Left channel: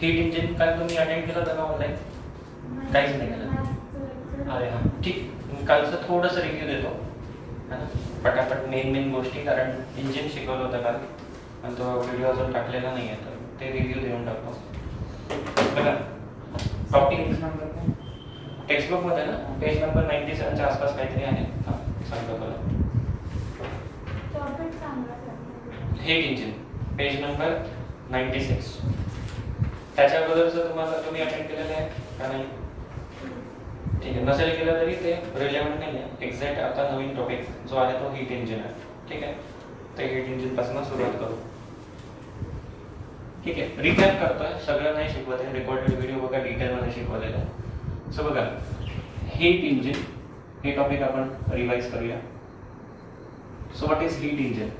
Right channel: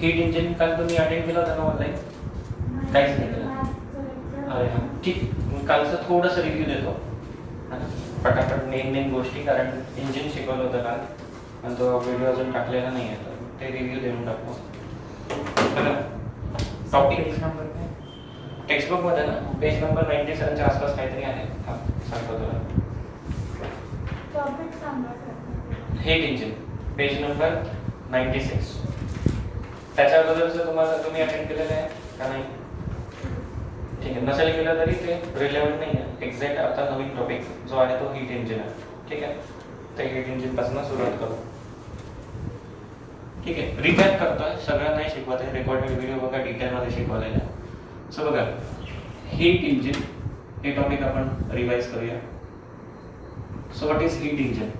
Heat engine काल तुम्ही attend केलं होतं ना ऑनलाईन? काहीच नाही केलं? अरे हां ठीक, कालचं थोडंसं रिव्ह्यू देतो है ना, पटापट मेन गोष्टी, कारण इंजिन शिकवलं होतं काल आणि तो व्हिडिओ अजून टाकलेला नाही आहे, तर ते रिव्ह्यू देऊन टाकतो. बघा टॉपिक टेक्स्टबुकमध्ये ना पेज नंबर 97च्या आसपास काहीतरी आहे. हां सांगतो तुला. Heat engine page number 96. त्याच्या अगोदरचं तुम्ही अटेंड केलेलं आहे का नाही? ठीक आहे, नसेल केलं तरी ते रिलेव्हंट नाही आहे. एक्झॅक्ट आता नवीन टॉपिक जो आहे तो हीट इंजिन आहे. ठीक आहे, तर हीट इंजिन पासून सुरुवात करू. ठीक आहे, रिकॅप करतोय, सगळं नाही शिकवत आहे. रेकॉर्डेड व्हिडिओ बघा, डिटेलमध्ये शिकवलेलं आहे. सो बघा, हीट इंजिन हे टॉपिक आपण रिवाइज करूया. So what is heat engine?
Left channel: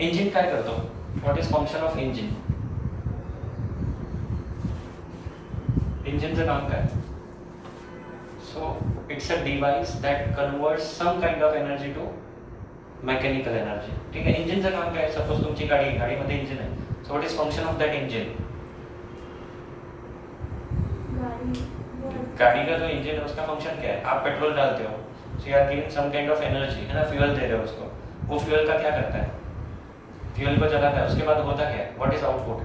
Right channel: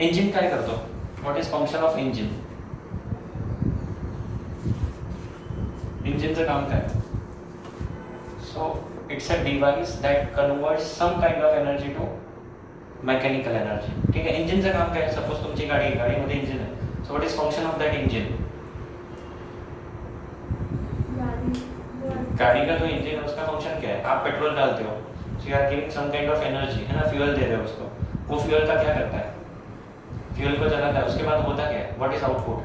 Engine काय करतो? What is function of engine? इंजिनचं काम काय? So it's a device that converts some kind of energy to mechanical energy. ठीक है, इंजिनचं काम काय? सपोज तुमची गाडीमध्ये इंजिन है, so what is function of that engine? गाड़ी का जो इंजन है उसका फंक्शन क्या है? आप पेट्रोल डालते हो, so you are giving some kind of energy, है ना, फ्यूल दे रहे हो उसको. वो फ्यूल का क्या करता है? फ्यूल को जलाता है, उसके बाद होता क्या है? What is output?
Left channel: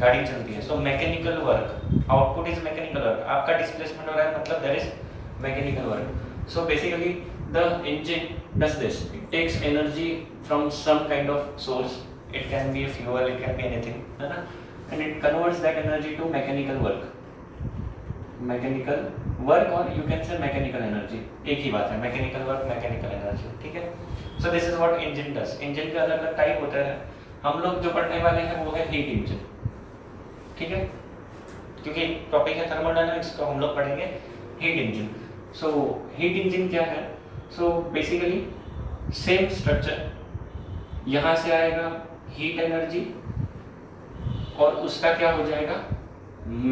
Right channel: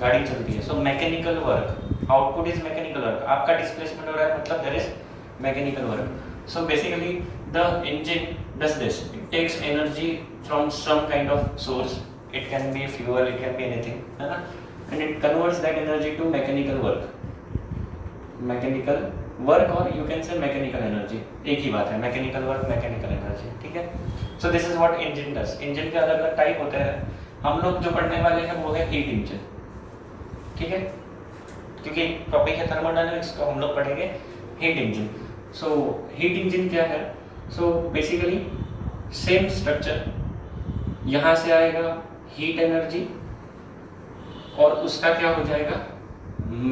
गाड़ी चलती है. So mechanical work, output is mechanical work. आपका डिस्प्लेसमेंट हो रहा है, मतलब there is mechanical work. So basically the engine does this. It takes energy from some kind of source. It can be fuel, it can be anything, and it converts that energy to mechanical work. Mechanical work, or you can say mechanical energy. एक ही बात है, mechanical work, mechanical energy. ठीक है? So this is what engine does. Engine के अलग-अलग type होते हैं. हम लोग जो पढ़ने वाले हैं वो है heat engine. ठीक है? क्योंकि टॉपिक है थर्मोडायनामिक्स, तो हम लोग पढ़ेंगे heat engine. So heat engine क्या है? सो बेसिकली सेम स्ट्रक्चर, यहाँ से आएगा हीट एनर्जी और उसका क्या हो जाएगा?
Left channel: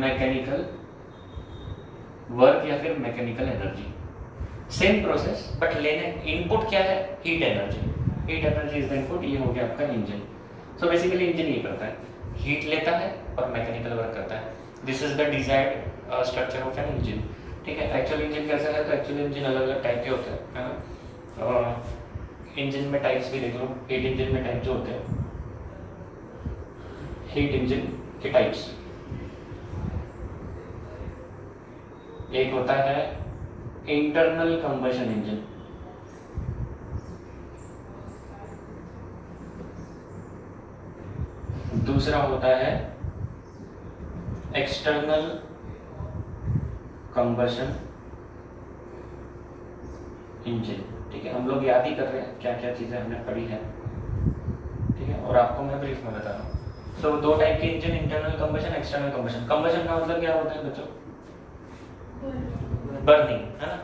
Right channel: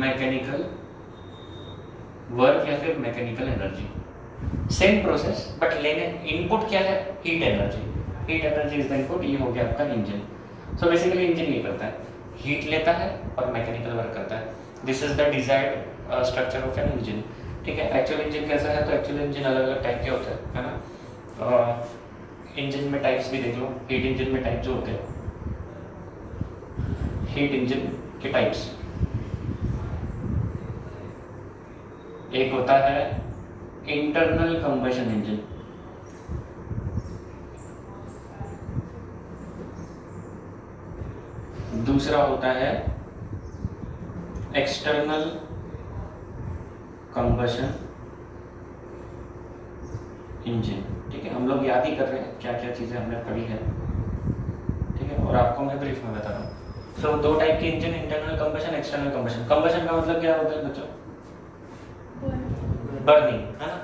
मैकेनिकल वर्क या फिर mechanical energy. Same process, but लेने इनपुट क्या है? Heat energy. Heat energy is the input. ये हो गया आपका इंजन. सो बेसिकली इंजन ये करता है, हीट लेता है और मैकेनिकल वर्क करता है. This is the desired structure of an engine. ठीक है, एक्चुअल इंजन कैसा है? तो एक्चुअल इंजन अलग अलग टाइप के होते हैं, है ना. इंजन में टाइप्स भी देख लो. हीट इंजन में टाइप जो होते हैं, हीट इंजन के टाइप्स, एक होता है इंटरनल कंबशन इंजन. दूसरा होता है एक्सटर्नल कंबशन इंजन. ठीक है, हम लोग याद ही कर रहे हैं क्या क्या चीजें हमने पढ़ी है. ठीक है, और आपको मैं ब्रीफ में बता रहा हूँ. सो दो टाइप के engine, internal combustion, external combustion. Combustion का मतलब क्या होता है बच्चों? बर्निंग, है ना.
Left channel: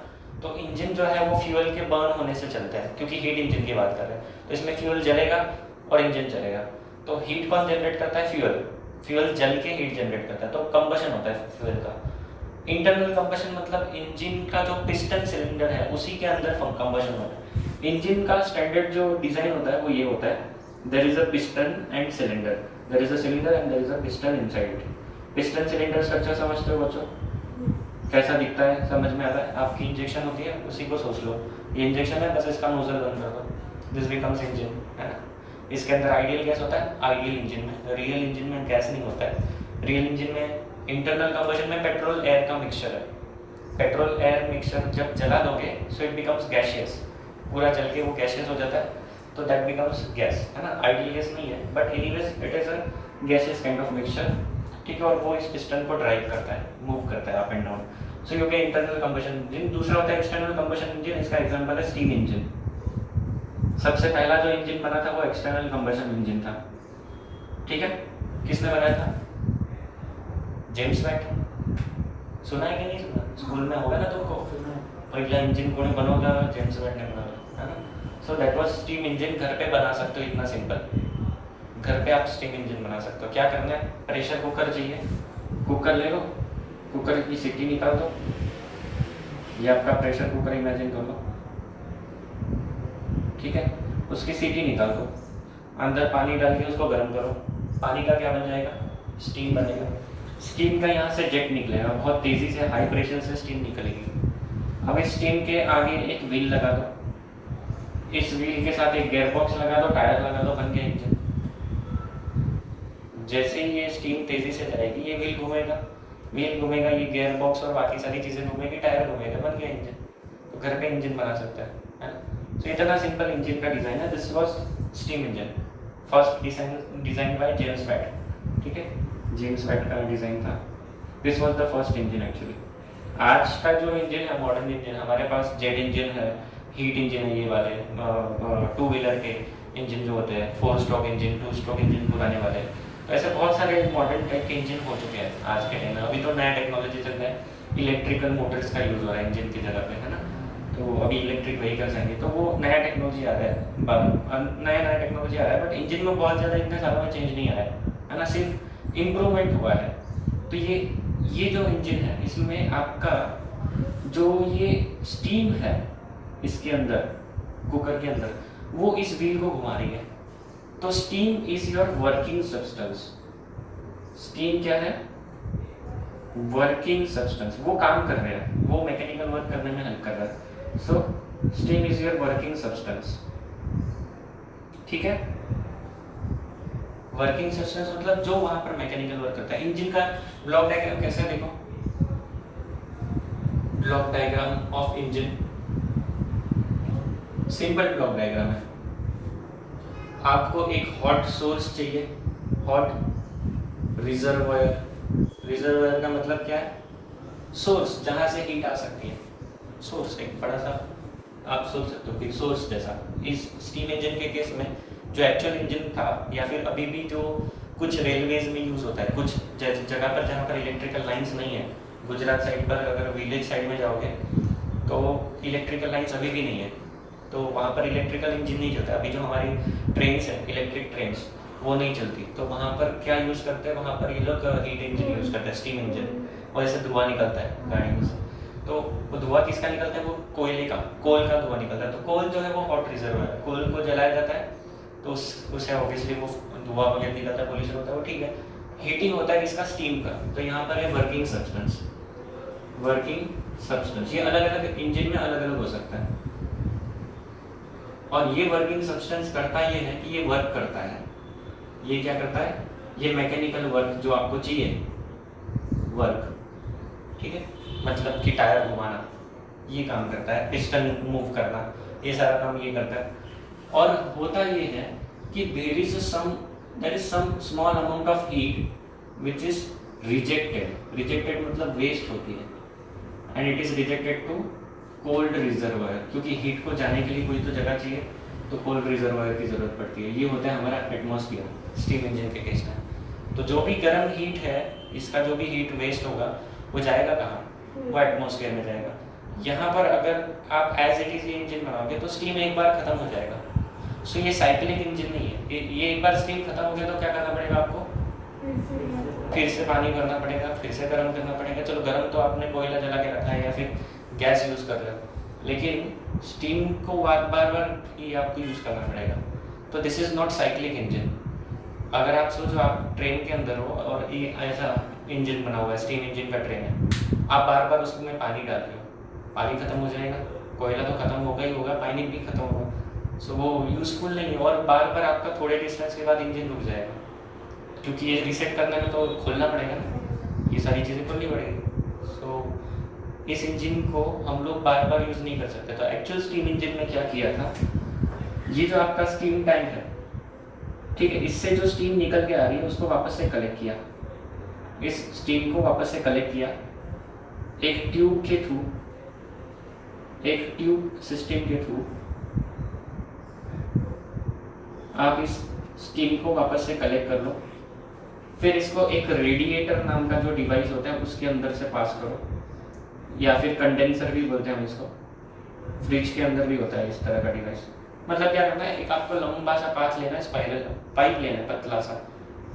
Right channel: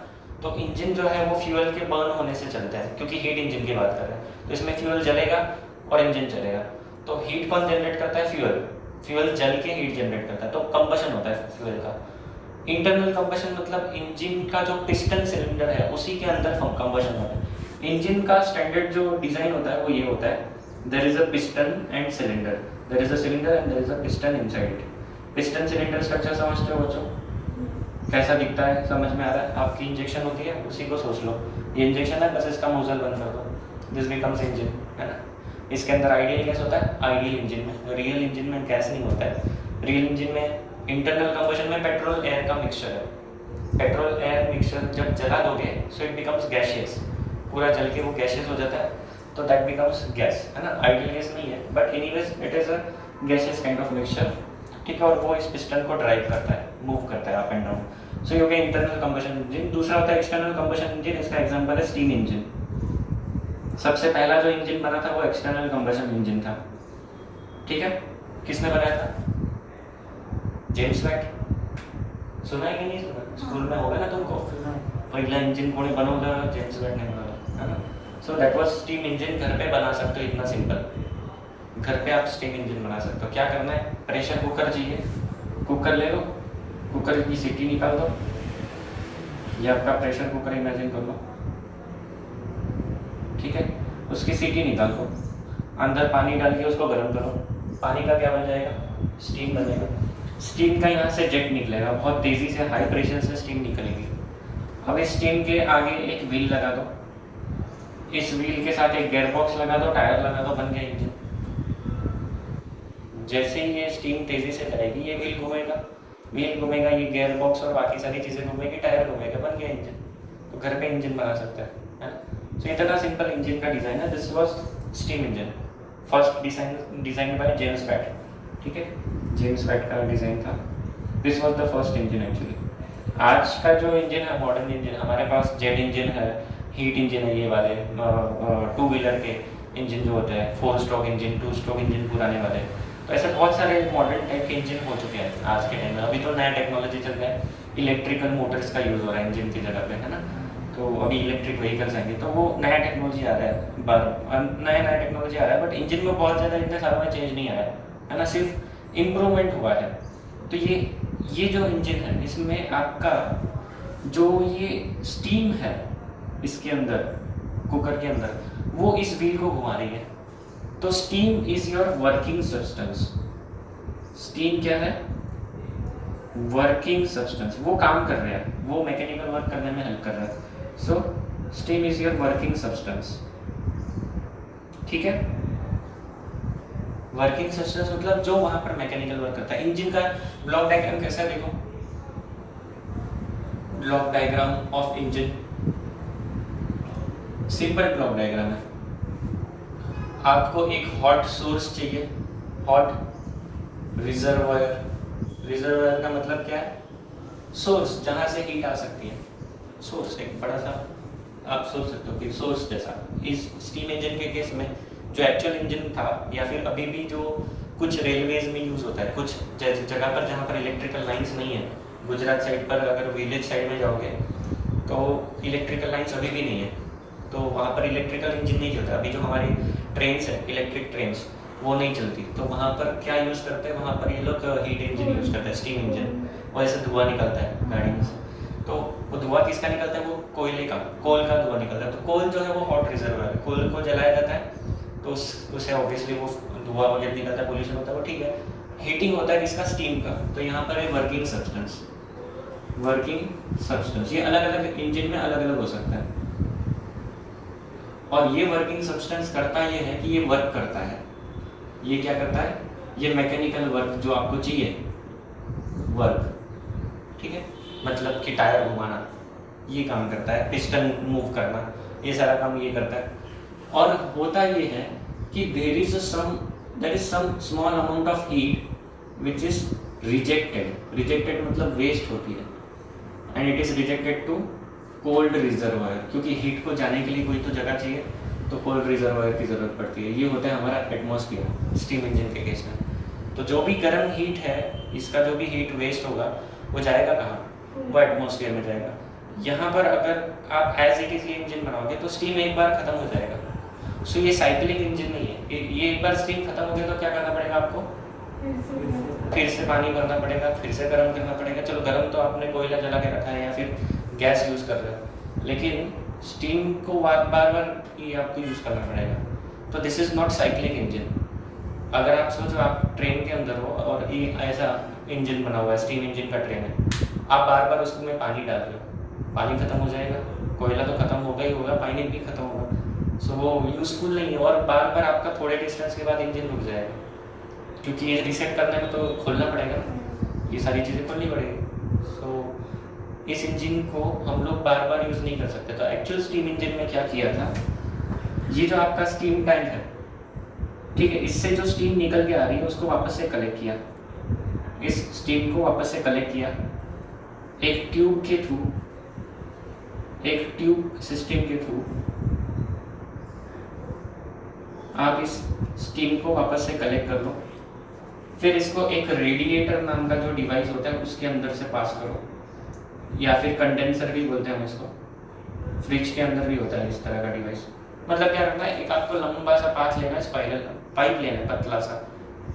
तो इंजन जो है वो फ्यूल के बर्न होने से चलता है, क्योंकि हीट इंजन की बात कर रहे हैं. तो इसमें फ्यूल जलेगा और इंजन चलेगा. तो हीट कौन जनरेट करता है? फ्यूल. फ्यूल जल के हीट जनरेट करता है, तो कंबशन होता है फ्यूल का. इंटरनल कंबशन मतलब इंजन का जो पिस्टन सिलेंडर है उसी के अंदर कंबशन होता है. इंजन का स्टैंडर्ड जो डिजाइन होता है वो ये होता है, there is a piston and cylinder. There is a cylinder and there is a piston inside it. Piston cylinder structure समझते हो बच्चों? कैसा दिखता है, समझ में आ रहा है? आपकी इंजेक्शन होती है, उसी को सोच लो. ये इंजेक्शन है, बस इसका नोजल बंद कर दो, दिस बिकम्स इंजन, है ना. इसके अंदर आइडियल गैस होता है, आइडियल इंजन में. रियल इंजन में गैस नहीं होता है. रियल इंजन में, इंटरनल कंबशन में पेट्रोल एयर का मिक्सचर है. पेट्रोल एयर मिक्सचर जब जला दोगे सो इट बिकम्स गैसियस. पूरा जल के वो गैसियस हो जाता है, तो दैट बिकम्स गैस, है ना. आइडियल गैस नहीं है, but anyways it is a gaseous kind of mixture. ठीक है, और वो इस पिस्टन को ड्राइव करता है, मूव करता है अप एंड डाउन. सो ये हो गया इंटरनल कंबशन इंजन. दूसरा होता है एक्सटर्नल कंबशन इंजन. इसका एग्जांपल है स्टीम इंजन. सबसे पहला जो इंजन बना था वो एक्सटर्नल कंबशन इंजन था. ठीक है, किसने बनाया था? James watt. सुना है कि नहीं सुना? स्कूल में होगा ना तुमको. पहला इंजन कोणी बनवलं? जेम्स वॅट ने बनवलं, है ना. So that was steam engine. घर पे बना सकते हो, इतना सिंपल. घर पे आप स्टीम इंजन बना सकते हो. क्या करना है? प्रेशर कुकर चाहिए, कुकर ले लो, कुकर की सीटी निकाल दो. ये आपका प्रेशर कुकर इमेजिन कर लो. ठीक है, उसकी सीटी निकाल दो, अंदर पानी डाल के उसको गर्म करो, पानी का क्या बन जाएगा, स्टीम बनेगा। स्टीम का यहाँ से जेट निकलेगा, बहुत तेज़ी से हाई प्रेशर से स्टीम निकलेगी। अब इस स्टीम के आगे एक व्हील लगा दो, इस व्हील के साथ एक गेयर बॉक्स लगा दो, टायर लगा दो, बन गया इंजन। जैसे ही ये स्टीम तेज़ी से जाएगी, ये व्हील घूमेगा, ये गेयर बॉक्स और बाकी सारी चीज़ें घूमेगी, टायर घूमेगा, बन गया इंजन। तो घर पे इंजन बना सकता है ना। तो इतना सिंपल इंजन का डिज़ाइन है। This was steam engine, first design by James Watt. ठीक है, जेम्स वैट का डिज़ाइन था। This was the first engine actually. आज का जो इंजन है, मॉडर्न इंजन, हमारे पास जेट इंजन है, हीट इंजन है, ये वाले 2 व्हीलर के इंजन जो होते हैं, 4 स्ट्रोक इंजन, 2 स्ट्रोक इंजन पुराने वाले। तो ऐसे बहुत सारे मॉडर्न टाइप के इंजन हो चुके हैं आज के टाइम में। अभी तो नया टेक्नोलॉजी चल रहा है, इलेक्ट्रिकल मोटर्स का यूज़ हो रहा है इंजन की जगह पे, है ना। तो अभी इलेक्ट्रिक व्हीकल्स आएंगे, तो वो नया टेक्नोलॉजी आ रहा है, नया टेक्नोलॉजी आ रहा है। बट इंजन में बहुत ज़्यादा इतने सालों में चेंज नहीं आया है ना, सिर्फ इम्प्रूवमेंट हुआ है। तो ये जो इंजन है, इसमें आपका जो ये स्टीम है इसके अंदर, कुकर के अंदर, वो इस व्हील को घुमा रही है। तो steam is your working substance. Steam क्या है, वर्किंग सब्सटेंस। वो काम कर रहा है, वो मैकेनिकल वर्क करने में हेल्प कर रहा है। So steam is your working substance. ठीक है, वर्किंग सब्सटेंस मतलब जो वहां पर मैकेनिकल वर्क करता है। इंजन का ब्लॉक डायग्राम कैसा है, देखो, block diagram of engine, simple block diagram है। आपको एक हॉट सोर्स चाहिए, हॉट रिजर्वायर। रिजर्वायर का मतलब क्या है, सोर्स जहां से हीट आ सकती है। सोर्स एक बड़ा सा आप सोच सकते हो कि सोर्स जैसा। इस स्टीम इंजन के केस में जो एक्चुअल इंजन था, या फिर अभी भी जो कुछ रेलवेज में यूज होता है, कुछ जगह पर जहाँ पर इलेक्ट्रिकल लाइंस नहीं है, गुजरात साइड पर अगर विलेज साइड में जाओगे तो इलेक्ट्रिकल लाइंस अभी भी नहीं है, तो वहाँ पर इलेक्ट्रिकल इंजन नहीं चलता। अभी जो हमारी ट्रेन्स है, इलेक्ट्रिक ट्रेन्स, वो नहीं चलती। तो वहाँ पर क्या यूज़ करते हैं, वहाँ पर ये लोग हीट इंजन यूज़ करते हैं, स्टीम इंजन। और ऐसे धुआं निकलता है गाड़ी में से, तो वो धुआं किसका निकलता है, वो कोयले का, कोल का धुआं निकलता है। तो कोल जो है वो हॉट रिजर्वायर है, कोल को जलाया जाता है, तो उससे ऑब्वियसली वो धुआं वगैरह निकलता है, पोल्यूशन होता है, वो ठीक है। हीटिंग होता है किसका, स्टीम का। तो यहाँ पर है वर्किंग सब्सटेंस। वर्किंग सब्सटेंस ये अलग अलग इंजन में अलग अलग हो सकता है। और ये वर्किंग सब्सटेंस करता ये है कि ये वर्क करता है। ये क्या करता है, ये मैकेनिकल वर्क जो आपको चाहिए, वर्क, ठीक है, मतलब कि टायर घुमाना, ये काम करता है, पिस्टन मूव करना, ये सारा काम ये करता है। और होता ये है कि there is some small amount of heat which is rejected. Rejected मतलब वेस्ट होती है, and it is rejected to cold reservoir, क्योंकि हीट को जाने के लिए कोई तो जगह चाहिए, तो कोल्ड रिजर्वायर की जरूरत पड़ती है। ये होता है हमारा एटमॉस्फेयर स्टीम इंजन के केस में। तो जो भी गर्म हीट है, इसका जो भी हीट वेस्ट होगा, वो जाएगा कहाँ, वो एटमॉस्फेयर में जाएगा। यहाँ पर अगर आप एज इट इज इंजन बनाओगे तो स्टीम एक बार खत्म हो जाएगा। सो ये साइक्लिक इंजन नहीं है। ये एक बार स्टीम खत्म हो गया तो क्या करना पड़ेगा आपको, फिर से पानी भरना पड़ेगा, फिर से गर्म करना पड़ेगा। चलो गर्म तो आपने कोयला जला के रखा है या फिर गैस यूज कर रहे हो, लेकिन स्टीम को बार बार ये आपको यूज करना पड़ेगा। तो this is not cyclic engine. अगर आप सोचो आप ट्रेन के अंदर हो और ये ऐसा इंजन बना हुआ है, स्टीम इंजन का ट्रेन है, आप बार बार उसमें पानी डाल रहे हो, पानी खत्म हो जाएगा, कोयला तो खत्म होगा ही होगा, पानी भी खत्म होगा। सो वो यूजफुल नहीं है। और बार बार आपका थोड़े डिस्टेंस के बाद इंजन रुक जाएगा, क्योंकि ये रीसेट करने में तो खोलना पड़ेगा ना, ये सारी चीज़ें खोलनी पड़ेगी। सो इस इंजन को हम लोग बार बार यूज़ नहीं कर सकते। तो एक्चुअल स्टीम इंजन में क्या किया था, ये जो आपका स्टीम टैंक है, ठीक है, इससे जो स्टीम निकल के आ रही है उसको वापस से कलेक्ट किया, इस स्टीम को वापस से कलेक्ट किया एक ट्यूब के थ्रू, एक ट्यूब सिस्टम के थ्रू आप इस स्टीम को वापस से कलेक्ट कर लो। फिर इसको एक रेडिएटर नाम का जो डिवाइस होता है उसके अंदर से पास करो, या फिर कंडेंसर भी बोलते हैं हम इसको। फ्रिज के अंदर भी होता है इस तरह का डिवाइस। मतलब क्या करना है, एक आपको लंबा सा पाथ लेना है, स्पाइरल पाइप लेना है, पतला सा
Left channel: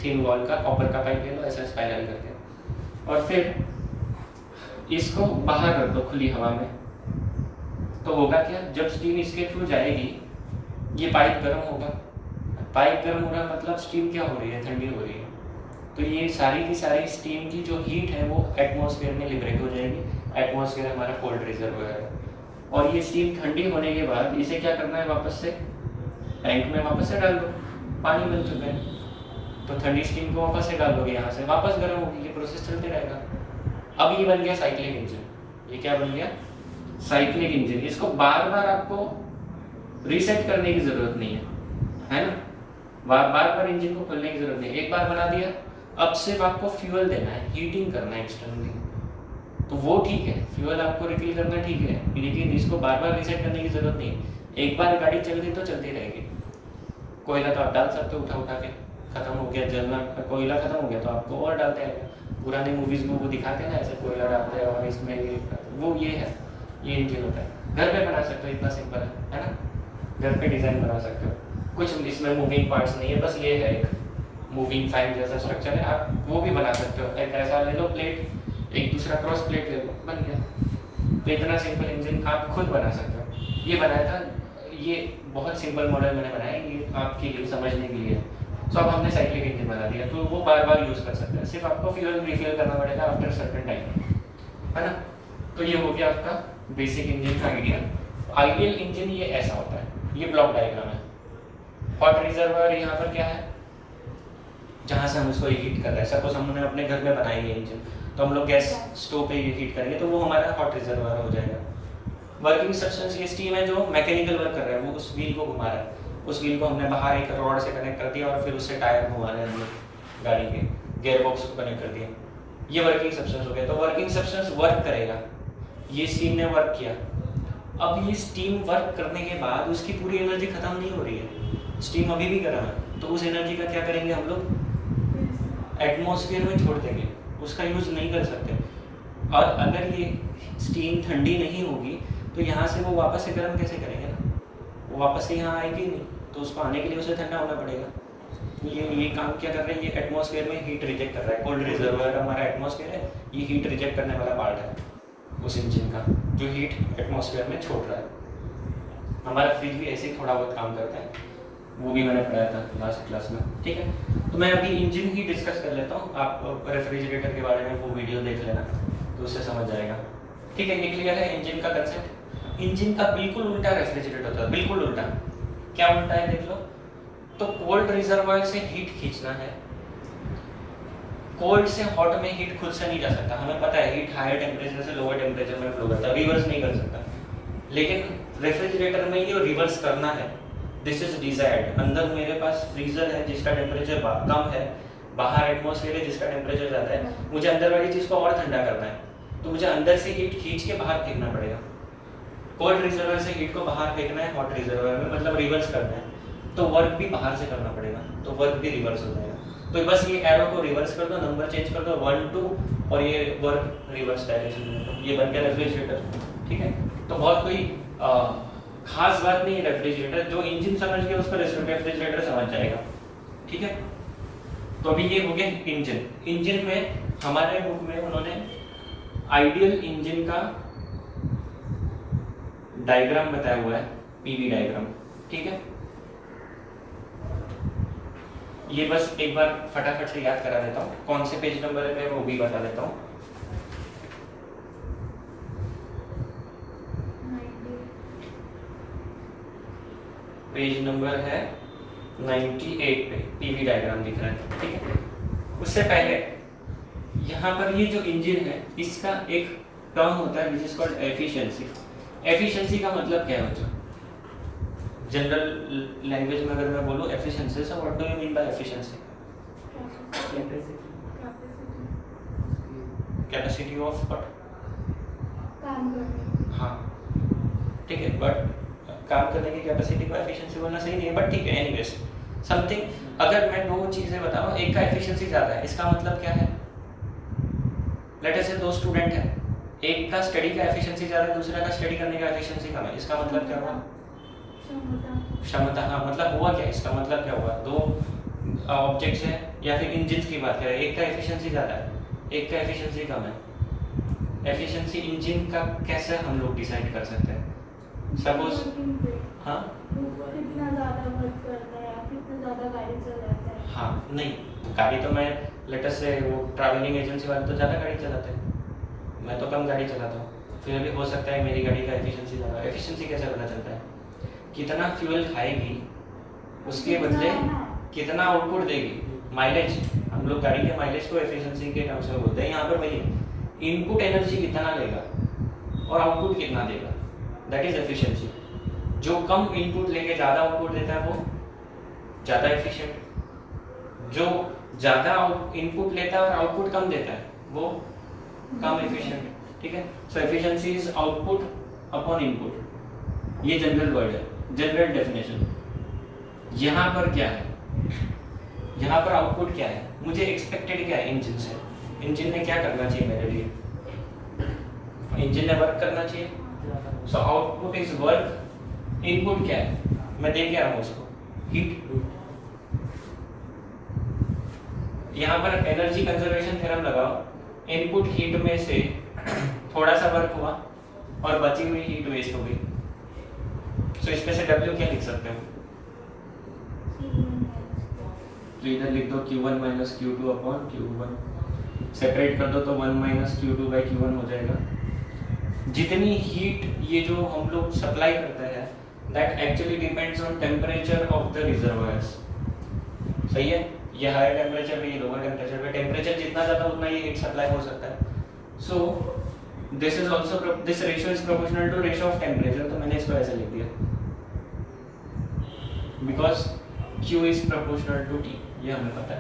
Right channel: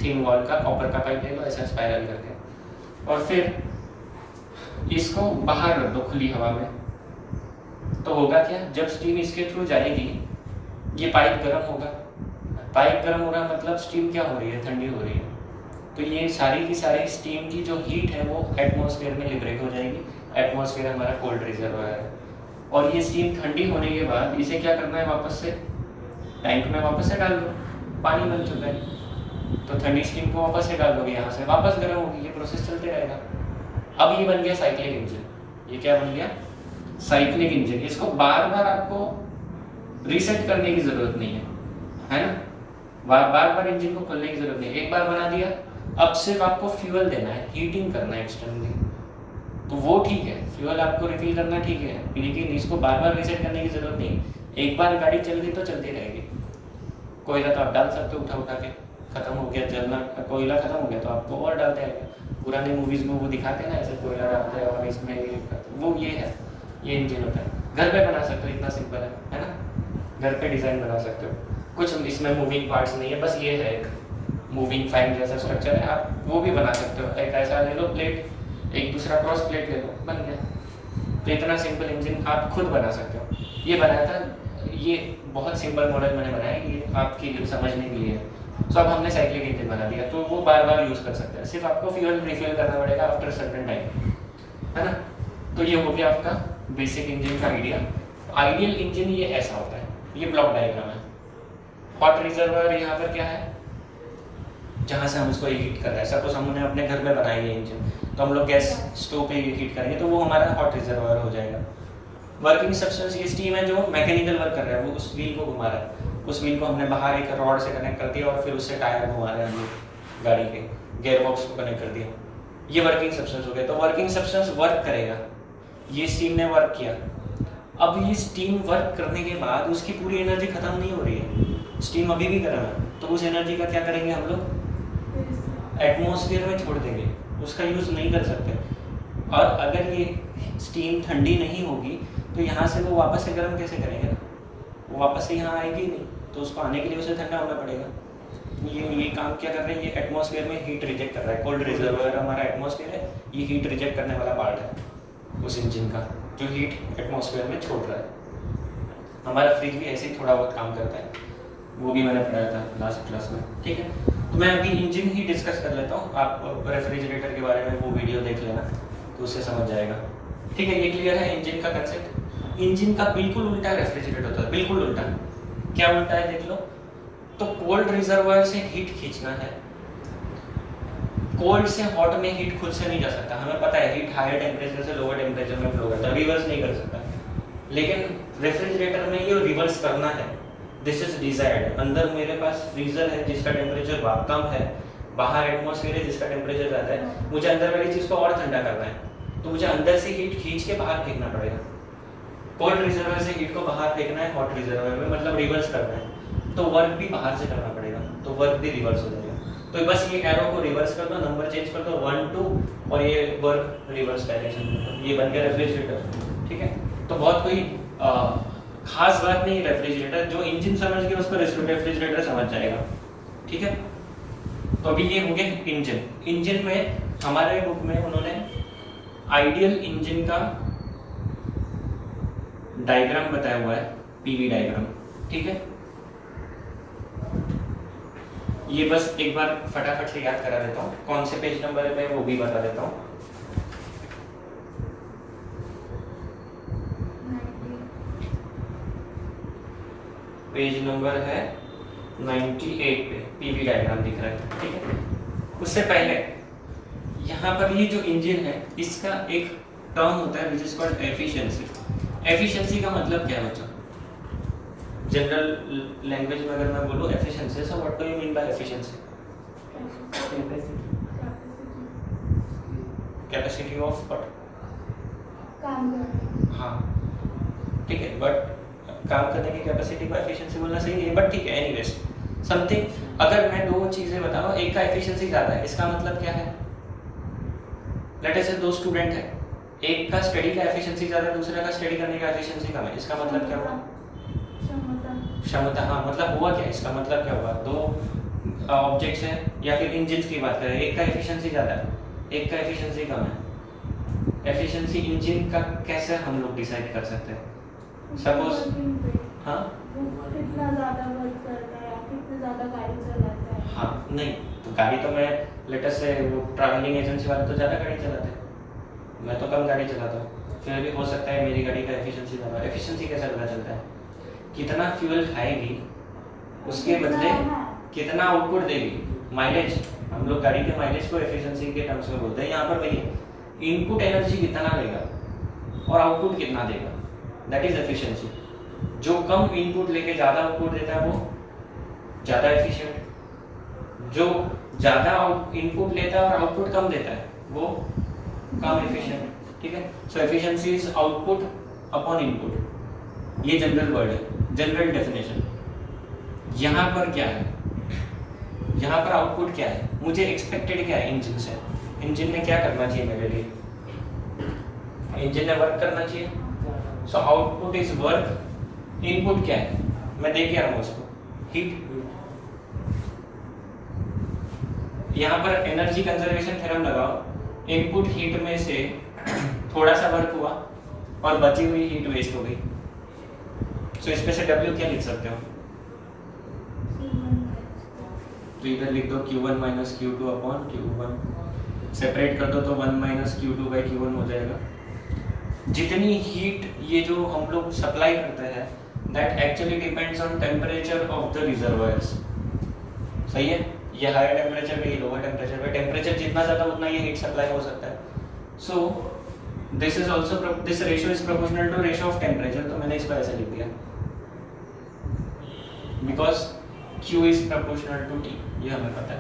थिन वॉल का कॉपर का पाइप ले लो, ऐसा स्पाइरल करके, और फिर इसको बाहर रख दो खुली हवा में। तो होगा क्या, जब स्टीम इसके थ्रू जाएगी, ये पाइप गर्म होगा, पाइप गर्म हो रहा है मतलब स्टीम क्या हो रही है, ठंडी हो रही है। तो ये सारी की सारी स्टीम की जो हीट है वो एटमॉस्फेयर में लिबरेट हो जाएगी। एटमॉस्फेयर हमारा कोल्ड रिजर्वायर है, और ये स्टीम ठंडी होने के बाद इसे क्या करना है, वापस से टैंक में वापस से डाल दो, पानी बन चुका है। तो ठंडी स्टीम को वापस से डाल दोगे, यहाँ से वापस गर्म होगी, ये प्रोसेस चलते रहेगा। अब ये बन गया साइक्लिक इंजन। ये क्या बन गया, साइक्लिक इंजन। इसको बार बार आपको रीसेट करने की जरूरत नहीं है ना, बार बार इंजन को खोलने की जरूरत नहीं। एक बार बना दिया, अब सिर्फ आपको फ्यूल देना है, हीटिंग करना है एक्सटर्नली, तो वो ठीक है, फ्यूल आपको रिफिल करना ठीक है, लेकिन इसको बार बार रीसेट करने की जरूरत नहीं है। एक बार गाड़ी चल रही तो चलती रहेगी। कोयला तो आप डाल सकते हो, उठा के, खत्म हो गया जलना, कोयला खत्म हो गया तो आपको और डालते हैं। पुराने मूवीज में वो दिखाते हैं ना, ऐसे कोयला डालते हैं और इसमें ये वो ये है, ये इंजन होता है। घर पे बना सकते हो, इतना सिंपल है ना, घर पे डिजाइन बना सकते हो। कुछ इसमें मूविंग पार्ट्स नहीं है, बस ये है एक मूविंग फैन जैसा स्ट्रक्चर है, आप वो भी बना सकते हो। एक ऐसा ले लो प्लेट, एक दूसरा क्रॉस प्लेट ले लो, बन गया। तो इतना सिंपल इंजन आप खुद बना सकते हो। ये बनाया था, ये बहुत सिंपल मॉडल मैंने बनाया, ये आपके लिए समझने के लिए। तो अब हमने साइक्लिक इंजन बना दिया, तो वो बार बार यूज कर सकते हैं, सिर्फ आपको फ्यूल रिफिल करना पड़ेगा आफ्टर सर्टेन टाइम, है ना। तो ये हो गया आपका बेसिक इंजन का आइडिया। आइडियल इंजन ये ऐसा होता है, ये ब्लॉक डायग्राम है। हॉट रिजर्वायर यहाँ पर क्या है, जहाँ से हम इसको हीट कर रहे हैं। सपोज हमने अपने घर में बनाई है इंजन, तो हम लोग गैस स्टोव पे हीट करेंगे, तो वो हमारा हॉट रिजर्वायर हो जाएगा। वर्किंग सब्सटेंस ये स्टीम है जो मैकेनिकल वर्क कर रहा है, वो उस व्हील को घुमा रहा है। उस व्हील को हमने बाहर एक रॉड से कनेक्ट कर दिया और फिर उससे टायर घुमा रहे हैं हम लोग, गाड़ी के गियर बॉक्स को कनेक्ट कर दिया। ये वर्किंग सब्सटेंस हो गया। तो वर्किंग सब्सटेंस वर्क करेगा, ये स्टीम ने वर्क किया। अब ये स्टीम वर्क करने के बाद उसकी पूरी एनर्जी खत्म नहीं हो रही है, स्टीम अभी भी गर्म है, तो उस एनर्जी का क्या करेंगे हम लोग, एटमॉस्फेयर में छोड़ देंगे, उसका यूज नहीं कर सकते। और अगर ये स्टीम ठंडी नहीं होगी तो यहाँ से वो वापस से गर्म कैसे करेंगे ना, वो वापस से यहाँ आएगी नहीं, तो उसको आने के लिए उसे ठंडा होना पड़ेगा। तो ये काम क्या कर रहे हैं, ये एटमॉस्फेयर में हीट रिजेक्ट कर रहा है। कोल्ड रिजर्वायर हमारा एटमॉस्फेयर है, ये हीट रिजेक्ट करने वाला पार्ट है उस इंजन का, जो हीट एटमॉस्फेयर में छोड़ रहा है। हमारा फ्रिज भी ऐसे ही थोड़ा बहुत काम करता है, वो भी मैंने पढ़ाया था लास्ट क्लास में, ठीक है। तो मैं अभी इंजन ही डिस्कस कर लेता हूँ, आप रेफ्रिजरेटर के बारे में वो वीडियो देख लेना, तो उससे समझ जाएगा, ठीक है। ये क्लियर है इंजन का कंसेप्ट। इंजन का बिल्कुल उल्टा रेफ्रिजरेटर होता है, बिल्कुल उल्टा। क्या उल्टा है देख लो। तो कोल्ड रिजर्वायर से हीट खींचना है, कोल्ड से हॉट में हीट खुद से नहीं जा सकता, हमें पता है हीट हायर टेम्परेचर से लोअर टेम्परेचर में फ्लो करता है, रिवर्स नहीं कर सकता। लेकिन रेफ्रिजरेटर में ये रिवर्स करना है, दिस इज डिजायर्ड। अंदर मेरे पास फ्रीजर है जिसका टेम्परेचर कम है, बाहर एटमॉस्फेयर है जिसका टेम्परेचर ज्यादा है, मुझे अंदर वाली चीज को और ठंडा करना है, तो मुझे अंदर से हीट खींच के बाहर फेंकना पड़ेगा। कोल्ड रिजर्वायर से हीट को बाहर फेंकना है हॉट रिजर्वायर में, मतलब रिवर्स करना है, तो वर्क भी बाहर से करना पड़ेगा, तो वर्क भी रिवर्स हो जाएगा। तो बस ये एरो को रिवर्स कर दो, नंबर चेंज कर दो 1 2 और ये वर्क रिवर्स डायरेक्शन में, ये बन गया रेफ्रिजरेटर, ठीक है। तो बहुत कोई खास बात नहीं रेफ्रिजरेटर, जो इंजन समझ के उसको रेफ्रिजरेटर समझ जाएगा, ठीक है। तो अभी ये हो गया इंजन। इंजन में हमारे बुक में उन्होंने आइडियल इंजन का डायग्राम बताया हुआ है, पीवी डायग्राम, ठीक है। ये बस एक बार फटाफट से याद करा देता हूँ, कौन से पेज नंबर पे वो भी बता देता हूँ। पेज नंबर है 98 पे पीवी डायग्राम दिख रहा है, ठीक है। उससे पहले यहाँ पर ये जो इंजन है इसका एक टर्म होता है which is called efficiency. Efficiency का मतलब क्या है बच्चों, जनरल लैंग्वेज में अगर मैं बोलूँ efficiency, so what do you mean by efficiency? Capacity of what, हाँ ठीक है, बट काम करने की कैपेसिटी को एफिशिएंसी बोलना सही नहीं है, बट ठीक है। एनीवेज समथिंग, अगर मैं दो चीजें बताऊं, एक का एफिशिएंसी ज्यादा है, इसका मतलब क्या है, लेट अस से दो स्टूडेंट है, एक का स्टडी का एफिशिएंसी ज्यादा है, दूसरे का स्टडी करने का एफिशिएंसी कम है, इसका मतलब क्या हुआ, क्षमता। हाँ मतलब हुआ क्या, इसका मतलब क्या हुआ, दो ऑब्जेक्ट्स हैं या फिर इंजन की बात करें, एक का एफिशिएंसी ज्यादा है, एक का एफिशिएंसी कम है। एफिशिएंसी इंजन का कैसे हम लोग डिसाइड कर सकते हैं, सपोज हाँ कितना ज़्यादा वर्क करता है, कितना ज़्यादा गाड़ी चलाता है। हाँ नहीं, तो गाड़ी तो मैं लेटेस्ट से वो ट्रैवलिंग एजेंसी वाले तो ज़्यादा गाड़ी चलाते हैं, मैं तो कम गाड़ी चलाता हूँ, फिर भी हो सकता है मेरी गाड़ी का एफिशिएंसी ज़्यादा। एफिशिएंसी कैसे पता चलता है? कितना फ्यूल खाएगी उसके बदले कितना आउटपुट देगी, माइलेज। हम लोग गाड़ी के माइलेज को एफिशिएंसी के टर्म्स में बोलते हैं। यहाँ पर वही इनपुट एनर्जी कितना लेगा और आउटपुट कितना देगा, दैट इज एफिशिएंसी। जो कम इनपुट लेके ज़्यादा आउटपुट देता है वो ज़्यादा एफिशिएंट, जो ज़्यादा इनपुट लेता है और आउटपुट कम देता है वो कम एफिशिएंट। ठीक है, so efficiency is output upon input, ये जनरल वर्ड है, जनरल डेफिनेशन। यहाँ पर क्या है, यहाँ पर आउटपुट क्या है, मुझे एक्सपेक्टेड क्या है इंजन से, इंजन ने क्या करना चाहिए मेरे लिए, इंजन ने वर्क करना चाहिए। So output is work, input क्या है, मैं दे क्या रहा हूँ उसको, हीट। यहाँ पर एनर्जी कंजर्वेशन थ्योरम लगाओ, इनपुट हीट में से थोड़ा सा वर्क हुआ और बची हुई हीट वेस्ट हो गई। सो इसमें से W क्या लिख सकते हो, तो इधर लिख दो Q1 minus Q2 upon Q1, separate कर दो तो 1 माइनस Q2 बाई Q1 हो जाएगा। जितनी हीट ये जो हम लोग सप्लाई करते हैं that actually depends on temperature of the reservoirs. सही है, ये हायर टेम्परेचर पे, ये लोअर टेम्परेचर पे, टेम्परेचर जितना ज़्यादा उतना ये हीट सप्लाई हो सकता है। So this is also, this ratio is proportional to ratio of temperature, तो मैंने इसको ऐसे लिख दिया because Q is proportional to T, ये हमें पता है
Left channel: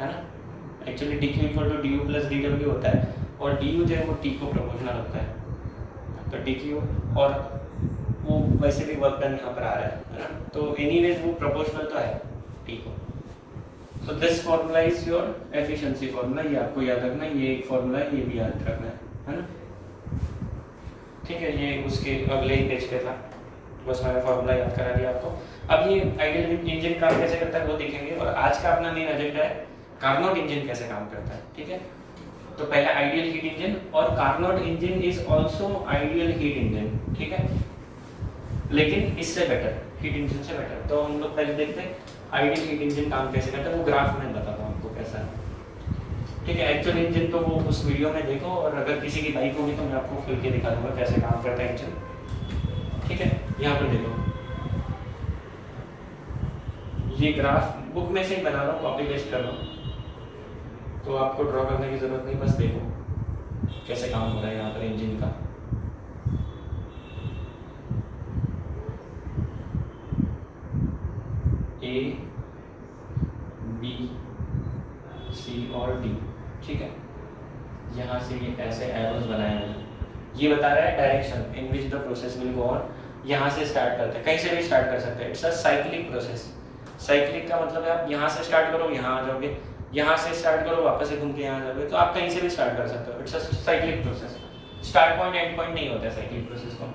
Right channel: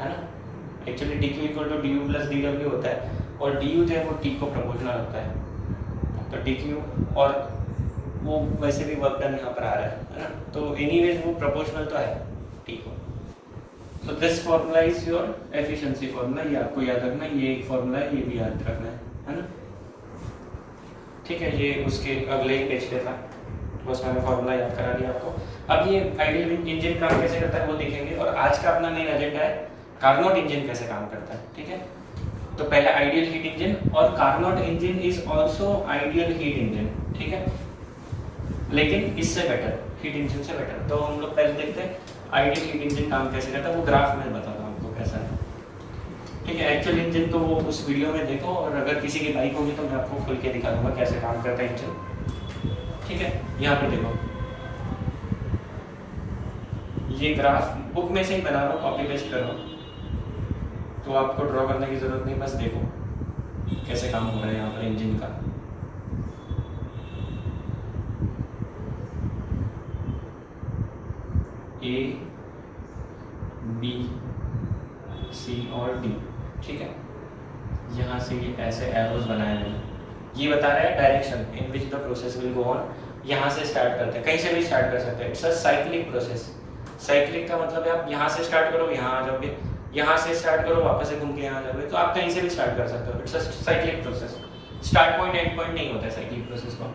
ना। Actually dq equal to du plus dw होता है और du जो है वो T को प्रोपोर्शनल होता है, तो dq और वो वैसे भी वर्क डन यहाँ पर आ रहा है ना, तो एनीवेज वो प्रोपोर्शनल तो है T को। So this formula is your efficiency formula, ये आपको याद रखना, ये एक फॉर्मूला है, ये भी याद रखना है ना। ठीक है, ये उसके अगले ही पेज पे था, बस मैंने फॉर्मूला याद करा दिया आपको। अब ये आइडियल इंजन काम कैसे करता है वो देखेंगे, और आज का अपना मेन एजेंडा है कार्नोट इंजन कैसे काम करता है। ठीक है, तो पहले आइडियल हीट इंजन, और Carnot engine is also ideal heat engine. ठीक है, लेकिन इससे बेटर, हीट इंजन से बेटर। तो हम लोग पहले देखते हैं आइडियल हीट इंजन काम कैसे करता है, वो ग्राफ में बताता हूँ आपको कैसा है। ठीक है, एक्चुअल इंजन तो वो उस वीडियो में देखो, और अगर किसी की बाइक होगी तो मैं आपको खुल के दिखा दूंगा कैसे काम करता है इंजन। ठीक है, यहाँ पर देखो, ये ग्राफ बुक में से ही बना रहा हूँ, कॉपी पेस्ट कर रहा हूँ, तो आपको ड्रॉ करने की जरूरत नहीं, बस देखो कैसे काम हो रहा है यहाँ पर इंजन का। A, B, C और D। ठीक है, यहाँ से ये ऐसे एरोज बनाए हैं, ये बता रहा है direction in which the process will go on. यहाँ से स्टार्ट करते हैं, कहीं से भी स्टार्ट कर सकते हैं, it's a cyclic process. Cyclic का मतलब है आप यहाँ से स्टार्ट करो यहाँ आ जाओगे, यहाँ से स्टार्ट करो वापस से घूम के यहाँ आ जाओगे, तो आप कहीं से भी स्टार्ट कर सकते हो। It's a cyclic process, start point and point नहीं होता है साइक्लिक प्रोसेस को,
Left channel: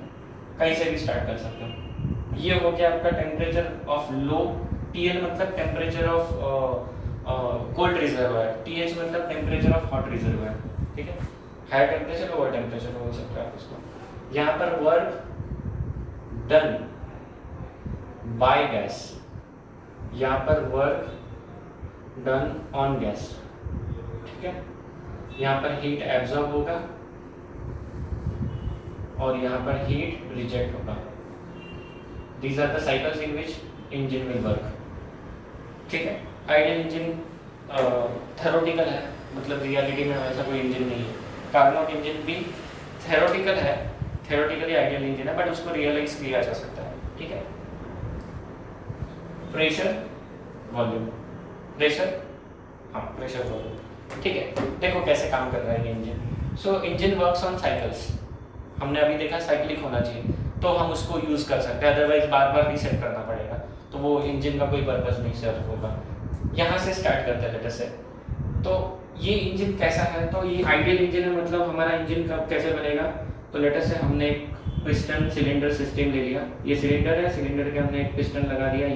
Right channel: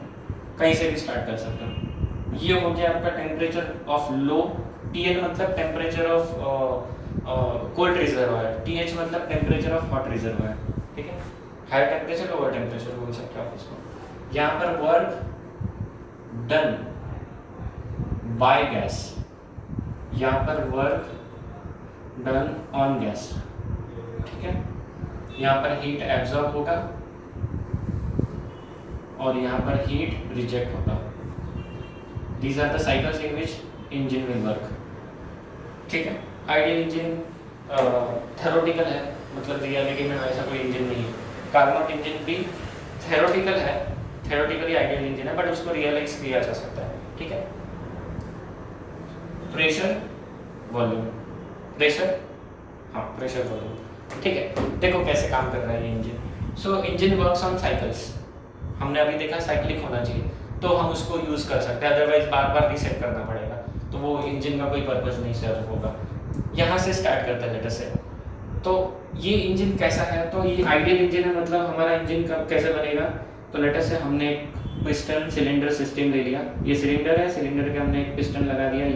कहीं से भी स्टार्ट कर सकते हो। ये हो गया आपका टेम्परेचर ऑफ लो, TL मतलब temperature of cold reservoir, TH मतलब टेम्परेचर ऑफ हॉट रिजर्वायर। ठीक है, हायर टेम्परेचर लोअर टेम्परेचर बोल सकते हो आप इसको। यहाँ पर वर्क डन बाय गैस, यहाँ पर वर्क डन ऑन गैस। ठीक है, यहाँ पर हीट एब्जॉर्ब होगा और यहाँ पर हीट रिजेक्ट होगा। These are the cycles in which engine will work. ठीक है, आइडियल इंजन थ्योरेटिकल है, मतलब रियलिटी में ऐसा कोई इंजन नहीं है। कार्नोट इंजन भी थ्योरेटिकल है, थ्योरेटिकली आइडियल इंजन है, बट उसको रियलाइज किया जा सकता है। ठीक है, प्रेशर वॉल्यूम, प्रेशर, हाँ प्रेशर वॉल्यूम। ठीक है, देखो कैसे काम कर रहा है ये engine. So engine works on cycles, हमने अभी देखा साइक्लिक होना चाहिए, तो हम उसको यूज़ कर सकते हैं, अदरवाइज बार बार रीसेट करना पड़ेगा, तो वो इंजन का कोई पर्पस नहीं सर्व होगा। यहाँ से स्टार्ट करता है लेटर से, तो ये इंजन कैसा है, तो ये आइडियल इंजन है, मतलब हमारा इंजन कब कैसे बनेगा, तो लेटर से हमने पिस्टन सिलेंडर सिस्टम ले लिया, ये सिलेंडर है, सिलेंडर के हमने एक पिस्टन लगा दिया,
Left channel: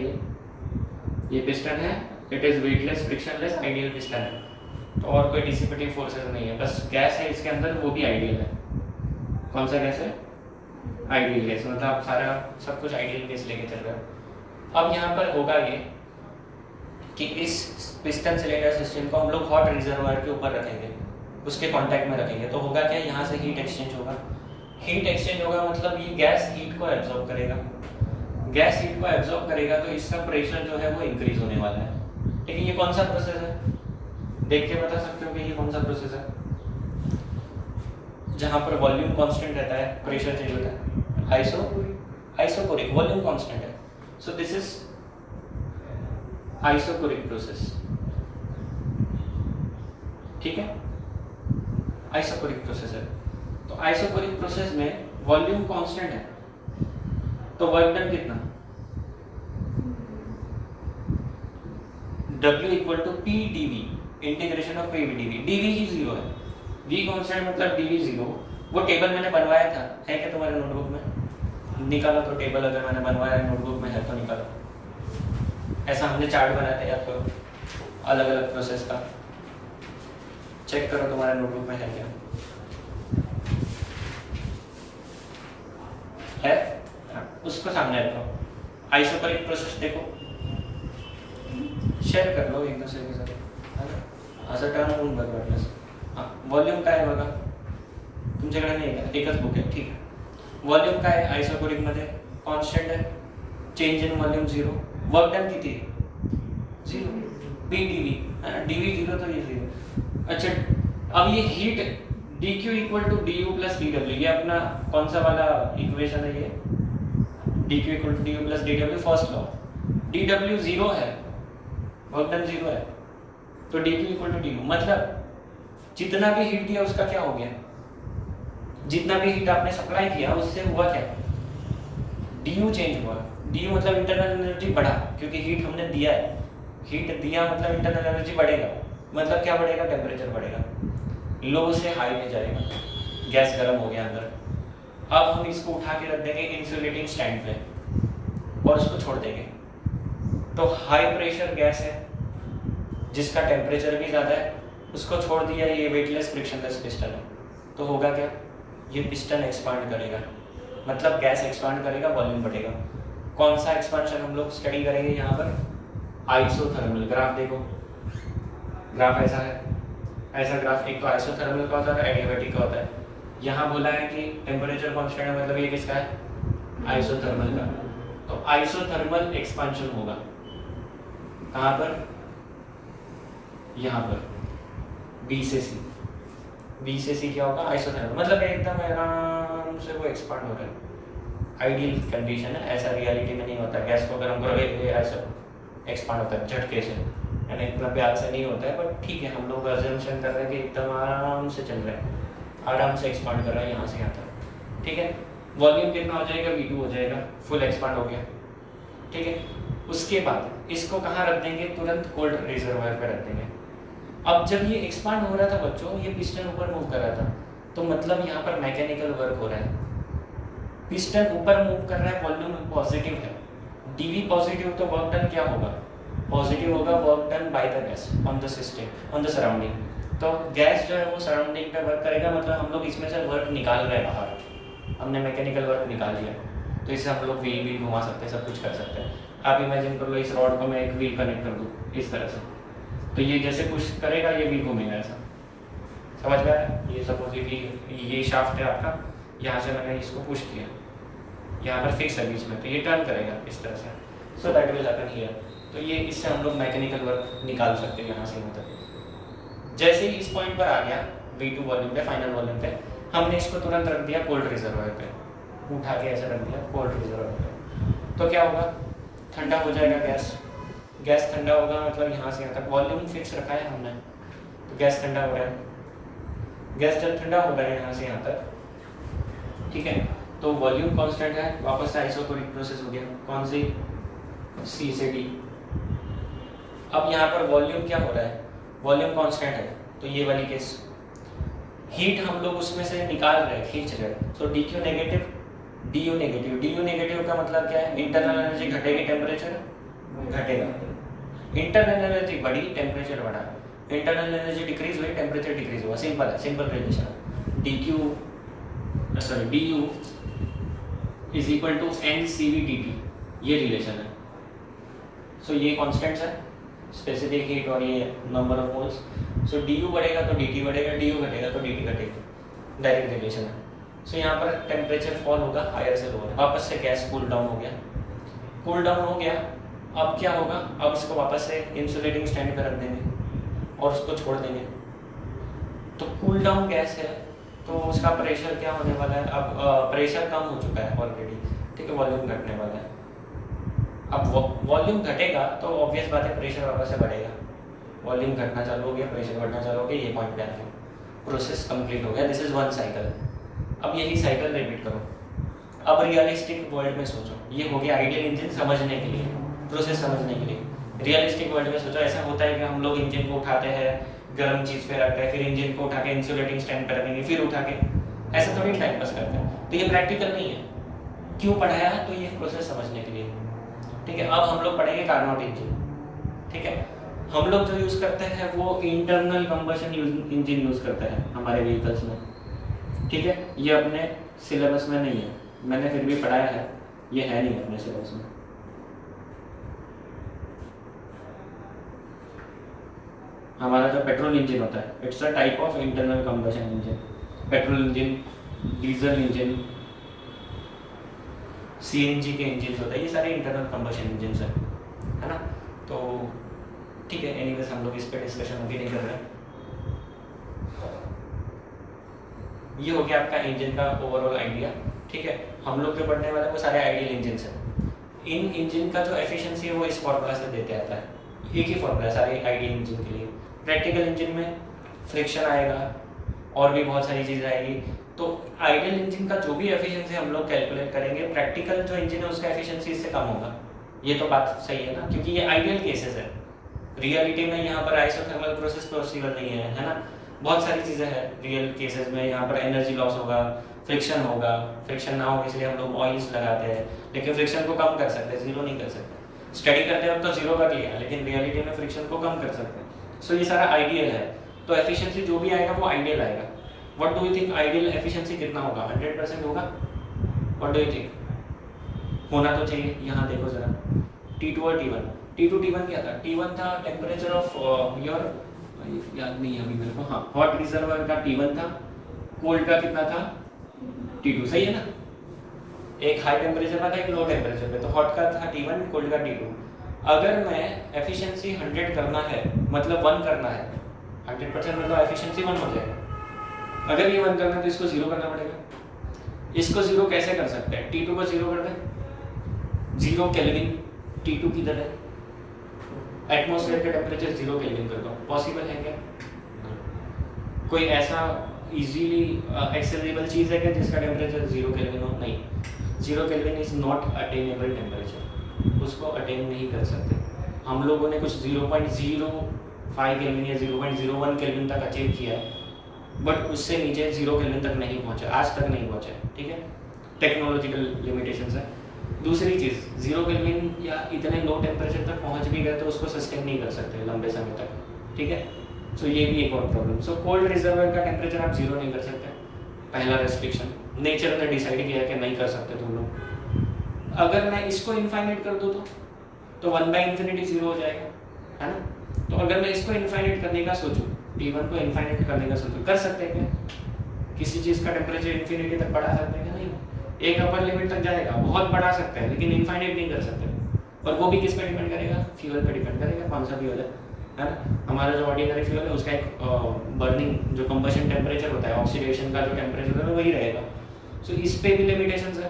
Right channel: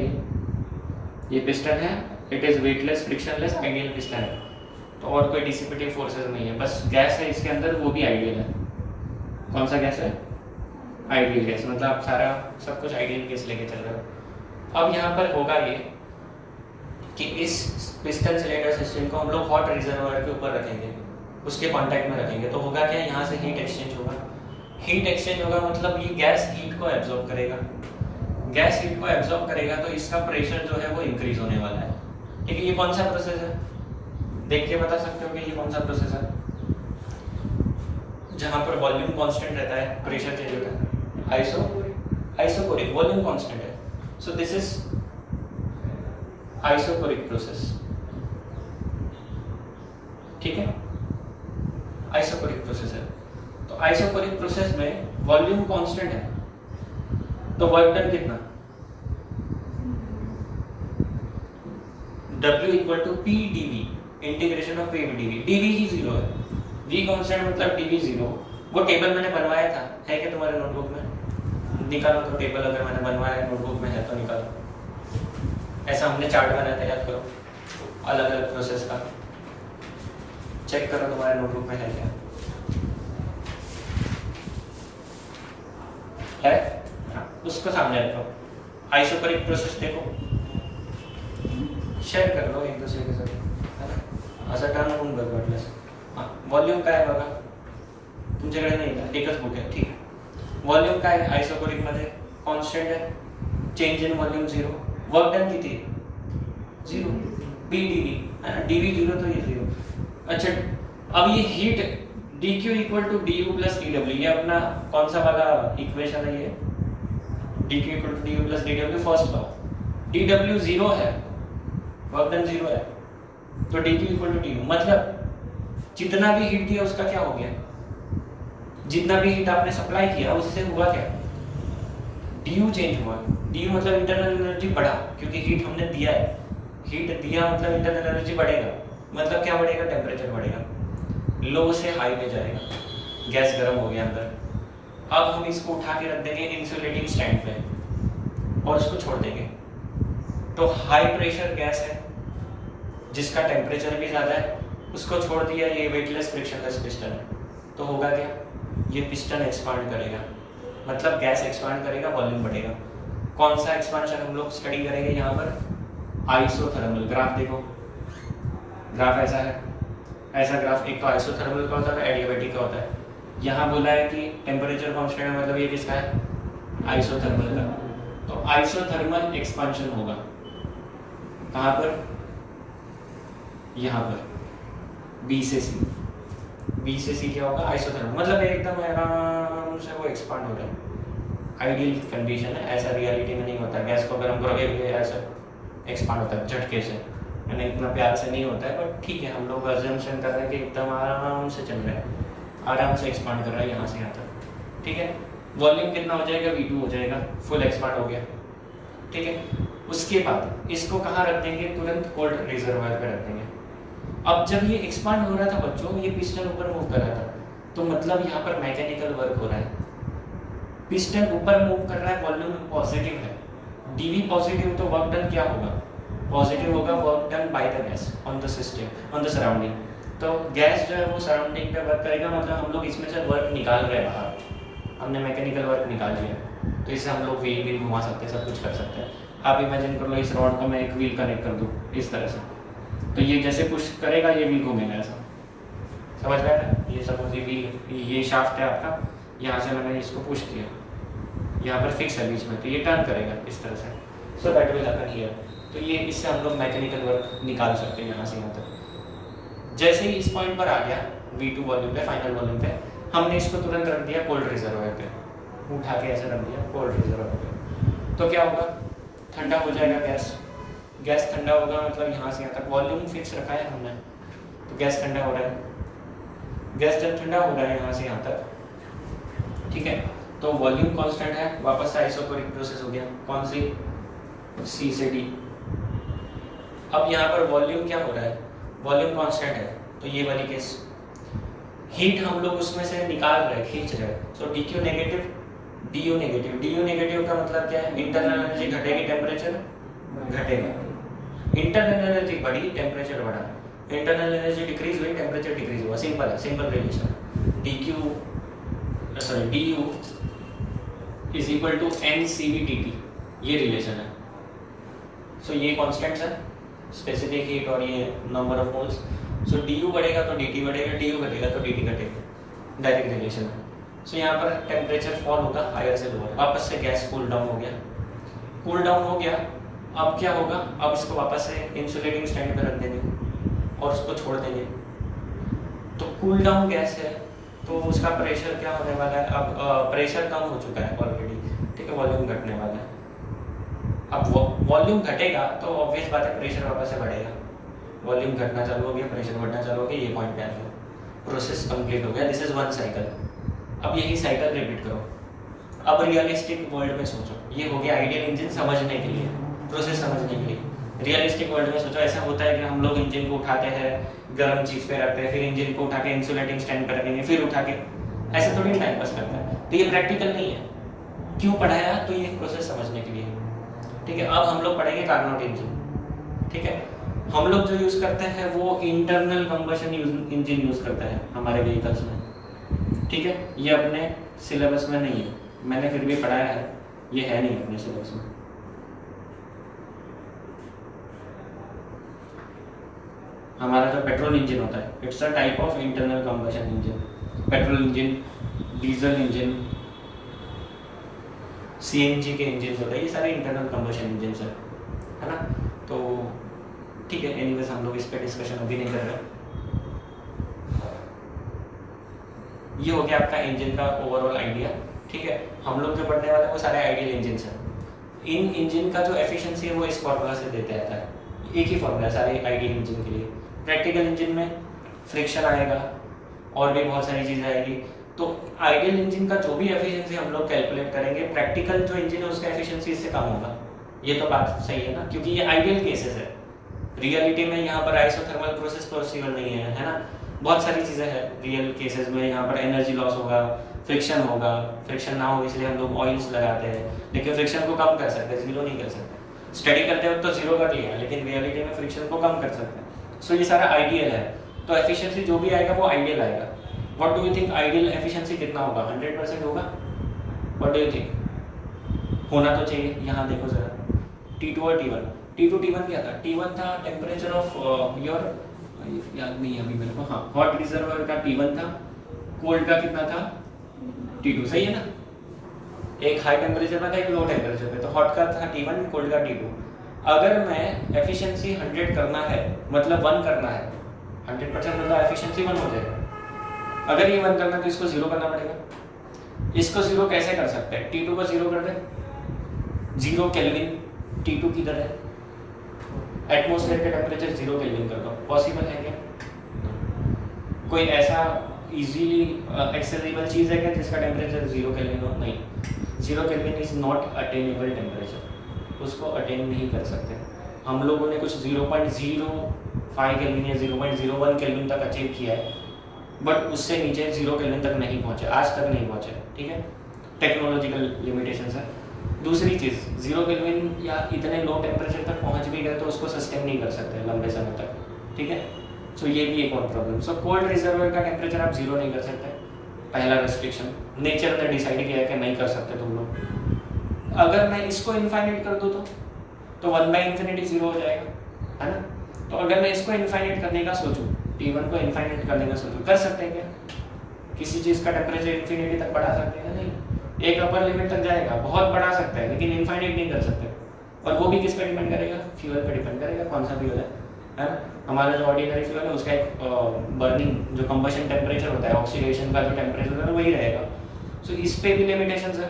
ये पिस्टन है, it is weightless frictionless ideal piston है, तो और कोई डिसिपेटिव फोर्सेस नहीं है, बस गैस है इसके अंदर, वो भी आइडियल है। कौन सा गैस है? आइडियल गैस, मतलब आप सारा सब कुछ आइडियल गैस लेके चल रहे हो। अब यहाँ पर होगा ये कि इस पिस्टन सिलेंडर सिस्टम को हम लोग हॉट रिजर्वायर के ऊपर रखेंगे, उसके कांटेक्ट में रखेंगे। तो होगा क्या, यहाँ से हीट एक्सचेंज होगा। हीट एक्सचेंज होगा मतलब ये गैस हीट को एब्जॉर्ब करेगा। गैस हीट को एब्जॉर्ब करेगा तो इसका प्रेशर जो है वो इंक्रीज होने वाला है। ठीक है, ये कौन सा प्रोसेस है, देख के बता सकते हो कि ये कौन सा प्रोसेस है? जहाँ पर वॉल्यूम कांस्टेंट रहता है, प्रेशर चेंज होता है। आइसोकोरिक, वॉल्यूम कांस्टेंट है। So this is isochoric process. ठीक है, आइसोकोरिक प्रोसेस है। तो आइसोकोरिक प्रोसेस में वॉल्यूम कांस्टेंट है, तो वर्क डन कितना? W equal to P dV, integration of P dV। dV ही जीरो है, V कांस्टेंट मतलब dV जीरो। वो टेबल मैंने बनवाया था, है क्या तुम्हारे नोटबुक में? निकालो तो टेबल, अगर मैंने बनवाया है नोटबुक में है तो निकालो। ऐसा हमने चार्ट बनाया था, याद करो, अलग अलग प्रोसेस का। चेक करो तुम्हारे नोटबुक में है क्या, है? हाँ, उसको सामने रखो। आइसोकोरिक प्रोसेस देखो, शेयर कर लो एक दूसरे के साथ, है ना? असं टर्न होऊन बघ वाटल्यास। हां, वॉल्यूम काय बघा, तुमच्याकडे नाही का? एकच बुक आहे, ठीक आहे। वॉल्यूम काय आहे आइसोकोरिक मध्ये? कॉन्स्टंट आहे, change in volume zero. Work done किती आहे? जीरो। P dV, है ना? dV जीरो तो ये जीरो। अच्छा, अब ये heat dq equal to du plus dw, ये अपना कौन सा वाला इक्वेशन है ये? dq equal to du plus dw, first law. dw zero है, वर्क डन जीरो है, तो dq इक्वल टू du, मतलब जितना भी हीट दिया उसका क्या हो गया? जितना भी हीट आपने सप्लाई किया उससे हुआ क्या? du चेंज हुआ। du मतलब इंटरनल एनर्जी बढ़ा, क्योंकि हीट हमने दिया है। हीट दिया मतलब इंटरनल एनर्जी बढ़ेगा, मतलब क्या बढ़ेगा? टेम्परेचर बढ़ेगा, लो से हाई में जाएगा, गैस गर्म हो गया अंदर। अब हम इसको उठा के रख देंगे इंसुलेटिंग स्टैंड पे और उसको छोड़ देंगे। तो हाई प्रेशर गैस है जिसका टेम्परेचर भी ज़्यादा है, उसको छोड़ दिया, ये वेटलेस फ्रिक्शनलेस पिस्टन है। तो होगा क्या, ये पिस्टन एक्सपांड करेगा, मतलब गैस एक्सपांड करेगा, वॉल्यूम बढ़ेगा। कौन सा एक्सपांशन हम लोग स्टडी करेंगे यहाँ पर? आइसोथर्मल। ग्राफ देखो, ग्राफ ऐसा है, ऐसा ग्राफ। एक तो आइसोथर्मल का होता है, एडियाबैटिक का होता है। यहाँ बोला है कि टेम्परेचर कांस्टेंट है, मतलब ये किसका है? आइसोथर्मल का। तो आइसोथर्मल एक्सपांशन होगा कहाँ पर? यहाँ पर B से C। B से C क्या होगा? आइसोथर्मल, मतलब एकदम आराम से वो एक्सपांड हो रहा है। आइडियल कंडीशन है, ऐसा रियलिटी में नहीं होता। गैस को गर्म करोगे ऐसा एक्सपांड होता है झटके से, यानी इतना प्यार से नहीं होता है, पर ठीक है, हम लोग अजम्पशन कर रहे हैं कि एकदम आराम से चल रहा है, आराम से एक्सपांड कर रहा है यहाँ से यहाँ तक। ठीक है, वॉल्यूम कितना हो जाएगा? V2 हो जाएगा, फुल एक्सपांड हो गया। ठीक है, उसके बाद इसको कहाँ रख देंगे? तुरंत कोल्ड रिजर्वायर पे रख देंगे। अब जब ये एक्सपांड हो रहा था बच्चों, ये पिस्टन ऊपर मूव कर रहा था, तो मतलब यहाँ पर मैकेनिकल वर्क हो रहा है। पिस्टन ऊपर मूव कर रहा है, वॉल्यूम पॉजिटिव है, dV पॉजिटिव, तो वर्क डन क्या होगा? पॉजिटिव होगा, work done by the gas on the system, on the surrounding. तो गैस जो है वो सराउंडिंग पे वर्क करेगा, मतलब हम लोग इसमें से वर्क निकाल रहे हैं बाहर, हमने मैकेनिकल वर्क निकाल लिया, तो इससे हम लोग व्हील भी घुमा सकते हैं, सब कुछ कर सकते हैं। आप इमेजिन कर लो, इस रॉड को मैं एक व्हील कनेक्ट कर दूँ इस तरह से, तो ये जैसे पुश करेगा ये व्हील घूमेगा ऐसा, समझ में आया? ये सपोज ये व्हील, ये शाफ्ट है आपका, यहाँ से मैंने इसको पुश किया, यहाँ पर फिक्स है बीच में, तो ये टर्न करेगा इस तरह से। So that will happen here. तो ये इससे हम लोग मैकेनिकल वर्क निकाल सकते हैं यहाँ से यहाँ तक। जैसे ही इस पॉइंट पर आ गया V2 वॉल्यूम पे, फाइनल वॉल्यूम पे, हमने इसको तुरंत रख दिया कोल्ड रिजर्वायर पे, उठा के ऐसे रख दिया कोल्ड रिजर्वायर पे। तो क्या होगा? ठंडा हो जाएगा गैस, गैस ठंडा होगा, मतलब यहाँ से यहाँ तक वॉल्यूम फिक्स रखा है हमने, तो गैस ठंडा हो रहा है। गैस जब ठंडा हो रहा है यहाँ से यहाँ तक, ठीक है, तो वॉल्यूम कांस्टेंट है, वापस आइसोकोरिक प्रोसेस हो गया। कौन सी? C से D। अब यहाँ पर वॉल्यूम क्या हो रहा है? वॉल्यूम कांस्टेंट है, तो ये वाली केस हीट हम लोग उसमें से निकाल रहे हैं, खींच रहे हैं। So DQ negative, DU negative. DU negative का मतलब क्या है? इंटरनल एनर्जी घटेगी, टेम्परेचर घटेगा। इंटरनल एनर्जी बढ़ी, टेम्परेचर बढ़ा। इंटरनल एनर्जी डिक्रीज हुई, टेम्परेचर डिक्रीज हुआ। सिंपल है, simple relation. DU is equal to n C V D T, ये रिलेशन है। सो ये कॉन्स्टेंट्स है, स्पेसिफिक हीट और ये number of moles. So D U बढ़ेगा तो डी टी बढ़ेगा, डी यू घटेगा तो डी टी घटेगा, डायरेक्ट रिलेशन है। सो यहाँ पर टेम्परेचर फॉल होगा हायर से लोअर, वापस से गैस कूल डाउन हो गया, कूल डाउन हो गया। अब क्या होगा, अब इसको वापस से इंसुलेटिंग स्टैंड पर रख देंगे और उसको छोड़ देंगे। तो कूल डाउन गैस है तो उसका प्रेशर क्या होने वाला है, अब प्रेशर कम हो चुका है ऑलरेडी, ठीक है, वॉल्यूम घटने वाला है। अब वॉल्यूम घटेगा तो ऑब्वियस बात है प्रेशर वापस से बढ़ेगा, वॉल्यूम घटना चालू हो गया, प्रेशर बढ़ना चालू हो गया, ये पॉइंट पे आ गया, प्रोसेस कंप्लीट हो गया। This is one cycle. अब यही साइकिल रिपीट करो। अब रियलिस्टिक वर्ल्ड में सोचो, ये हो गया आइडियल इंजन समझने के लिए, प्रोसेस समझने के लिए। रियलिस्टिक वर्ल्ड में सोचो, ऐसा होता है कि हम लोग इंजन को उठाते हैं, गर्म चीज पे रखते हैं, फिर इंजन को उठा के इंसुलेटिंग स्टैंड पर रखेंगे, फिर उठा के, ऐसा थोड़ी टाइम पास करता है। तो ये प्रैक्टिकल नहीं है। क्यों पढ़ाया, तो ये प्रोसेस समझने के लिए, ठीक है। अब हम लोग पढ़ेंगे कार्नोट इंजन, ठीक है। हम लोग जो यूज करते हैं वो इंटरनल कंबशन इंजन यूज करते हैं हमारे व्हीकल्स में, ठीक है। ये अपने सिलेबस में नहीं है, मैंने फिर भी पढ़ाया है, ये है नहीं अपने सिलेबस में। हमारा जो पेट्रोल इंजन होता है, it's a type of internal combustion engine. Petrol engine, diesel engine, CNG के इंजन होते हैं, ये सारे इंटरनल कंबशन इंजन है ना। तो ठीक है, एनीवेज हम लोग इस पे डिस्कशन अभी नहीं कर रहे। ये हो गया आपका इंजन का ओवरऑल आइडिया, ठीक है। हम लोग जो पढ़ने वाले हैं वो सारे आइडियल इंजन हैं। इन इंजन का जो एफिशिएंसी है वो इस फॉर्मूला से देते आता है, एक ही फॉर्मूला है सारे आइडियल इंजन के लिए। प्रैक्टिकल इंजन में फ्रिक्शन आएगा और भी बहुत सारी चीज़ आएगी। तो आइडियल इंजन का जो भी एफिशिएंसी हम लोग कैलकुलेट करेंगे, प्रैक्टिकल जो इंजन है उसका एफिशिएंसी इससे कम होगा। ये तो बात सही है ना, क्योंकि ये आइडियल केसेस है। रियलिटी में यहाँ पर आइसोथर्मल प्रोसेस पॉसिबल नहीं है ना। बहुत सारी चीज़ें हैं रियल केसेस में, यहाँ पर एनर्जी लॉस होगा, फ्रिक्शन होगा, फ्रिक्शन ना हो इसलिए हम लोग ऑयल्स लगाते हैं, लेकिन फ्रिक्शन को कम कर सकते हैं, जीरो नहीं कर सकते। स्टडी करते वक्त तो जीरो कर लिया, लेकिन रियलिटी में फ्रिक्शन को कम कर सकते हैं। सो ये सारा आइडियल है, तो एफिशिएंसी जो भी आएगा वो आइडियल आएगा। What do you think, ideal efficiency कितना होगा? 100% होगा? What do you think? होना तो चाहिए। यहाँ देखो जरा, T2 और T1। T2 T1 क्या था? T1 था टेम्परेचर ऑफ योर, याद नहीं है अभी मेरे को, हाँ, हॉट रिजर्वर का T1 था, कोल्ड का कितना था? T2, सही है ना। एक हाई टेम्परेचर में था, एक लो टेम्परेचर पे, तो हॉट का था T1, कोल्ड का T2। अगर मैं एफिशिएंसी 100 करना है, मतलब 1 करना है, 100% मतलब एफिशिएंसी 1 हो जाएगा। अगर ये 1 करना है तो इसको 0 करना पड़ेगा। इसको 0 कैसे कर सकते हैं? T2 को 0 कर दें, 0 केल्विन T2 की तरह, एटमॉस्फेयर का टेम्परेचर 0 केल्विन कर दो। पॉसिबल है क्या? कोई ऐसा इजीली एक्सेसिबल चीज है क्या जिसका टेम्परेचर 0 केल्विन हो? नहीं, 0 kelvin is not attainable temperature, उसको अटेन नहीं कर सकते। हम लोगों ने कुछ 0.05 केल्विन या 0.01 केल्विन तक अचीव किया है, बट उससे नीचे 0 केल्विन तक नहीं पहुंचे, आज तक नहीं पहुंचे, ठीक है। टेक्नोलॉजिकल लिमिटेशंस है। दूसरी चीज, 0 केल्विन या इतने लो टेम्परेचर तक पहुंच भी गए तो उसको सस्टेन नहीं कर सकते लंबे समय तक, ठीक है। सो ये भी एक और प्रॉब्लम। सो कोल्ड रिजर्वर का टेम्परेचर आप 0 नहीं कर सकते, पहला रेस्ट्रिक्शन नेचर ने डिसाइड किया कि नहीं कर सकते तुम लोग। अगर मैं इसको इनफाइनाइट कर दूं तो 1/∞ 0 हो जाएगा, है ना। तो अगर मैं इसको इनफाइनाइट करने का सोचूं, T1 को इनफाइनाइट करने का सोचूं, कर सकते हैं क्या? किसी चीज का टेम्परेचर इन्फिनिटी तक बढ़ा सकते हैं? नहीं, एक अपर लिमिट तक जाएगा, बहुत बढ़ा सकते हैं, लेकिन इनफाइनाइट नहीं कर सकते। और वो भी किस पे डिपेंड करेगा? फ्यूल पे डिपेंड करेगा, कौन सा फ्यूल है ना। हमारा जो ऑर्डिनरी फ्यूल है उसका एक बर्निंग जो कंबशन टेम्परेचर होता है, ऑक्सीडेशन का जो टेम्परेचर है वही रहेगा। सो इस पे भी लिमिटेशंस है।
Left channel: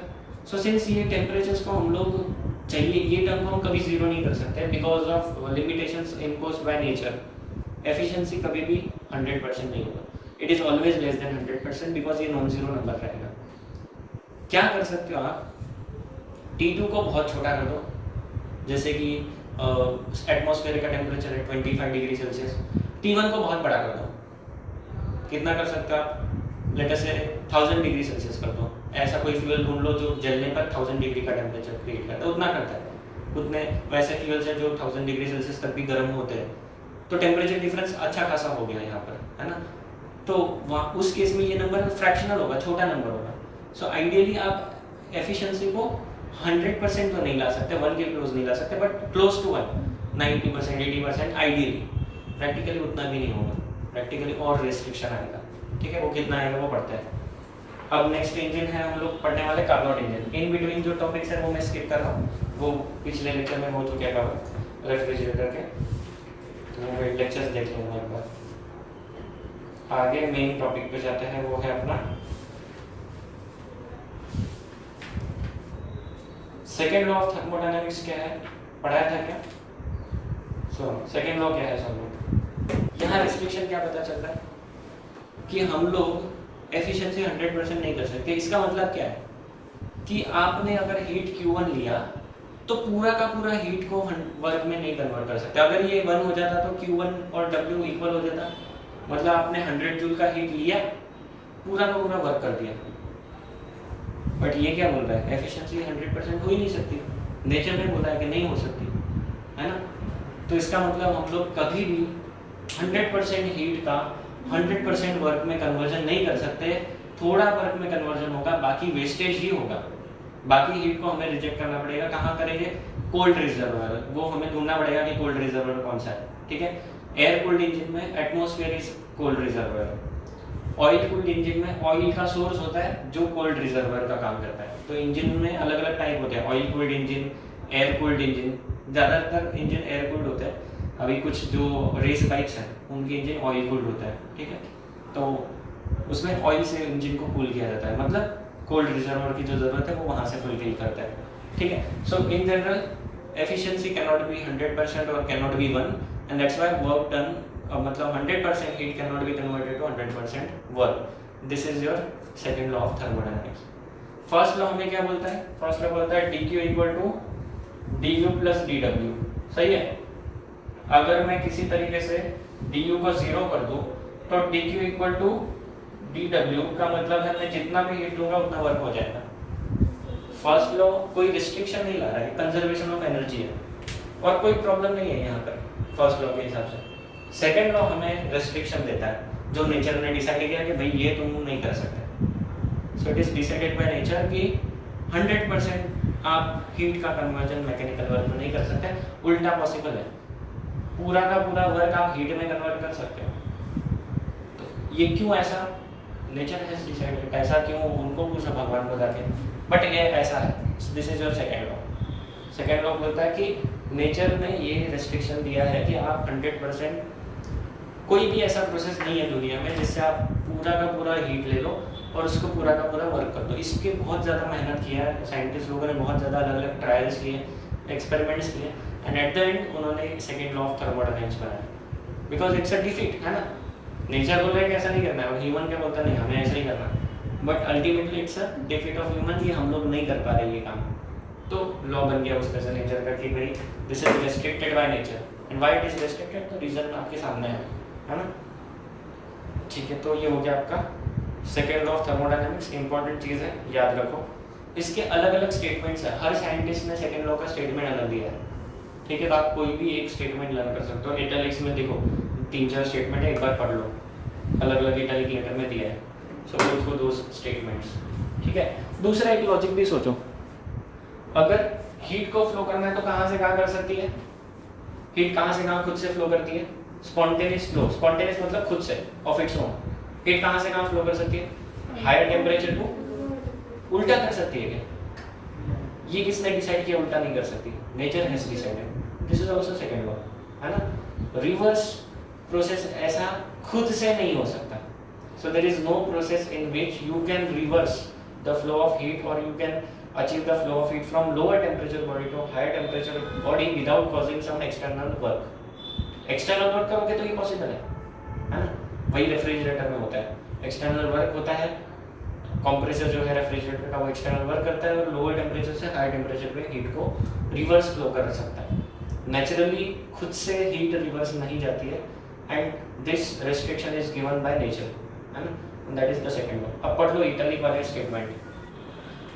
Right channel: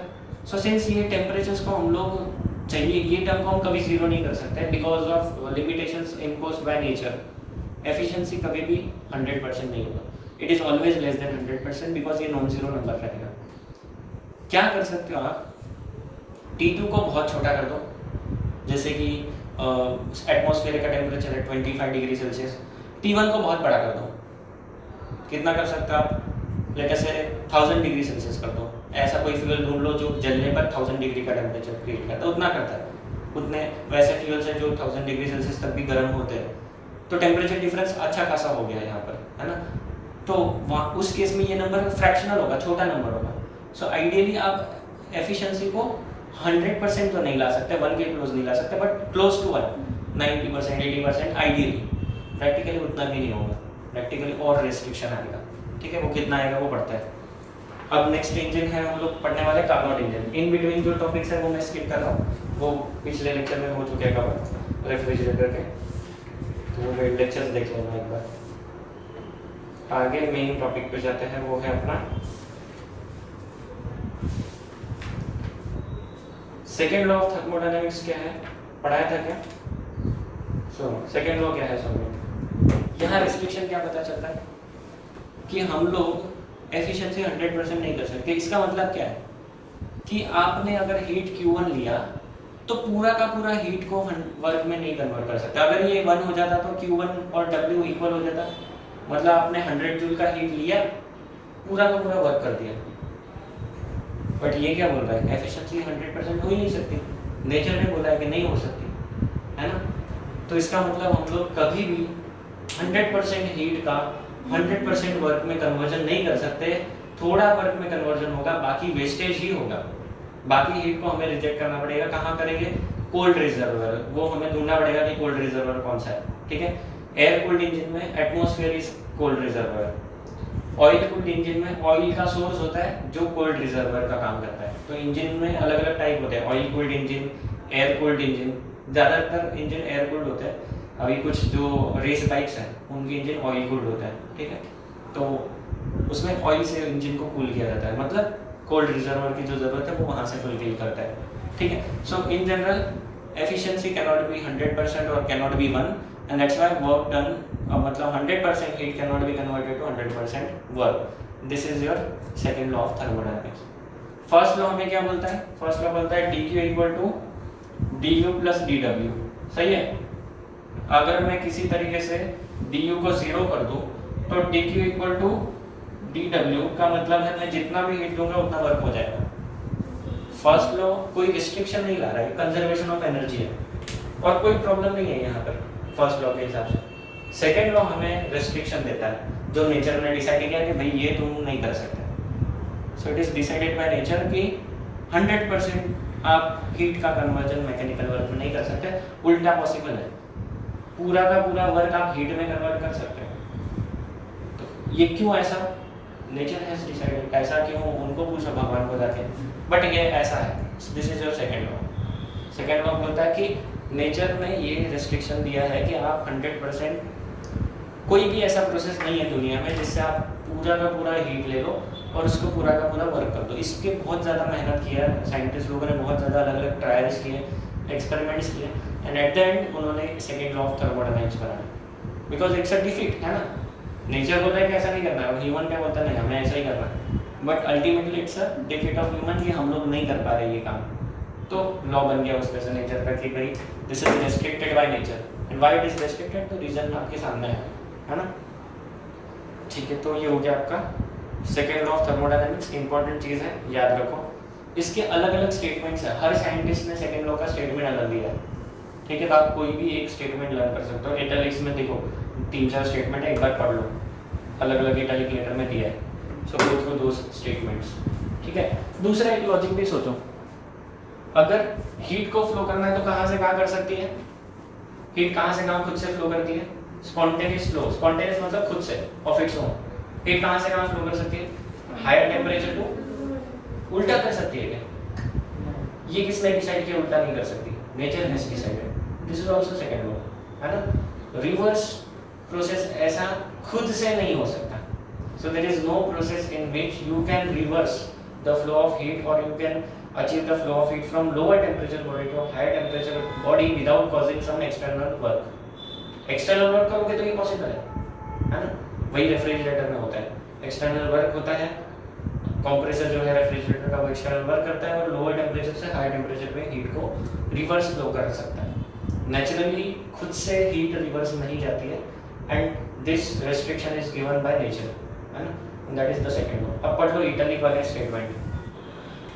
सो सिंस ये टेम्परेचर्स को हम लोग चाहिए, ये टर्म को हम कभी 0 नहीं कर सकते because of limitations imposed by nature. Efficiency कभी भी 100% नहीं होगा, it is always less than 100% because ये नॉन जीरो नंबर रहेगा। क्या कर सकते हो आप? T2 को बहुत छोटा कर दो, जैसे कि एटमॉस्फेयर का टेम्परेचर है 25 डिग्री सेल्सियस, T1 को बहुत बड़ा कर दो। कितना कर सकते हो आप? लेट अस से 1000 डिग्री सेल्सियस कर दो। ऐसा कोई फ्यूल ढूंढ लो जो जलने पर 1000 डिग्री का टेम्परेचर क्रिएट करता है, उतना करता है। उतने वैसे फ्यूल्स हैं जो 1000 डिग्री सेल्सियस तक भी गर्म होते हैं, तो टेम्परेचर डिफरेंस अच्छा खासा हो गया यहाँ पर, है ना। तो वहाँ उस केस में ये नंबर फ्रैक्शनल होगा, छोटा नंबर होगा। सो आइडियली आप एफिशिएंसी को 100% तो नहीं ला सकते, 1 के क्लोज नहीं ला सकते, but close to 1, 90% 80% ideally. Practically उतना भी नहीं होगा, प्रैक्टिकली और रेस्ट्रिक्शन आएगा, ठीक है। वो कितना आएगा वो पढ़ता है। अब नेक्स्ट इंजन है हम लोग पढ़ने वाले कार्नोट इंजन। इन बिटवीन जो टॉपिक्स है वो मैं स्किप कर रहा हूँ, वो पिछले लेक्चर में हो चुके हैं कवर रेफ्रिजरेटर के, तो वो लेक्चर्स देख लेंगे एक बार। आगे मेन टॉपिक पे जाते हैं, वो है अपना सेकेंड लॉ ऑफ थर्मोडायनेमिक्स। क्या है, पढ़ाया था क्या? सेकेंड लॉ क्या है सब लोग? यहाँ रिस्ट्रिक्शन क्या पता चलता है कि हम लोग एफिशिएंसी 100% नहीं कर सकते। इसका मतलब क्या है कि आपने अगर हीट Q1 लिया तो पूरा का पूरा हीट को वर्क में नहीं कन्वर्ट कर सकते। अगर ये 1 हो जाता तो Q1 और W इक्वल हो जाता, मतलब आपने 100 जूल का हीट लिया, पूरा का पूरा वर्क कर दिया। बट ये क्या बोल रहा है, एफिशिएंसी 100% हो ही नहीं सकती, नेचर ने बोला है कि नहीं हो सकती, है ना। तो इसका मतलब हम लोग कभी भी 100% हीट का 100% वर्क में कन्वर्जन नहीं कर सकते। थोड़ा वर्क में कन्वर्जन होगा, बाकी वेस्टेज ही होगा। बाकी हीट को हमें रिजेक्ट करना पड़ेगा। कहाँ करेंगे? कोल्ड रिजर्वर, वो हमें ढूंढना पड़ेगा कि कोल्ड रिजर्वर कौन सा है, ठीक है। एयर कूल्ड इंजन में atmosphere is cold reservoir, oil cooled engine में ऑयल का सोर्स होता है जो कोल्ड रिजर्वर का काम करता है। तो इंजन में अलग अलग टाइप होते हैं, oil cooled engine, air cooled engine. ज़्यादातर इंजन एयर कूल्ड होता है, अभी कुछ जो रेस बाइक्स हैं उनके इंजन ऑयल कूल्ड होता है, ठीक है। तो उसमें ऑयल से इंजन को कूल किया जाता है, मतलब कोल्ड रिजर्वर की जो जरूरत है वो वहाँ से फुलफिल करता है, ठीक है। So in general efficiency can not be 100% और can not be 1, and that's why work done, मतलब 100% heat can not be converted to 100% work. This is your second law of thermodynamics. First law हमें क्या बोलता है? First law बोलता है dq equal to du plus dw, सही है। अगर मैं किसी तरीके से du को 0 कर दूं तो dq इक्वल टू dw का मतलब है मैं जितना भी हीट दूंगा उतना वर्क हो जाएगा। फर्स्ट लॉ कोई रिस्ट्रिक्शन नहीं ला रहा है, कंजर्वेशन ऑफ एनर्जी है और कोई प्रॉब्लम नहीं है यहाँ पर फर्स्ट लॉ के हिसाब से। सेकंड लॉ हमें रिस्ट्रिक्शन देता है, जो नेचर ने डिसाइड किया कि भाई ये तुम नहीं कर सकते। So it is decided by nature कि 100% आप हीट का कन्वर्जन मैकेनिकल वर्क में नहीं कर सकते, उल्टा पॉसिबल है। पूरा का पूरा वर्क आप हीट में कन्वर्ट कर सकते हो। तो ये क्यों ऐसा? Nature has decided. ऐसा क्यों? उनको पूछो भगवान को जाके, बट ये ऐसा है। This is your second law. Second law बोलता है कि नेचर ने ये रेस्ट्रिक्शन दिया है कि आप 100%, कोई भी ऐसा प्रोसेस नहीं है दुनिया में जिससे आप पूरा का पूरा हीट ले लो और उसको पूरा का पूरा वर्क कर दो। इसके बहुत ज़्यादा मेहनत किया है साइंटिस्ट लोगों ने, बहुत ज़्यादा अलग अलग ट्रायल्स किए, एक्सपेरिमेंट्स किए, एंड एट द एंड उन्होंने सेकंड लॉ ऑफ थर्मोडायनामिक्स बनाया। बिकॉज इट्स अ डिफीट, है ना। नेचर बोल रहा है कि ऐसा नहीं करना है और ह्यूमन क्या बोलता नहीं हमें ऐसा ही करना है, but ultimately it's a defeat of human कि हम लोग नहीं कर पा रहे ये काम। तो लॉ बन गया उस तरह से नेचर का कि भाई this is restricted by nature, and why it is restricted, तो रीजन आपके सामने है ना। ठीक है, तो ये हो गया आपका second law of thermodynamics. Important चीज़ है, याद रखो। इसके अलग अलग स्टेटमेंट्स है, हर साइंटिस्ट ने सेकेंड लॉ का स्टेटमेंट अलग दिया है, ठीक है। तो आप कोई भी एक स्टेटमेंट लर्न कर सकते हो। इटैलिक्स में देखो 3-4 स्टेटमेंट है, एक बार पढ़ लो, अलग अलग इटैलिक लेटर में दिया है। सो गो थ्रू दोस स्टेटमेंट्स, ठीक है। दूसरा एक लॉजिक भी सोचो, अगर हीट को फ्लो करना है तो कहाँ से कहाँ कर सकती है? हीट कहाँ से कहाँ खुद से फ्लो करती है? स्पॉन्टेनियस फ्लो, स्पॉन्टेनियस मतलब खुद से, ऑफ इट्स ओन। हीट कहाँ से कहाँ फ्लो कर सकती है? हायर टेम्परेचर को उल्टा कर सकती है क्या? ये किसने डिसाइड किया उल्टा नहीं कर सकती? Nature has decided. This is also second law, है ना। रिवर्स प्रोसेस ऐसा खुद से नहीं हो सकता। So there is no process in which you can reverse the flow of heat और you can achieve the flow of heat from lower temperature body to higher temperature body without causing some external work. external work करोगे तो ये possible है ना। वही refrigerator में होता है, एक्सटर्नल वर्क होता है। कंप्रेसर जो है रेफ्रिजरेटर का वो एक्सटर्नल वर्क करता है और लोअर टेम्परेचर से हाई टेम्परेचर पे हीट को रिवर्स फ्लो कर सकता है। नेचुरली खुद से हीट रिवर्स नहीं जाती है, and this restriction is given by nature, है ना। That is the second law. अब पढ़ लो इटैलिक वाले स्टेटमेंट।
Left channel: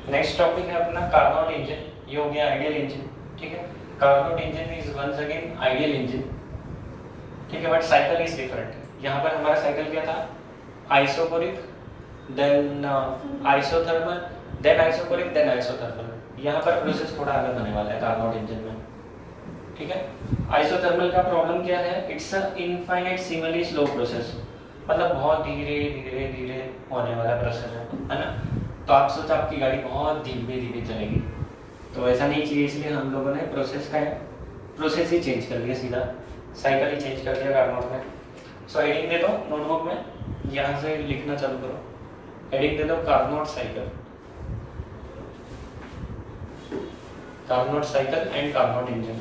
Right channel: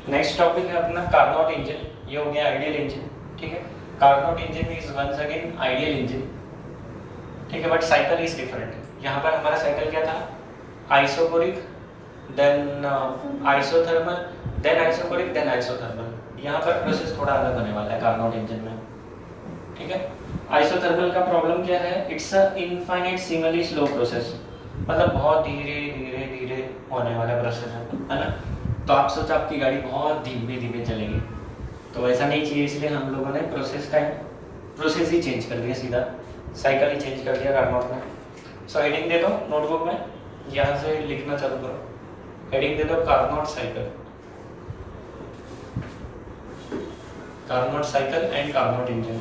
नेक्स्ट टॉपिक है अपना कार्नोट इंजन। ये हो गया आइडियल इंजन, ठीक है। Carnot engine is once again ideal engine, ठीक है, बट साइकिल इज डिफरेंट। यहाँ पर हमारा साइकिल क्या था? Isochoric, then isothermal, then isochoric, then isothermal. यहाँ पर प्रोसेस थोड़ा अलग होने वाला है कार्नोट इंजन में, ठीक है। आइसोथर्मल का प्रॉब्लम क्या है, it's a infinite similarly slow process, मतलब बहुत धीरे धीरे धीरे होने वाला प्रोसेस है ना। तो आप सोचो आपकी गाड़ी बहुत धीमे धीमे चलेगी, तो ऐसा नहीं चाहिए, इसलिए हम लोगों ने प्रोसेस ही चेंज कर दिया, सीधा साइकिल ही चेंज कर दिया कार्नोट में। सो हेडिंग दे दो नोटबुक में, यहाँ से लिखना चालू करो, हेडिंग दे दो Carnot cycle, Carnot cycle and Carnot engine.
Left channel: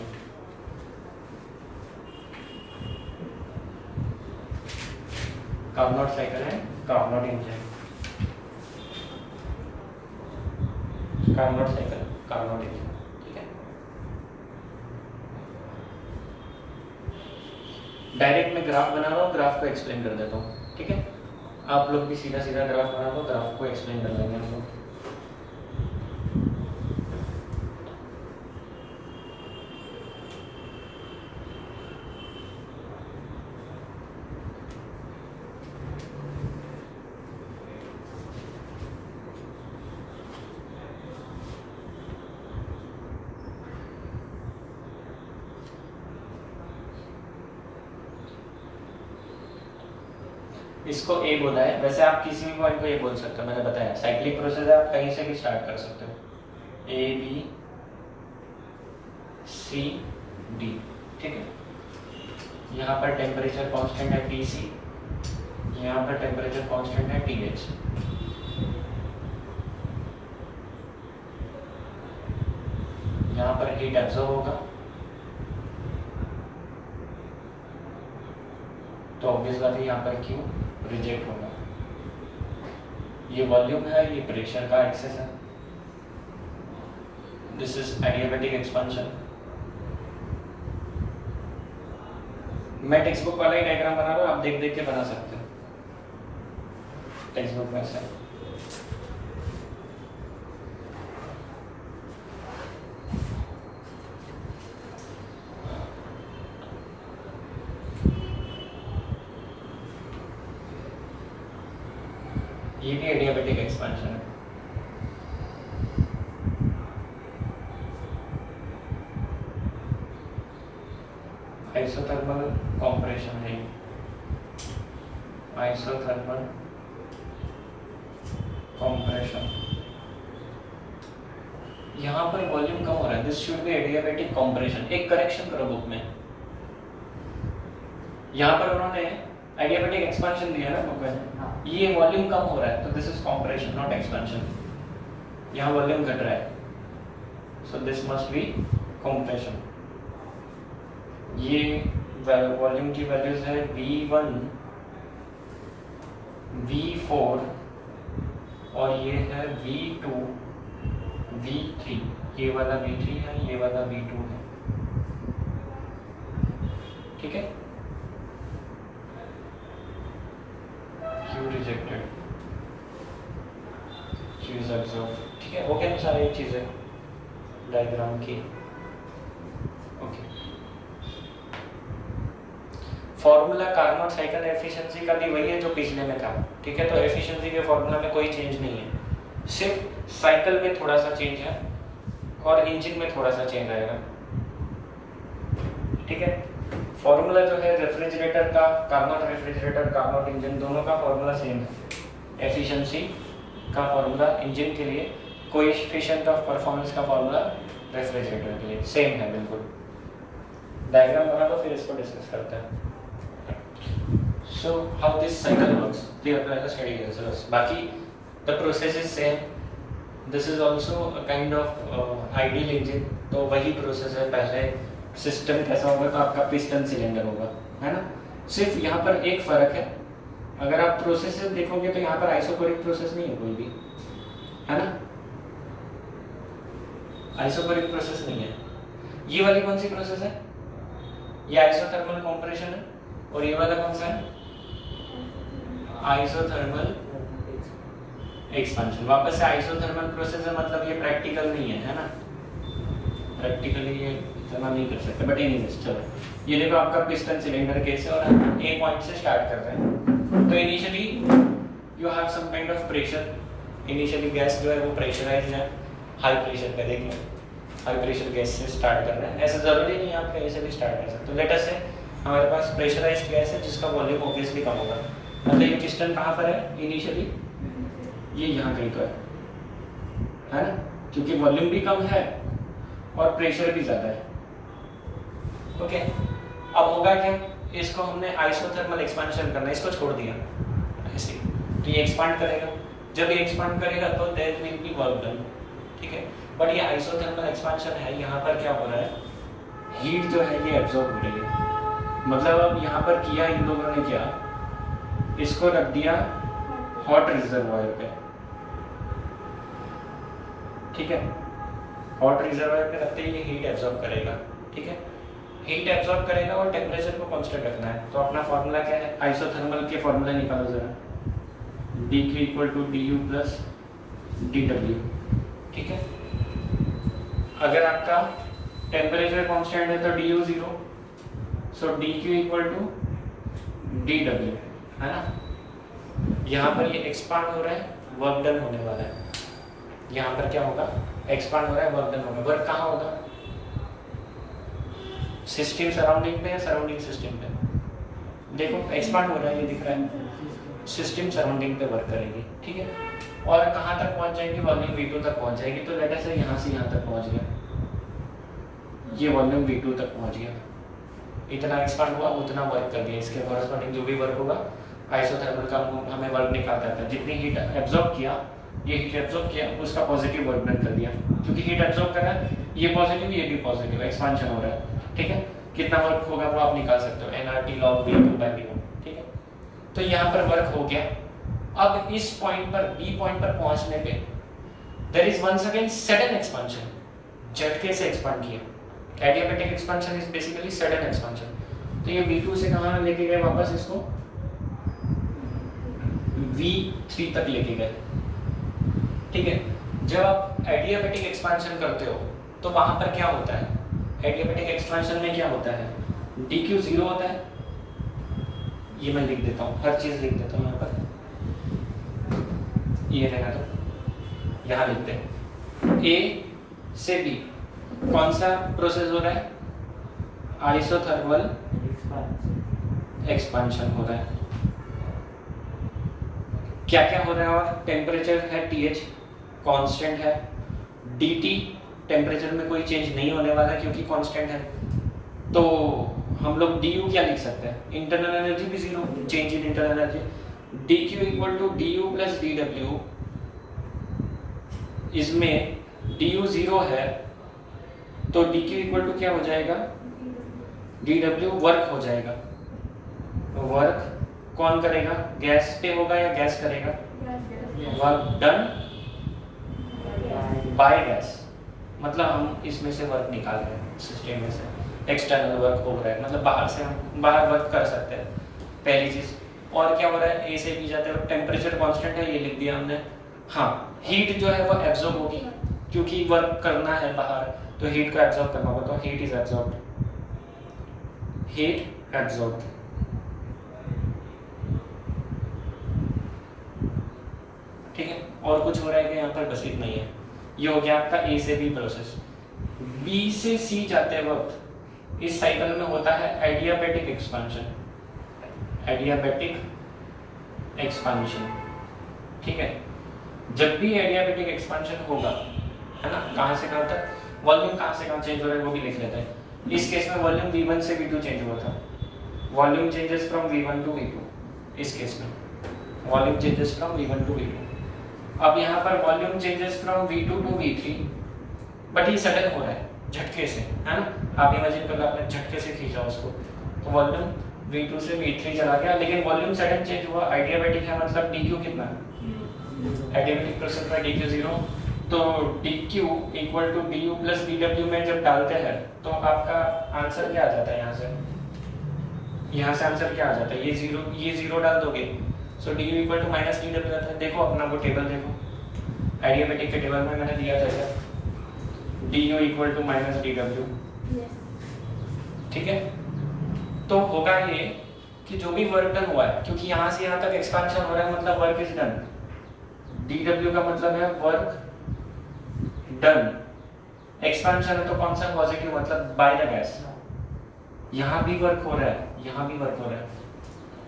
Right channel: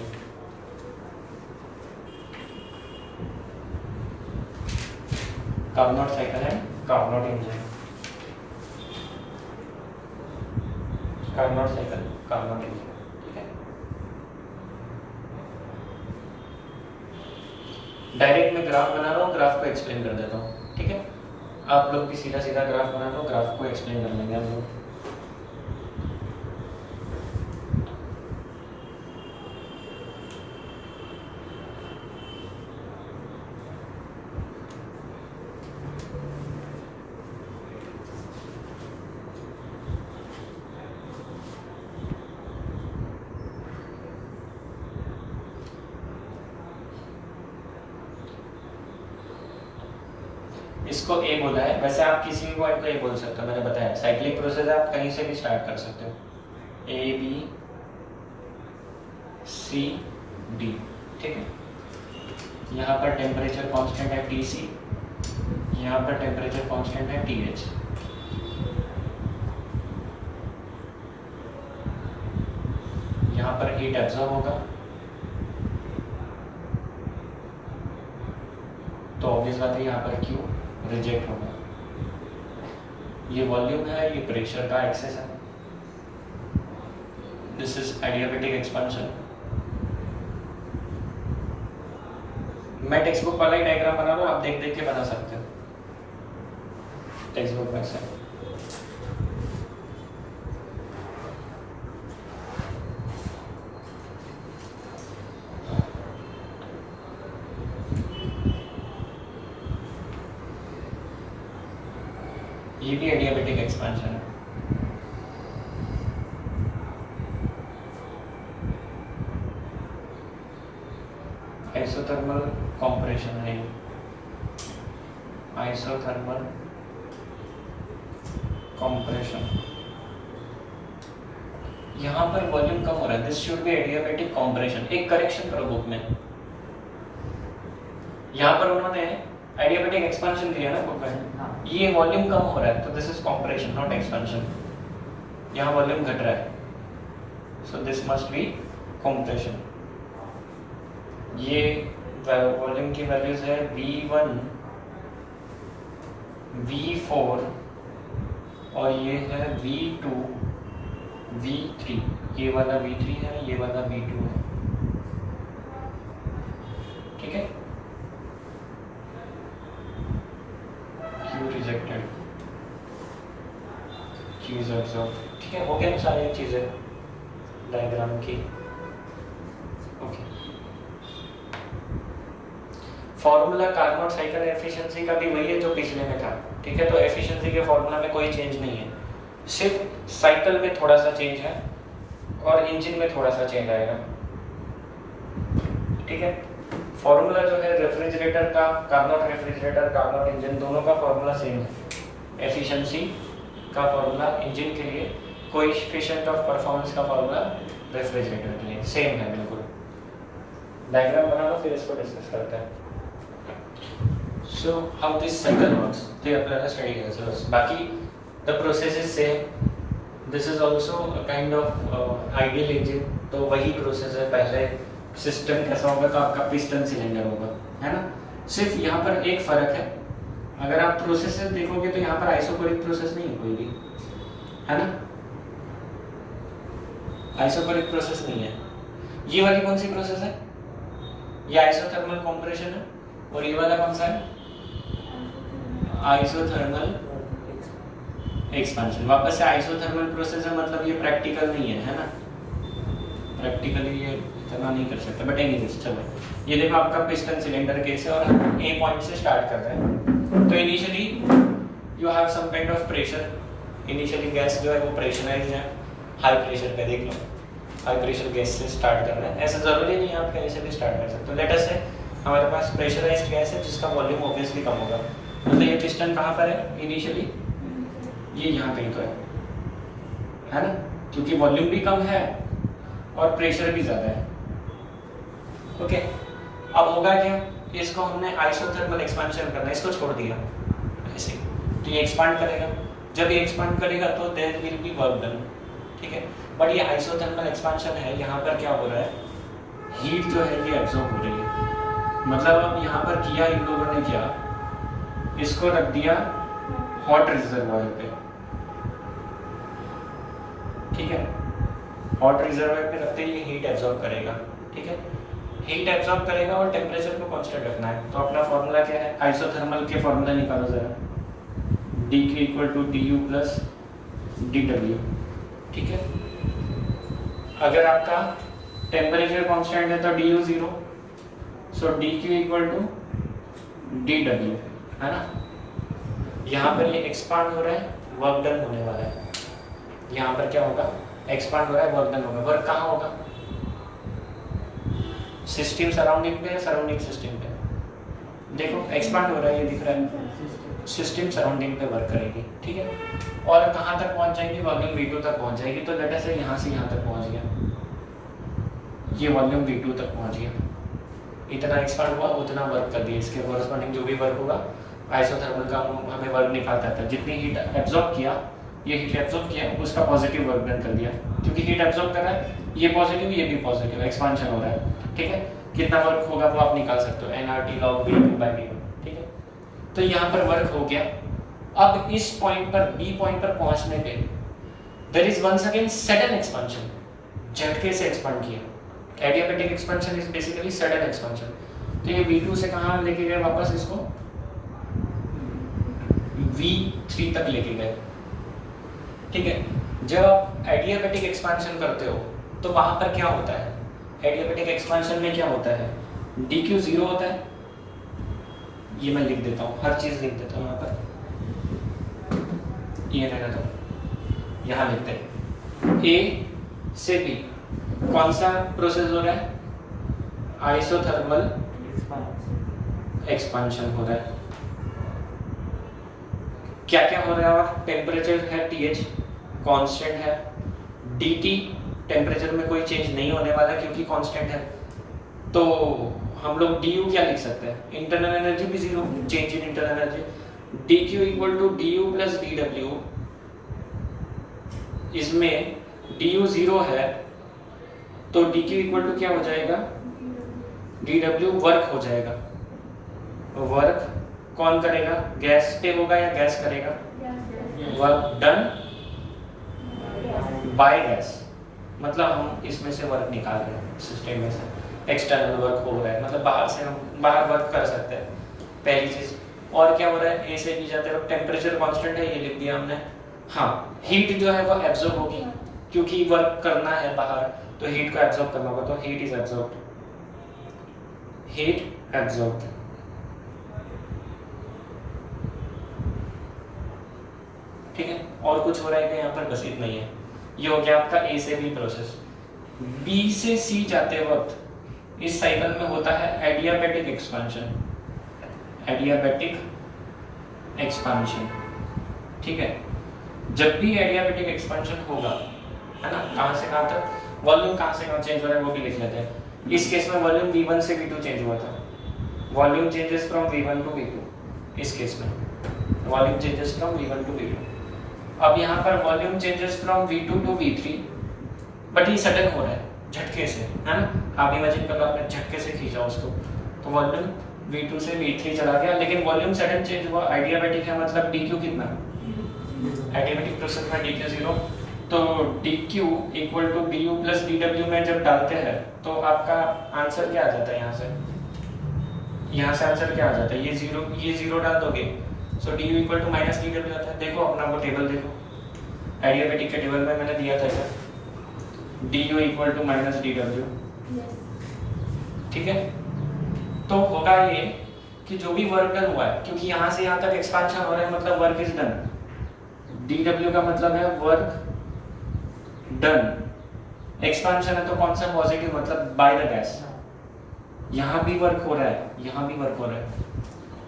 Carnot cycle and Carnot engine, Carnot cycle Carnot engine, ठीक है। डायरेक्ट मैं ग्राफ बना रहा हूँ, ग्राफ को एक्सप्लेन कर देता हूँ, ठीक है। आप लोग भी सीधा सीधा ग्राफ बना लो, ग्राफ को एक्सप्लेन कर लेंगे हम लोग। इसको ए बोला है, वैसे आप किसी भी पॉइंट को ए बोल सकते हो, मैंने बताया साइक्लिक प्रोसेस है, आप कहीं से भी स्टार्ट कर सकते हो, ए बी सी डी, ठीक है। यहाँ पर टेम्परेचर कांस्टेंट है टी सी, यहाँ पर टेम्परेचर कांस्टेंट है टी एच। यहाँ पर हीट एब्जॉर्ब होगा, तो ऑब्वियस बात है यहाँ पर क्यू रिजेक्ट होगा। ये वॉल्यूम है, ये प्रेशर का एक्सेस है, दिस इज एडियाबैटिक एक्सपेंशन। मैं टेक्स्ट बुक वाला ही डायग्राम बना रहा हूँ, आप देख देख के बना सकते हो टेक्स्ट बुक में से। ये भी एडियाबैटिक एक्सपेंशन है। आइसोथर्मल कंप्रेशन है, आइसोथर्मल कंप्रेशन। यहाँ पर वॉल्यूम कम हो रहा है, this should be adiabatic compression. एक करेक्शन करो बुक में, यहाँ पर उन्होंने एडियाबैटिक एक्सपेंशन दिया ना बुक में, ये वॉल्यूम कम हो रहा है, तो this is compression not expansion. यहाँ वॉल्यूम घट रहा है, so this must be compression. ये वॉल्यूम की वैल्यूज है V1 V4 और ये है V2 V3। ये वाला V3 है, ये वाला V2 है, ठीक है। Q rejected, Q is absorb, ठीक है। हो गया सारी चीजें डायग्राम की, okay. Formula Carnot cycle efficiency का भी वही है जो पिछले में था, ठीक है। तो एफिशिएंसी के फॉर्मूला में कोई चेंज नहीं है, सिर्फ साइकिल में थोड़ा सा चेंज है और इंजन में थोड़ा सा चेंज आएगा, ठीक है। फॉर्मूला जो है रेफ्रिजरेटर का, कार्नोट रेफ्रिजरेटर, कार्नोट इंजन, दोनों का फॉर्मूला सेम है। एफिशिएंसी का फॉर्मूला इंजन के लिए, कोएफिशिएंट ऑफ परफॉर्मेंस का फॉर्मूला रेफ्रिजरेटर के लिए सेम है बिल्कुल। डायग्राम बना लो, फिर इसको डिस्कस करते हैं। So how this cycle works? The apply study results. बाकी the process is same. This is also a kind of ideal engine. तो वही प्रोसेस है, पहले सिस्टम कैसा होगा तो आपका पिस्टन सिलेंडर होगा, है ना। सिर्फ यहाँ पर एक फर्क है, अगर आप प्रोसेस देखोगे तो यहाँ पर आइसोकोरिक प्रोसेस नहीं है कोई भी, है ना। आइसोकोरिक प्रोसेस नहीं है। ये वाली कौन सी प्रोसेस है? ये आइसोथर्मल कंप्रेशन है, और ये वाला कौन सा है? Isothermal expansion. वापस से आइसोथर्मल प्रोसेस है, मतलब ये प्रैक्टिकल नहीं है ना। प्रैक्टिकली ये इतना नहीं कर सकते, बट एनीवेज चलो। ये देखो आपका पिस्टन सिलेंडर केस है और हम ए पॉइंट से स्टार्ट कर रहे हैं। तो initially you have some kind of pressure initially gas जो है वो प्रेशराइज है, हाई प्रेशर पे देख लो, हाई प्रेशर गैस से स्टार्ट करना है। ऐसा ज़रूरी नहीं है आप कहीं से भी स्टार्ट कर सकते हो। लेट अस से हमारे पास प्रेशराइज्ड गैस है जिसका वॉल्यूम ऑब्वियसली कम होगा, मतलब ये पिस्टन कहाँ पर है इनिशियली, ये यहाँ कहीं तो है ना, क्योंकि वॉल्यूम भी कम है और प्रेशर भी ज़्यादा है। ओके, अब होगा क्या, इसको हमने आइसोथर्मल एक्सपेंशन करना है, इसको छोड़ दिया ऐसे, तो ये एक्सपांड करेगा, जब ये एक्सपांड करेगा तो there will be work done, ठीक है। बट ये आइसोथर्मल एक्सपेंशन है, यहाँ पर क्या हो रहा है, हीट जो है ये एब्जॉर्ब हो रही है। मतलब अब यहाँ पर किया इन लोगों ने क्या, इसको रख दिया हॉट रिजर्वायर पे, ठीक है, हॉट रिजर्वायर पे रखते ही हीट एब्जॉर्ब करेगा, ठीक है, हीट एब्जॉर्ब करेगा और टेम्परेचर को कांस्टेंट रखना है। तो अपना फॉर्मूला क्या है, आइसोथर्मल के फॉर्मूला निकालो जरा, dq equal to du plus dw, ठीक है। अगर आपका टेम्परेचर कांस्टेंट है तो du 0, so dq equal to dw, है ना। यहाँ पर ये एक्सपांड हो रहा है, वर्क डन होने वाला है, यहाँ पर क्या होगा, एक्सपांड हो रहा है, वर्क डन होगा। वर्क कहाँ होगा, सिस्टम सराउंडिंग पे या सराउंडिंग सिस्टम पे, देखो एक्सपांड हो रहा है, ये दिख रहा है, सिस्टम सराउंडिंग पे वर्क करेगी, ठीक है। और कहाँ तक पहुँच जाएगी, वॉल्यूम V2 तक पहुँच जाएगी। तो लेट अस से यहाँ से यहाँ तक पहुँच गया, ये वॉल्यूम V2 तक पहुँच गया, इतना एक्सपांड हुआ, उतना वर्क कर दिया, इसके कॉरस्पॉन्डिंग जो भी वर्क होगा आइसोथर्मल का हमें वर्क निकालता था, जितनी हीट एब्जॉर्ब किया, ये हीट एब्जॉर्ब किया, उसका पॉजिटिव वर्क डन कर दिया, क्योंकि हीट एब्जॉर्ब कर रहा है, ये पॉजिटिव ये भी पॉजिटिव, एक्सपांशन हो रहा है, ठीक है। कितना वर्क होगा वो आप निकाल सकते हो, nRT log V2/d1, ठीक है। तो यहाँ पर वर्क हो गया। अब इस पॉइंट पर, बी पॉइंट पर पहुंचने पे there is once again sudden expansion, झटके से एक्सपांड किया। Adiabatic expansion is basically sudden expansion. तो ये V2 से कहाँ लेके गए वापस, इसको V3 तक लेके गए, ठीक है। जब आप एडियाबैटिक एक्सपेंशन करते हो तो वहां पर क्या होता है, एडियाबैटिक एक्सपेंशन में क्या होता है, dq 0 होता है, ये मैं लिख देता हूँ, हर चीज लिख देता हूँ यहाँ पर, ये रहना दो, यहाँ लिखते हैं A से B कौन सा प्रोसेस हो रहा है, आइसोथर्मल एक्सपेंशन हो रहा है। क्या क्या हो रहा है, और टेम्परेचर है TH कांस्टेंट है, DT टेम्परेचर में कोई चेंज नहीं होने वाला क्योंकि कांस्टेंट है। तो हम लोग du क्या लिख सकते हैं, इंटरनल एनर्जी भी zero, change in internal energy, dq equal to du plus dw, इसमें du 0 है तो dq इक्वल टू क्या हो जाएगा, dw वर्क हो जाएगा। वर्क कौन करेगा, गैस पे होगा या गैस करेगा, वर्क डन बाय गैस, मतलब हम इसमें से वर्क निकाल रहे हैं, सिस्टम में से एक्सटर्नल वर्क हो रहा है, मतलब बाहर से हम बाहर वर्क कर सकते हैं, पहली चीज। और क्या हो रहा है, ए से बी जाते हैं, टेम्परेचर कांस्टेंट है, ये लिख दिया हमने। हाँ, हीट जो है वो एब्जॉर्ब होगी, क्योंकि वर्क करना है बाहर, तो हीट को एब्जॉर्ब करना होगा, तो heat is absorbed, heat absorbed, ठीक है। और कुछ हो रहा है कि यहाँ पर, बस इतना ही है। ये हो गया आपका ए से बी प्रोसेस। बी से सी जाते वक्त इस साइकिल में होता है एडियाबैटिक एक्सपेंशन, एडियाबैटिक एक्सपेंशन, ठीक है। जब भी एडियाबैटिक एक्सपेंशन होगा, है ना, कहाँ से कहाँ तक, वॉल्यूम कहाँ से कहाँ चेंज हो रहा है वो भी लिख लेते हैं। इस केस में वॉल्यूम V1 से V2 चेंज हुआ था, volume changes from V1 to V2, इस केस में volume changes from V1 to V2। अब यहाँ पर volume changes from V2 to V3, but ये सडन हो रहा है, झटके से, है ना। आप इमेजिन करो आपने झटके से खींचा उसको, तो वॉल्यूम V2 से V3 चला गया, लेकिन वॉल्यूम सडन चेंज हुआ। आइडियाबैटिक है, मतलब dq कितना, आइडियाबैटिक प्रोसेस में dq 0, तो dq equal to du plus dw में जब डालते हैं तो आपका आंसर क्या आ जाता है, यहाँ से आंसर क्या आ जाता है, ये जीरो डाल दोगे, so du equal to minus dw आता है। देखो अपना वो टेबल देखो, आइडियाबैटिक के टेबल में मैंने दिया था क्या, du equal to minus dw, ठीक है। तो होगा ये कि जो भी वर्क डन हुआ है, क्योंकि यहाँ से यहाँ तक एक्सपेंशन हो रहा है, मतलब वर्क इज डन, dw का मतलब है वर्क डन, एक्सपेंशन है तो कौन सा पॉजिटिव, मतलब बाय द गैस। यहाँ भी वर्क हो रहा है, यहाँ भी वर्क हो रहा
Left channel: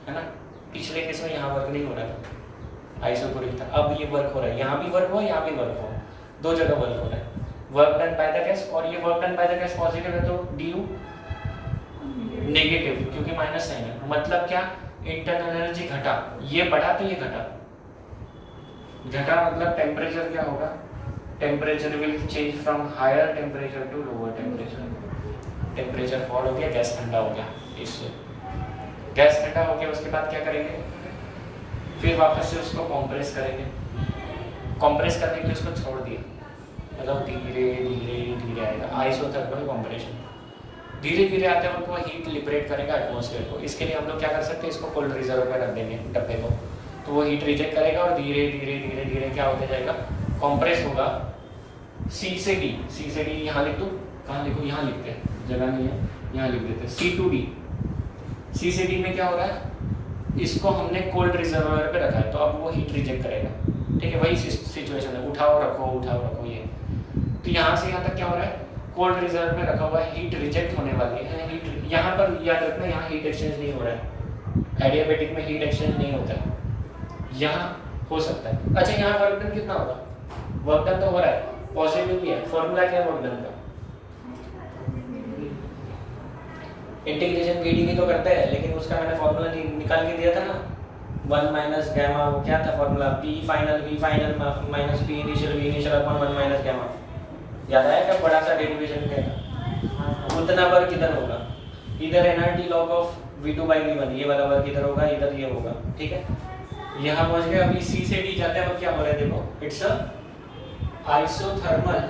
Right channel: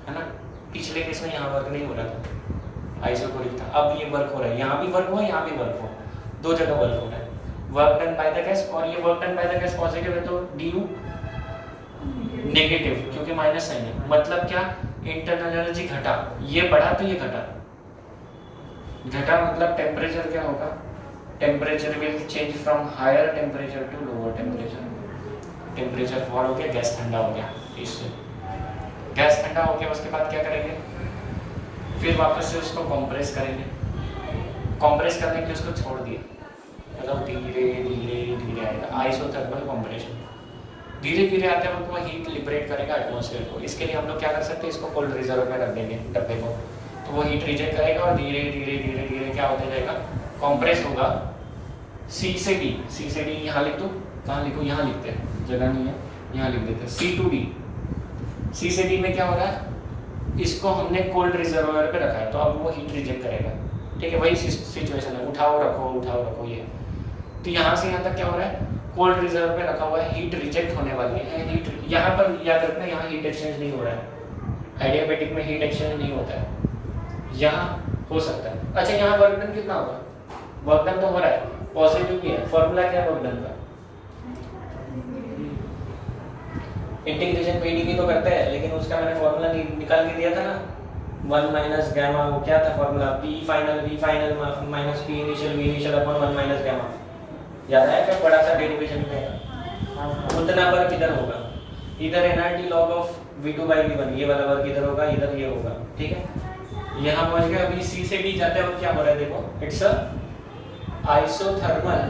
है ना। पिछले केस में यहाँ वर्क नहीं हो रहा था, आइसोकोरिक था, अब ये वर्क हो रहा है, यहाँ भी वर्क हो, यहाँ भी वर्क हो, दो जगह वर्क हो रहा है, work done by the gas. और ये work done by the gas positive है तो du नेगेटिव, क्योंकि माइनस साइन है। मतलब क्या, इंटरनल एनर्जी घटा, ये बढ़ा तो ये घटा, घटा मतलब टेम्परेचर क्या होगा, temperature will change from higher temperature to lower temperature. Temperature fall हो गया, गैस ठंडा हो गया, इससे गैस ठंडा हो गया। उसके बाद क्या करेंगे, फिर वापस से उसको कंप्रेस करेंगे, कंप्रेस करने के लिए उसको छोड़ दिया, मतलब धीरे धीरे धीरे आएगा, आइसोथर्मल कंप्रेशन। धीरे धीरे आते वक्त वो हीट लिबरेट करेगा एटमॉस्फेयर को। इसके लिए हम लोग क्या कर सकते हैं, इसको कोल्ड रिजर्व में रख देंगे डब्बे को, तो वो हीट रिजेक्ट करेगा और धीरे धीरे धीरे धीरे क्या होता जाएगा, कंप्रेस होगा। सी से डी यहाँ लिख दूँ, कहाँ लिखूँ, यहाँ लिखते हैं, जगह नहीं है, यहाँ लिख देते हैं सी टू डी। सी से डी में क्या हो रहा है, इसको हमने कोल्ड रिजर्वायर पे रखा है, तो अब वो हीट रिजेक्ट करेगा। ठीक है, वही सिचुएशन है, उठाओ रखो ये। तो यहाँ से यहाँ तक क्या हो रहा है, कोल्ड रिजर्व पे रखा हुआ है, हीट रिजेक्ट होने वाली है। हीट यहाँ पर याद रखना, यहाँ हीट एक्सचेंज नहीं हो रहा है, एडियाबेटिक में हीट एक्सचेंज नहीं होता है, यहाँ हो सकता है। अच्छा, यहाँ वर्क डन कितना होगा, वर्क डन तो हो रहा है, पॉजिटिव भी है। फॉर्मूला क्या है वर्क डन का, इंटीग्रेशन pdv तो करता है, लेकिन उसका मैंने फॉर्मूला निकाल के दिया था ना, 1 माइनस गैमा, वो क्या था formula, p final v final minus p initial upon 1 minus gamma. याद आया क्या, बड़ा सा डेरिवेशन का उतना वर्क इधर होगा, इधर energy log of v2 by v1, ये वाला वर्क इधर होगा, इधर ये होगा। ठीक है, यहाँ पहुंच गए। अभी c से d जाते हैं, क्या हो रहा है देखो, it's a isothermal,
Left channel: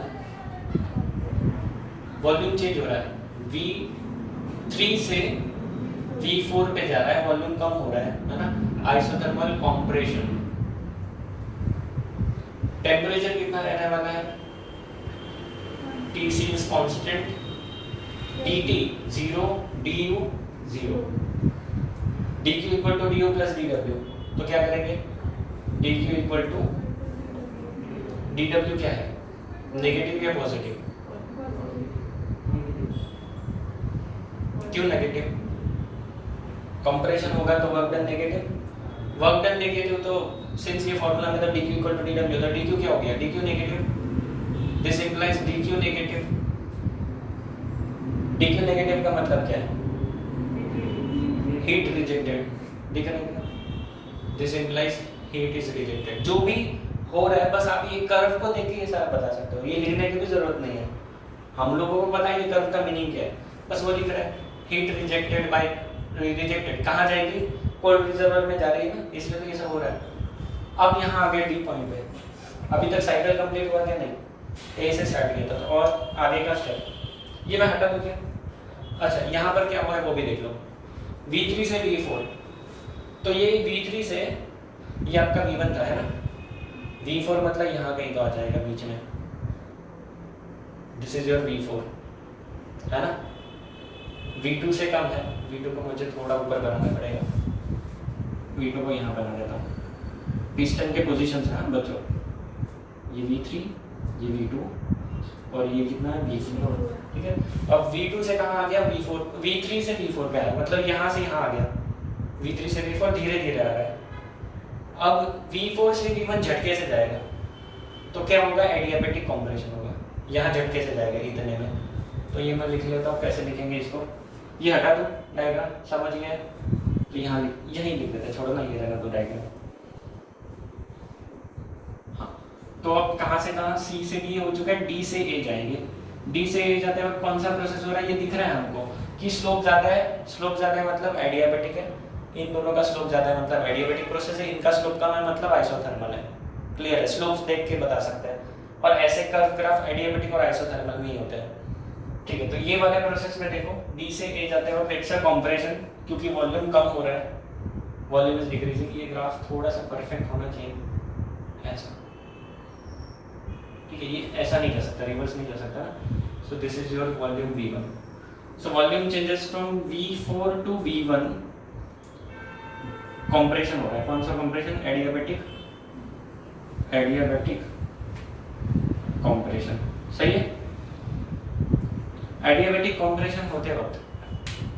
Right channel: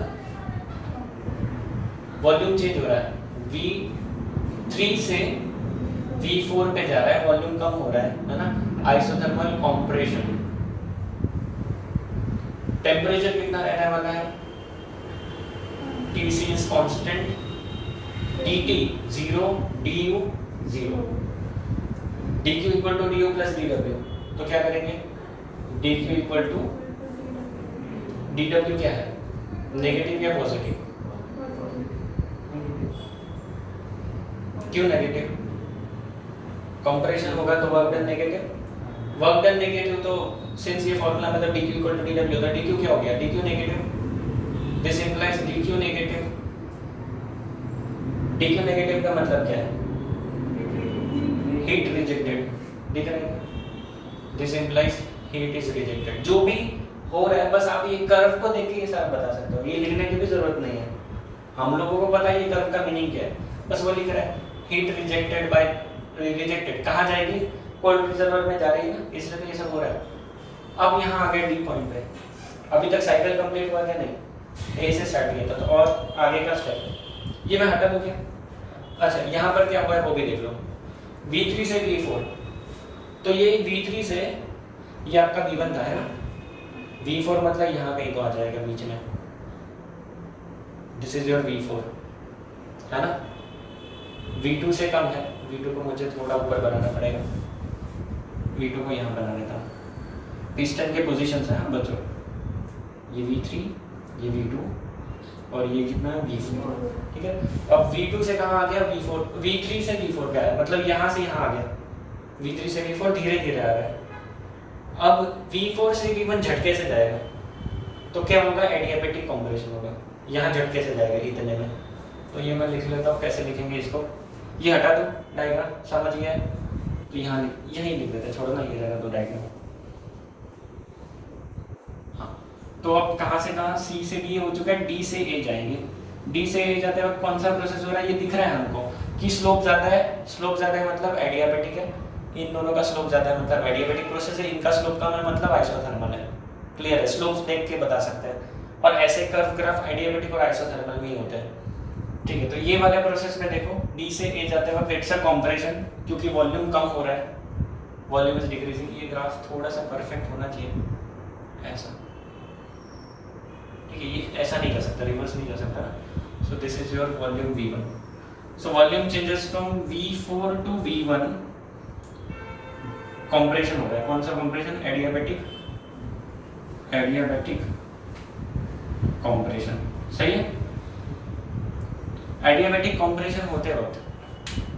volume change हो रहा है, v3 से v4 पे जा रहा है, वॉल्यूम कम हो रहा है ना, आइसोथर्मल कंप्रेशन। टेम्परेचर कितना रहने वाला है, Tc is constant, Tt 0, du 0, dq equal to du plus dw। तो क्या करेंगे, dq equal to dw क्या है, नेगेटिव या पॉजिटिव, क्यों नेगेटिव, कंप्रेशन होगा तो work done negative, work done negative, तो सिंस ये फॉर्मूला में तो dq equal to dw, तो dq क्या हो गया, dq negative. This implies dq negative। dq negative का मतलब क्या है, heat rejected, दिख रहा है, this implies heat is rejected। जो भी हो रहा है, बस आप ये कर्व को देख के ये सब बता सकते हो, ये लिखने की भी जरूरत नहीं है, हम लोगों को पता है ये कर्व का मीनिंग क्या है, बस वो लिख रहा है, heat rejected by rejected, कहाँ जाएगी, कोल्ड रिजर्वायर में जा रही है ना, इसलिए तो ये सब हो रहा है। अब यहाँ आ गए डी पॉइंट पे, अभी तक साइकिल कंप्लीट हुआ क्या, नहीं, ए से स्टार्ट किया था, तो और आगे का स्टेप ये मैं हटा दूं क्या। अच्छा, यहाँ पर क्या हुआ है वो भी देख लो, V3 से V4, तो ये V3 से ये आपका V1 था है ना, V4 मतलब यहाँ कहीं तो आ जाएगा बीच में, दिस इज योर V4 है ना, V2 से कम है, V2 को मुझे थोड़ा ऊपर बनाना पड़ेगा, V2 को यहाँ बना देता हूँ। पिस्टन के पोजीशन है बच्चों, ये V3, ये V2 और ये कितना है V4। ठीक है, अब V2 से कहाँ आ गया, V4, V3 से V4 पे आया, मतलब यहाँ से यहाँ आ गया, V3 से V4 धीरे धीरे आ रहा है। अब V4 से V1 झटके से जाएगा, तो क्या होगा, एडियाबेटिक कंप्रेशन होगा, यहाँ झटके से जाएगा इतने में। तो ये मैं लिख लेता हूँ, कैसे लिखेंगे इसको, ये हटा दो डायग्राम, समझ गया, तो यहाँ यही लिख देते, छोड़ो ना ये जगह दो डायग्राम। तो अब कहाँ से कहाँ, C से D हो चुका है, D से A जाएंगे, D से A जाते वक्त कौन सा प्रोसेस हो रहा है, ये दिख रहा है हमको कि स्लोप ज़्यादा है, स्लोप ज़्यादा है मतलब एडियाबेटिक है, इन दोनों का स्लोप ज़्यादा है मतलब एडियाबेटिक प्रोसेस है, इनका स्लोप कम है मतलब आइसोथर्मल है। क्लियर है, स्लोप्स देख के बता सकते हैं, और ऐसे कर्व ग्राफ एडियाबेटिक और आइसोथर्मल में ही होते हैं। ठीक है, तो ये वाले प्रोसेस में देखो, D से A जाते वक्त इट्स अ कंप्रेशन, क्योंकि वॉल्यूम कम हो रहा है, वॉल्यूम इज डिक्रीजिंग। ये ग्राफ थोड़ा सा परफेक्ट होना चाहिए, ऐसा, ठीक है, ये ऐसा नहीं कर सकता, रिवर्स नहीं कर सकता। So this is your volume V1। So volume changes from V4 to V1, compression हो रहा है, कौन सा कंप्रेशन, एडियाबेटिक एडियाबैटिक कंप्रेशन। सही है। एडियाबैटिक कंप्रेशन होते वक्त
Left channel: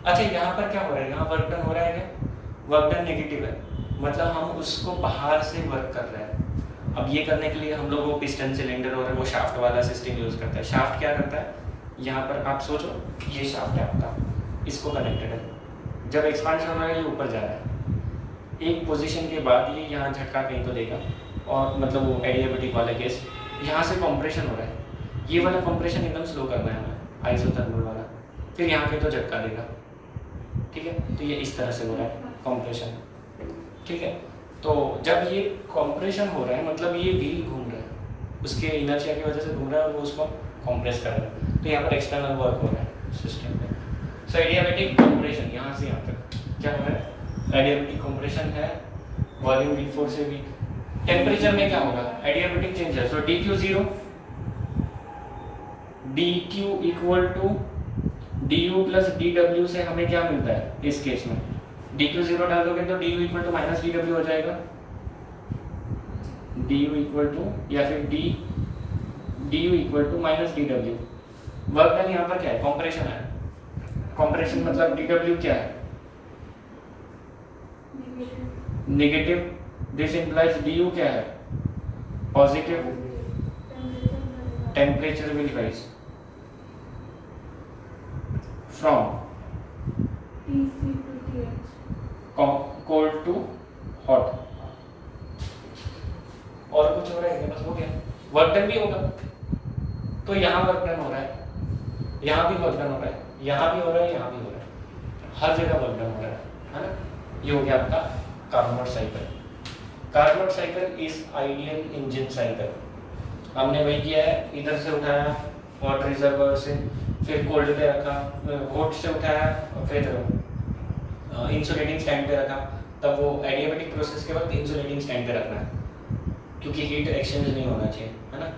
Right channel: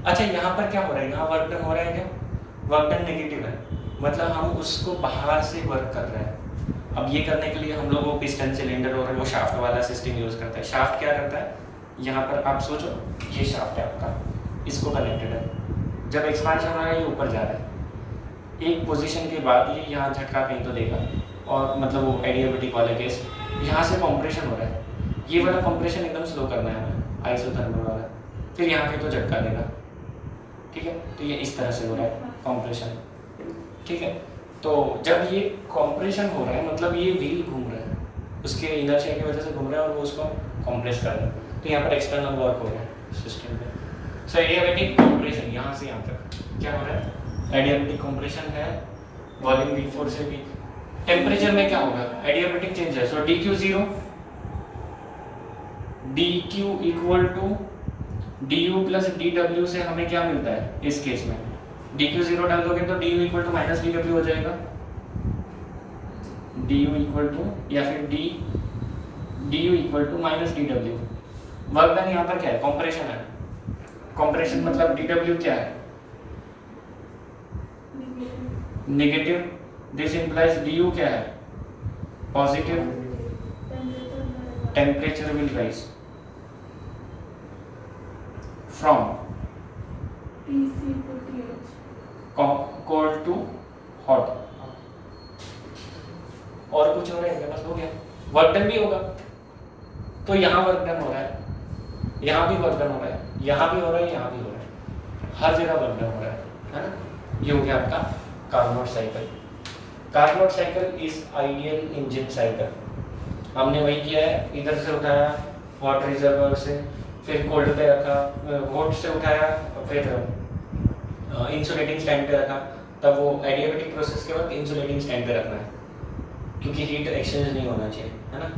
अच्छा यहाँ पर क्या हो रहा है, यहाँ वर्क डन हो रहा है क्या, वर्क डन नेगेटिव है, मतलब हम उसको बाहर से वर्क कर रहे हैं। अब ये करने के लिए हम लोग वो पिस्टन सिलेंडर और वो शाफ्ट वाला सिस्टम यूज करते हैं। शाफ्ट क्या करता है, यहाँ पर आप सोचो ये शाफ्ट है आपका, इसको कनेक्टेड है, जब एक्सपांशन हो रहा है ये ऊपर जा रहा है, एक पोजीशन के बाद ये यहाँ झटका कहीं तो देगा, और मतलब वो एडियाबैटिक वाला केस यहाँ से कंप्रेशन हो रहा है, ये वाला कंप्रेशन एकदम स्लो करना है हमें, आइसोथर्मल वाला, फिर यहाँ पे तो झटका देगा। ठीक है, तो ये इस तरह से हो रहा है कंप्रेशन। ठीक है, तो जब ये कंप्रेशन हो रहा है मतलब ये व्हील घूम रहा है, उसके इनर्शिया की वजह से घूम रहा है और वो उसको कंप्रेस कर रहा है, तो यहाँ पर एक्सटर्नल वर्क हो रहा है सिस्टम में। सो एडियाबैटिक कंप्रेशन यहाँ से यहाँ तक क्या हो रहा है, एडियाबैटिक कंप्रेशन है, वॉल्यूम V4 से भी। टेम्परेचर में क्या होगा, एडियाबैटिक चेंज है, so dq 0, dq equal to du plus dw से हमें क्या मिलता है इस केस में, dq 0 डाल दोगे तो du equal to minus dw हो जाएगा, du इक्वल टू या फिर du equal to minus dw। Work done यहाँ पर क्या है, कंप्रेशन है, कंप्रेशन मतलब dw क्या है, नेगेटिव, दिस इंप्लाइज du क्या है, positive, temperature will rise from TC to TH. Cold to hot. और कुछ हो रहा है, बस हो गया, वर्क डन भी होगा, तो यहाँ वर्क डन हो रहा है, यहाँ भी वर्क डन हो रहा है, यहाँ भी हो रहा है, यहाँ भी हो रहा है, हर जगह वर्क डन हो रहा है ना। ये हो गया आपका Carnot cycle. Carnot cycle is ideal engine cycle. हमने वही किया है, इधर से उठाया वाटर रिजर्वर से, फिर कोल्ड पे रखा, हॉट से उठाया और फिर इंसुलेटिंग स्टैंड पे रखा, तब वो एडियाबैटिक प्रोसेस के वक्त इंसुलेटिंग स्टैंड पे रखना है क्योंकि हीट एक्सचेंज नहीं होना चाहिए, है ना।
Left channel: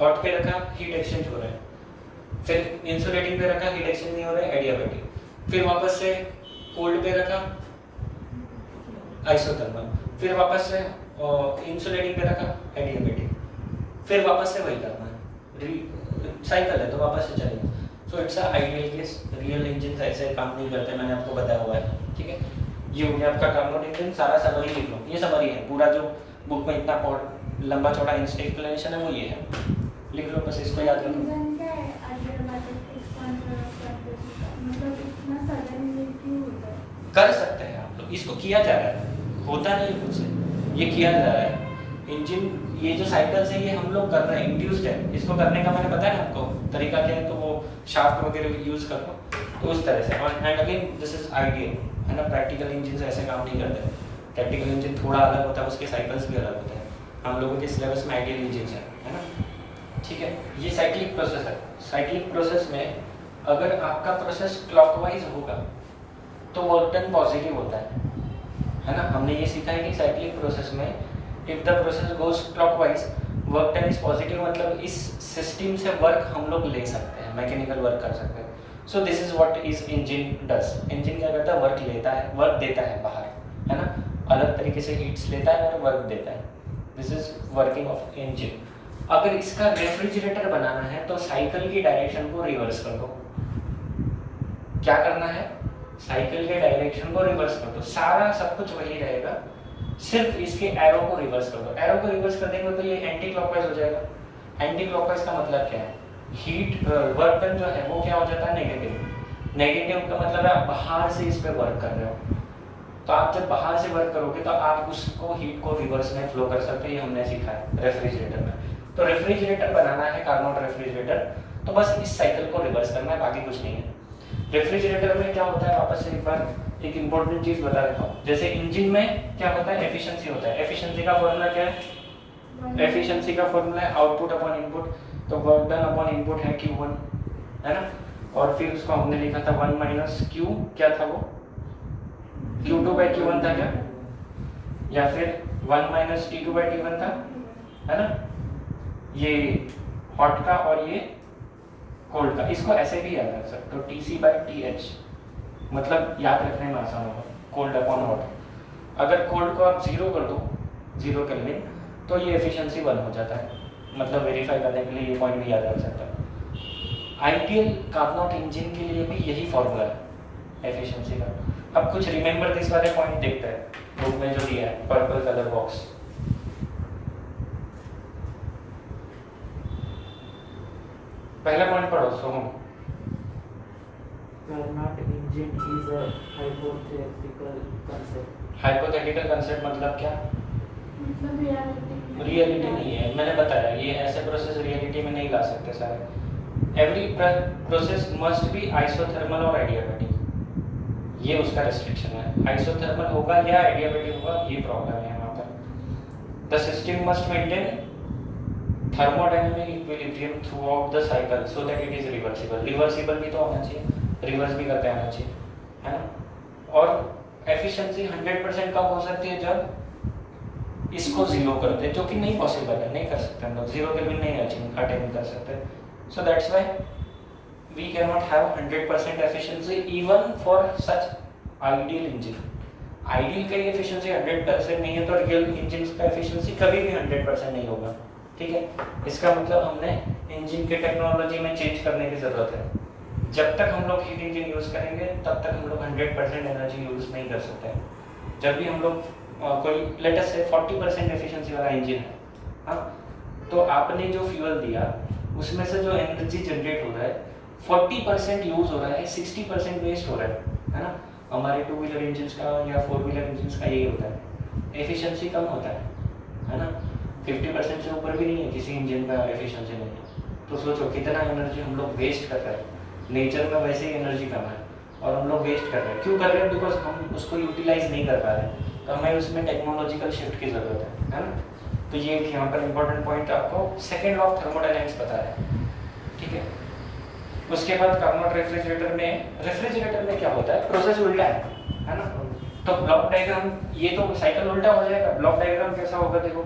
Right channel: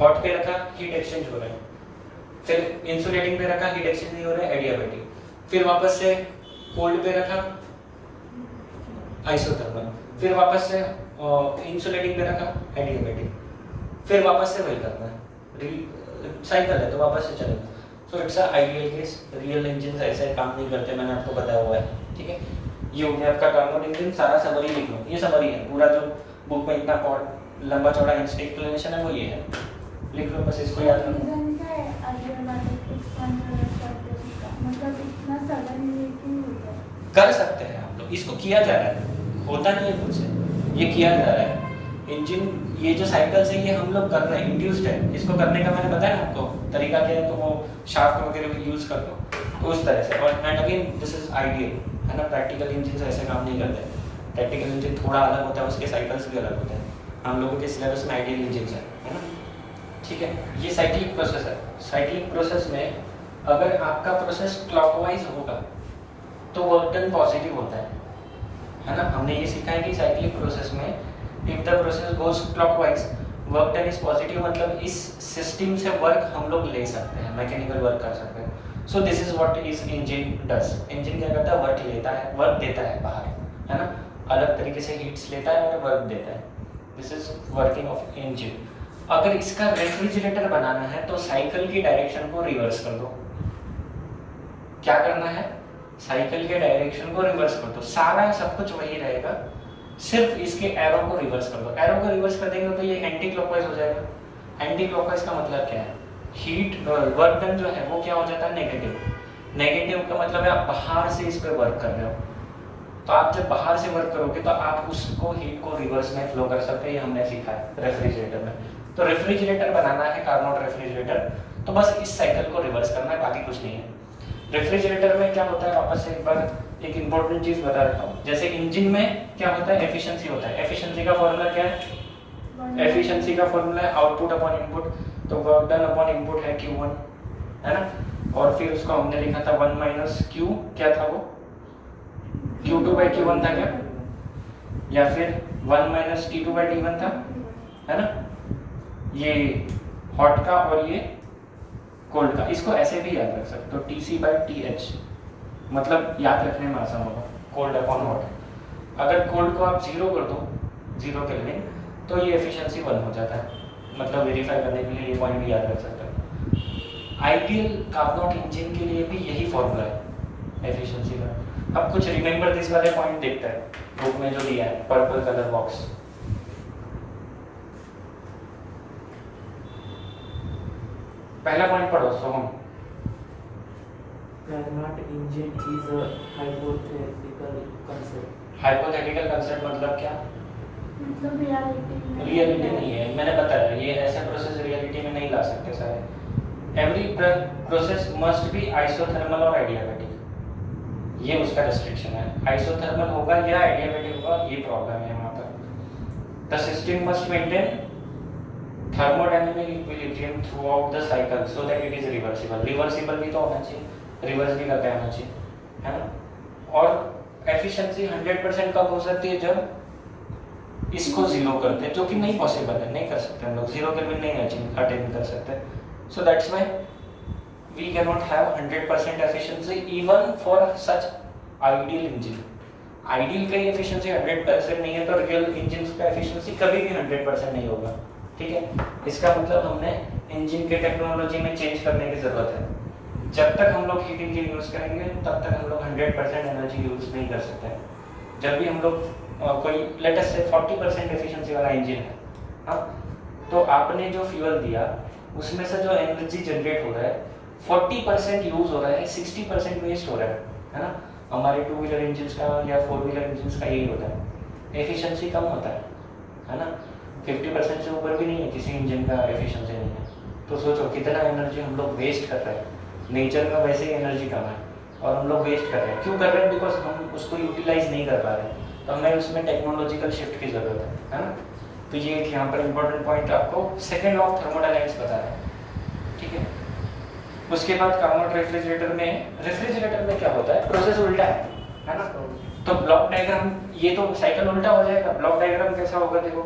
हॉट पे रखा, हीट एक्सचेंज हो रहा है, फिर इंसुलेटिंग पे रखा, हीट एक्सचेंज नहीं हो रहा है, एडियाबैटिक, फिर वापस से कोल्ड पे रखा, आइसोथर्मल, फिर वापस से इंसुलेटिंग पे रखा, एडियाबैटिक, फिर वापस से वही करना है, साइकिल है तो वापस से चलेगा। सो it's a ideal case. Real engine ऐसे काम नहीं करते, मैंने आपको बताया हुआ है। ठीक है, ये हो गया आपका कार्नोट इंजन। सारा समरी लिख लो, ये समरी है, पूरा जो बुक में इतना लंबा चौड़ा एक्सप्लेनेशन है वो ये है, लिख लो बस, इसको याद रखो। रीजन क्या है एडियाबैटिक एक्सपांशन करते हैं, मतलब इतना सडन क्यों होता है? कर सकते हैं आप लोग, इसको किया जा रहा है, होता नहीं है खुद से, ये किया जा रहा है। इंजन ये जो साइकिल्स है ये हम लोग कर रहे हैं, इंड्यूस्ड है, इसको करने का मैंने बताया आपको तरीका क्या है, तो वो शाफ्ट वगैरह भी यूज कर लो, तो उस तरह से। और and again this is ideal, है ना। प्रैक्टिकल इंजन ऐसे काम नहीं करते, प्रैक्टिकल इंजन थोड़ा अलग होता है, उसके साइकिल्स भी अलग होते हैं। हम लोगों के सिलेबस में आइडियल इंजन है ना। ठीक है, ये साइक्लिक प्रोसेस है। साइक्लिक प्रोसेस में अगर आपका प्रोसेस क्लॉकवाइज होगा तो वर्क डन पॉजिटिव होता है ना। हमने ये सीखा है कि साइक्लिक प्रोसेस में if the process goes clockwise work done is positive, मतलब इस सिस्टम से वर्क हम लोग ले सकते हैं, मैकेनिकल वर्क कर सकते हैं। सो this is what is engine does. Engine क्या करता है, वर्क लेता है, वर्क देता है बाहर, है ना, अलग तरीके से हीट्स लेता है और वर्क देता है। This is working of engine. अगर इसका रेफ्रिजरेटर बनाना है तो साइकिल की डायरेक्शन को रिवर्स कर दो। क्या करना है, साइकिल के डायरेक्शन को रिवर्स कर दो, सारा सब कुछ वही रहेगा, सिर्फ इसके एरो को रिवर्स कर दो। एरो को रिवर्स कर देंगे तो ये एंटी क्लॉकवाइज हो जाएगा। एंटी क्लॉकवाइज का मतलब क्या है, हीट वर्क डन जो है वो क्या हो जाता है, नेगेटिव। नेगेटिव का मतलब है आप बाहर से इस पे वर्क कर रहे हो, तो आप जब बाहर से वर्क करोगे तो आप उसको हीट को रिवर्स में फ्लो कर सकते हैं। ये हमने सीखा है रेफ्रिजरेटर में। तो रेफ्रिजरेटर बनाना है, कार्नोट रेफ्रिजरेटर, तो बस इस साइकिल को रिवर्स करना है, बाकी कुछ नहीं है। रेफ्रिजरेटर में क्या होता है, वापस से एक बार एक इंपॉर्टेंट चीज बता रखा हूँ। जैसे इंजन में क्या होता है, एफिशिएंसी होता है। एफिशिएंसी का फॉर्मूला क्या है, एफिशिएंसी का फॉर्मूला है आउटपुट अपॉन इनपुट, तो वर्क डन अपॉन इनपुट है Q1, है ना। और फिर उसको हमने लिखा था 1 माइनस Q, क्या था वो, Q2 बाई Q1 था क्या, या फिर 1 माइनस T2 बाई T1 था, है ना। ये हॉट का और ये कोल्ड का, इसको ऐसे भी याद रख सकते हो, TC बाई TH, मतलब याद रखने में आसान होगा, कोल्ड अपॉन हॉट। अगर कोल्ड को आप 0 कर दो, 0 केल्विन, तो ये एफिशिएंसी 1 हो जाता है। मतलब वेरीफाई करने के लिए ये पॉइंट भी याद रख सकते हैं। आइडियल कार्नोट इंजन के लिए भी यही फॉर्मूला है एफिशिएंसी का। अब कुछ रिमेंबर दिस वाले पॉइंट देखते हैं बुक में जो दिया है, पर्पल कलर बॉक्स। पहला पॉइंट पढ़ो सोहम। Carnot engine is a hypothetical concept. Hypothetical concept मतलब क्या? मतलब रियलिटी नहीं है, मैंने बताया ये ऐसे प्रोसेस रियलिटी में नहीं ला सकते सारे। Every process must be isothermal और एडियाबैटिक, ये उसका रेस्ट्रिक्शन है। आइसोथर्मल होगा या एडियाबैटिक होगा, ये प्रॉब्लम है यहाँ पर। The system must maintain thermodynamic equilibrium through out the cycle so that it is reversible. Reversible भी तो होना चाहिए, रिवर्स भी करते आना चाहिए, है ना। और एफिशिएंसी 100% कब हो सकती है? जब इसको जीरो करते हैं, जो कि नहीं पॉसिबल है, नहीं कर सकते हम लोग। जीरो केल्विन नहीं अटेन कर सकते। So that's why we can not have 100% efficiency even for such ideal engine. Ideal का ही एफिशिएंसी 100% नहीं है, तो रियल इंजन का एफिशिएंसी कभी भी 100% नहीं होगा। ठीक है, इसका मतलब हमने इंजन के टेक्नोलॉजी में चेंज करने की जरूरत है। जब तक हम लोग हीट इंजन यूज करेंगे तब तक हम लोग 100% एनर्जी यूज नहीं कर सकते। जब भी हम लोग कोई लेटेस्ट से 40% एफिशिएंसी वाला इंजन है, हाँ, तो आपने जो फ्यूल दिया उसमें से जो एनर्जी जनरेट हो रहा है 40% यूज हो रहा है, 60% वेस्ट हो रहा है ना। हमारे 2 व्हीलर इंजन का या 4 व्हीलर इंजन का यही होता है, एफिशिएंसी कम होता है ना। 50% से ऊपर भी नहीं है किसी इंजन का एफिशिएंसी नहीं है। तो सोचो कितना एनर्जी हम लोग वेस्ट कर रहे हैं। नेचर में वैसे ही एनर्जी कम है और हम लोग वेस्ट कर रहे हैं। क्यों कर रहे हैं? बिकॉज हम उसको यूटिलाइज नहीं कर पा रहे। तो हमें उसमें टेक्नोलॉजिकल शिफ्ट की जरूरत है ना। तो ये एक यहाँ पर इंपॉर्टेंट पॉइंट आपको सेकेंड लॉ ऑफ थर्मोडायनामिक्स बता रहा है। ठीक है, उसके बाद कार्नोट रेफ्रिजरेटर में क्या होता है? प्रोसेस उल्टा है ना। तो ब्लॉक डायग्राम, ये तो साइकिल उल्टा हो जाएगा। ब्लॉक डायग्राम कैसा होगा? देखो,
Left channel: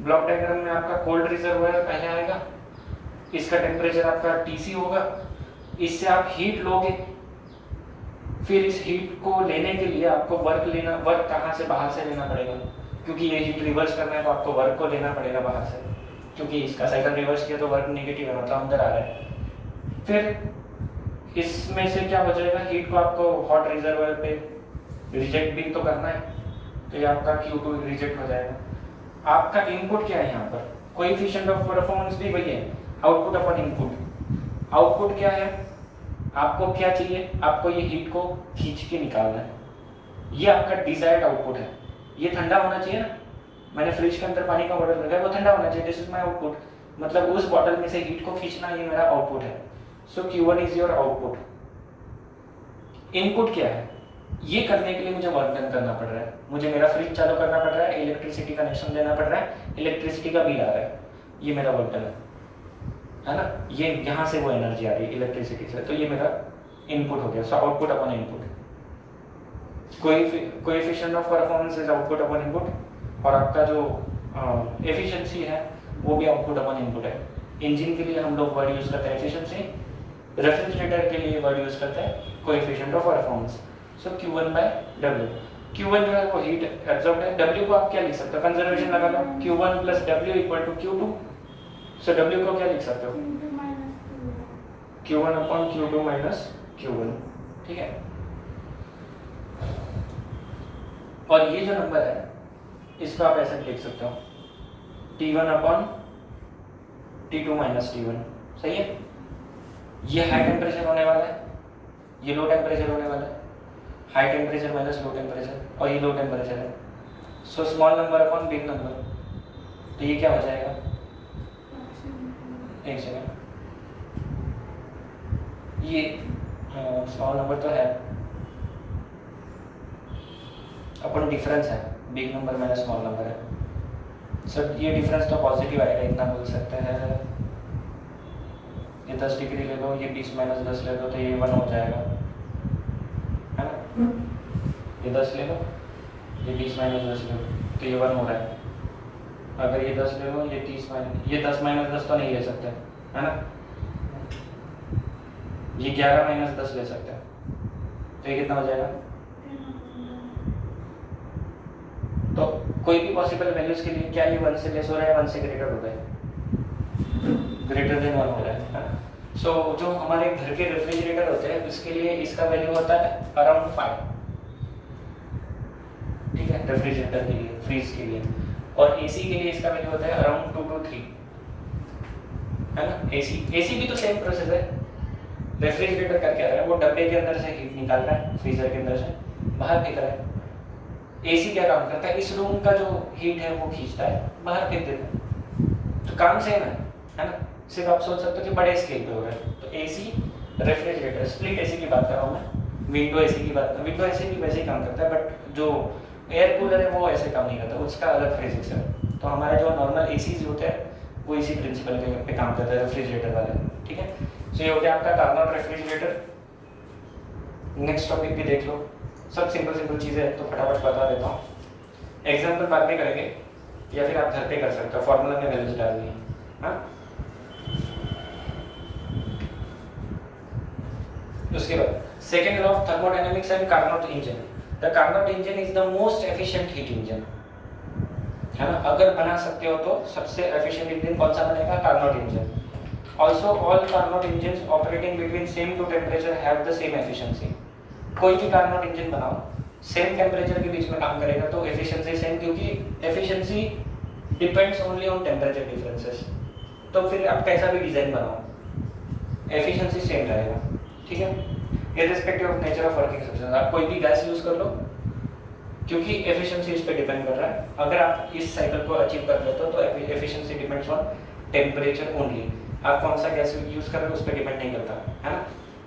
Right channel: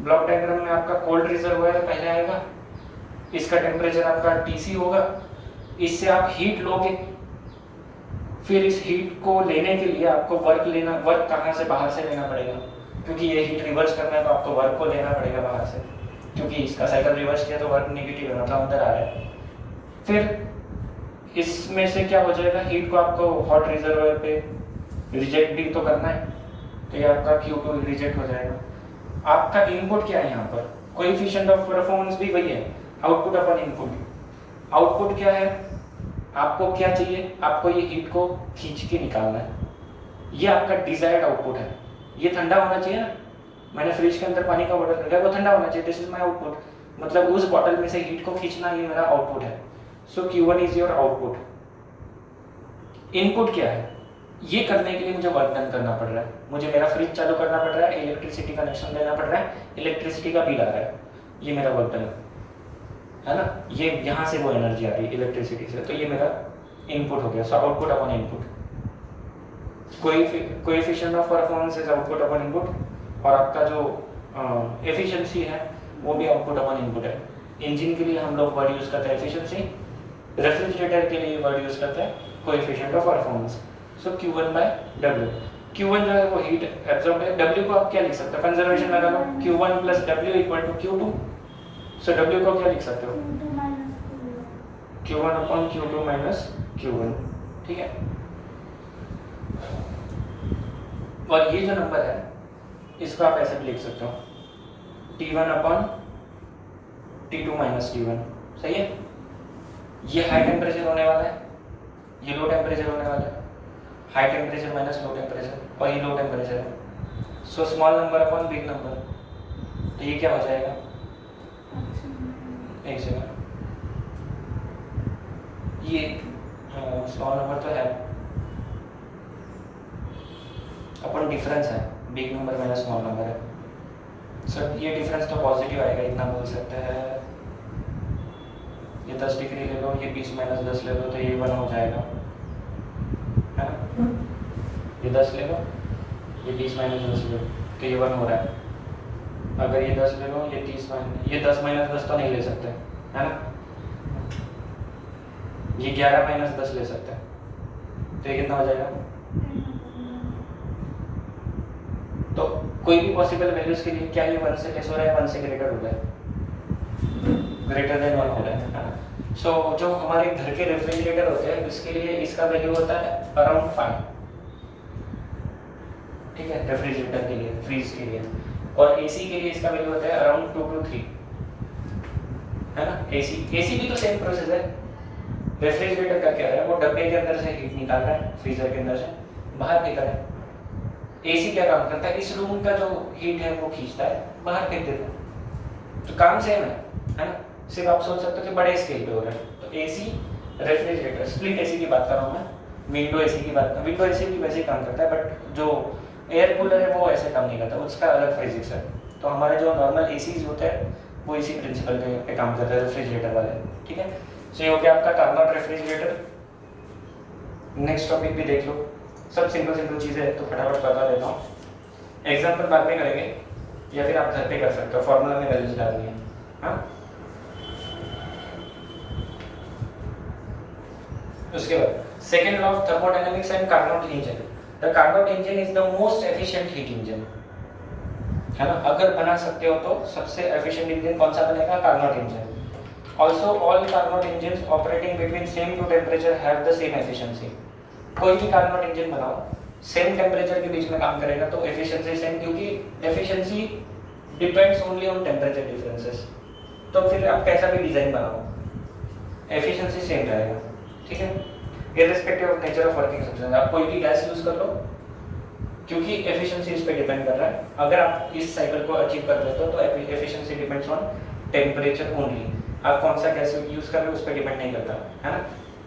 ब्लॉक डायग्राम में आपका कोल्ड रिजर्वायर पहले आएगा, इसका टेम्परेचर आपका TC होगा, इससे आप हीट लोगे, फिर इस हीट को लेने के लिए आपको वर्क कहाँ से? बाहर से लेना पड़ेगा, क्योंकि ये हीट रिवर्स करना है तो आपको वर्क को लेना पड़ेगा बाहर से, क्योंकि इसका साइकिल रिवर्स किया तो वर्क नेगेटिव है, मतलब अंदर आ रहा है। फिर इसमें से क्या हो जाएगा? हीट को आपको हॉट रिजर्वायर पे रिजेक्ट भी तो करना है, तो ये आपका Q2 रिजेक्ट हो जाएगा। आपका इनपुट क्या है यहाँ पर? कोएफिशिएंट ऑफ परफॉर्मेंस भी वही है, आउटपुट अपॉन इनपुट। आउटपुट क्या है? आपको क्या चाहिए? आपको ये हीट को खींच के निकालना है, ये आपका डिजायर्ड आउटपुट है। ये ठंडा होना चाहिए ना, मैंने फ्रिज के अंदर पानी का बॉटल रखा है, वो ठंडा होना चाहिए, दिस इज माय आउटपुट। मतलब उस बॉटल में से हीट को खींचना, ये मेरा आउटपुट है। सो Q1 is your output. Input क्या है? ये करने के लिए मुझे वर्क डन करना पड़ रहा है, मुझे मेरा फ्रिज चालू करना पड़ रहा है, इलेक्ट्रिसिटी कनेक्शन देना पड़ रहा है, इलेक्ट्रिसिटी का बिल आ रहा है, ये मेरा वर्क डन है ना। ये यहाँ से वो एनर्जी आ रही है इलेक्ट्रिसिटी से, तो ये मेरा इनपुट हो गया। So output upon input, coefficient of performance is output upon input, और आपका जो एफिशिएंसी है वो भी आउटपुट अपॉन इनपुट है। इंजन के लिए हम लोग वर्ड यूज करते हैं एफिशिएंसी, रेफ्रिजरेटर के लिए वर्ड यूज करते हैं coefficient of performance. So Q1/W, Q1 जो है वो हीट एब्जॉर्ब है, W को आप क्या लिख सकते हो? कंजर्वेशन लगा लो, Q1 + W = Q2। सो W को क्या लिख सकते हो? Q1 upon Q2 minus Q1। ठीक है, और ये जो नंबर है इसको आप ऐसे लिख सकते हो, T1 upon T2 minus T1। सही है। ये हाई टेम्परेचर होने वाला है, ये लो टेम्परेचर होने वाला है, high temperature minus low temperature, और ये लो टेम्परेचर है। So small number upon big number, तो ये क्या हो जाएगा? एक सेकंड, ये स्मॉल नंबर तो है अपन डिफरेंस है, big number minus small number है। सर ये डिफरेंस तो पॉजिटिव आएगा, इतना बोल सकते हैं। ये 10 डिग्री ले लो, ये 20 - 10 ले लो, तो ये 1 हो जाएगा, है ना। ये 10 ले लो, ये 20 - 10 ले लो, तो ये 1 हो रहा है। अगर ये 10 ले लो, ये 30 - ये 10 - 10 तो नहीं ले सकते, है ना। ये 11 - 10 ले सकते हैं, तो ये कितना हो जाएगा? तो कोई भी पॉसिबल वैल्यूज के लिए क्या ये 1 से लेस हो रहा है, 1 से ग्रेटर हो रहा है, ग्रेटर देन 1 हो रहा है ना। सो जो हमारे घर के रेफ्रिजरेटर होते हैं उसके लिए इसका वैल्यू होता है अराउंड 5, ठीक है, रेफ्रिजरेटर के लिए, फ्रीज के लिए। और एसी के लिए इसका वैल्यू होता है अराउंड 2 to 3, है ना। एसी भी तो सेम प्रोसेस है। रेफ्रिजरेटर का क्या है, वो डब्बे के अंदर से हीट निकाल रहा है, फ्रीजर के अंदर से बाहर फेंक रहा है। एसी क्या काम करता है, इस रूम का जो हीट है वो खींचता है, बाहर फेंक देता है। तो काम सेम है ना। सिर्फ आप सोच सकते हो कि बड़े स्केल पे हो रहा है। तो एसी, रेफ्रिजरेटर, स्प्लिट एसी की बात कर रहा हूँ मैं, विंडो एसी की बात, विंडो एसी भी वैसे ही काम करता है, बट जो एयर कूलर है वो ऐसे काम नहीं करता, उसका अलग फिजिक्स है। तो हमारे जो नॉर्मल एसीज होते हैं वो इसी प्रिंसिपल पे काम करता है, रेफ्रिजरेटर वाले, ठीक है। सो ये हो गया आपका कार्नोट रेफ्रिजरेटर। नेक्स्ट टॉपिक भी देख लो, सब सिंपल सिंपल चीज़ें हैं तो फटाफट बता देता हूँ। एग्जाम्पल बाद में करेंगे या फिर आप घर पे कर सकते हो, फॉर्मूला में वैल्यूज डाल दिए। हाँ, उसके बाद second law of thermodynamics and Carnot engine. The Carnot engine is the most efficient heat engine, है ना। अगर बना सकते हो तो सबसे एफिशिएंट इंजन कौन सा बनेगा, Carnot engine. Also all Carnot engine operating between same two temperature have the same efficiency. कोई भी कार्नोट इंजन बनाओ सेम टेम्परेचर के बीच में काम करेगा तो एफिशिएंसी सेम, क्योंकि efficiency depends only on temperature differences. तो फिर आप कैसा भी डिजाइन बनाओ एफिशिएंसी सेम रहेगा, ठीक है, irrespective of nature of working substance. आप कोई भी गैस यूज कर लो क्योंकि एफिशिएंसी उस पर डिपेंड कर रहा है। अगर आप इस साइकिल को अचीव कर लेते हो तो efficiency depends on temperature only. आप कौन सा गैस यूज कर रहे हो उस पर डिपेंड नहीं करता, है ना।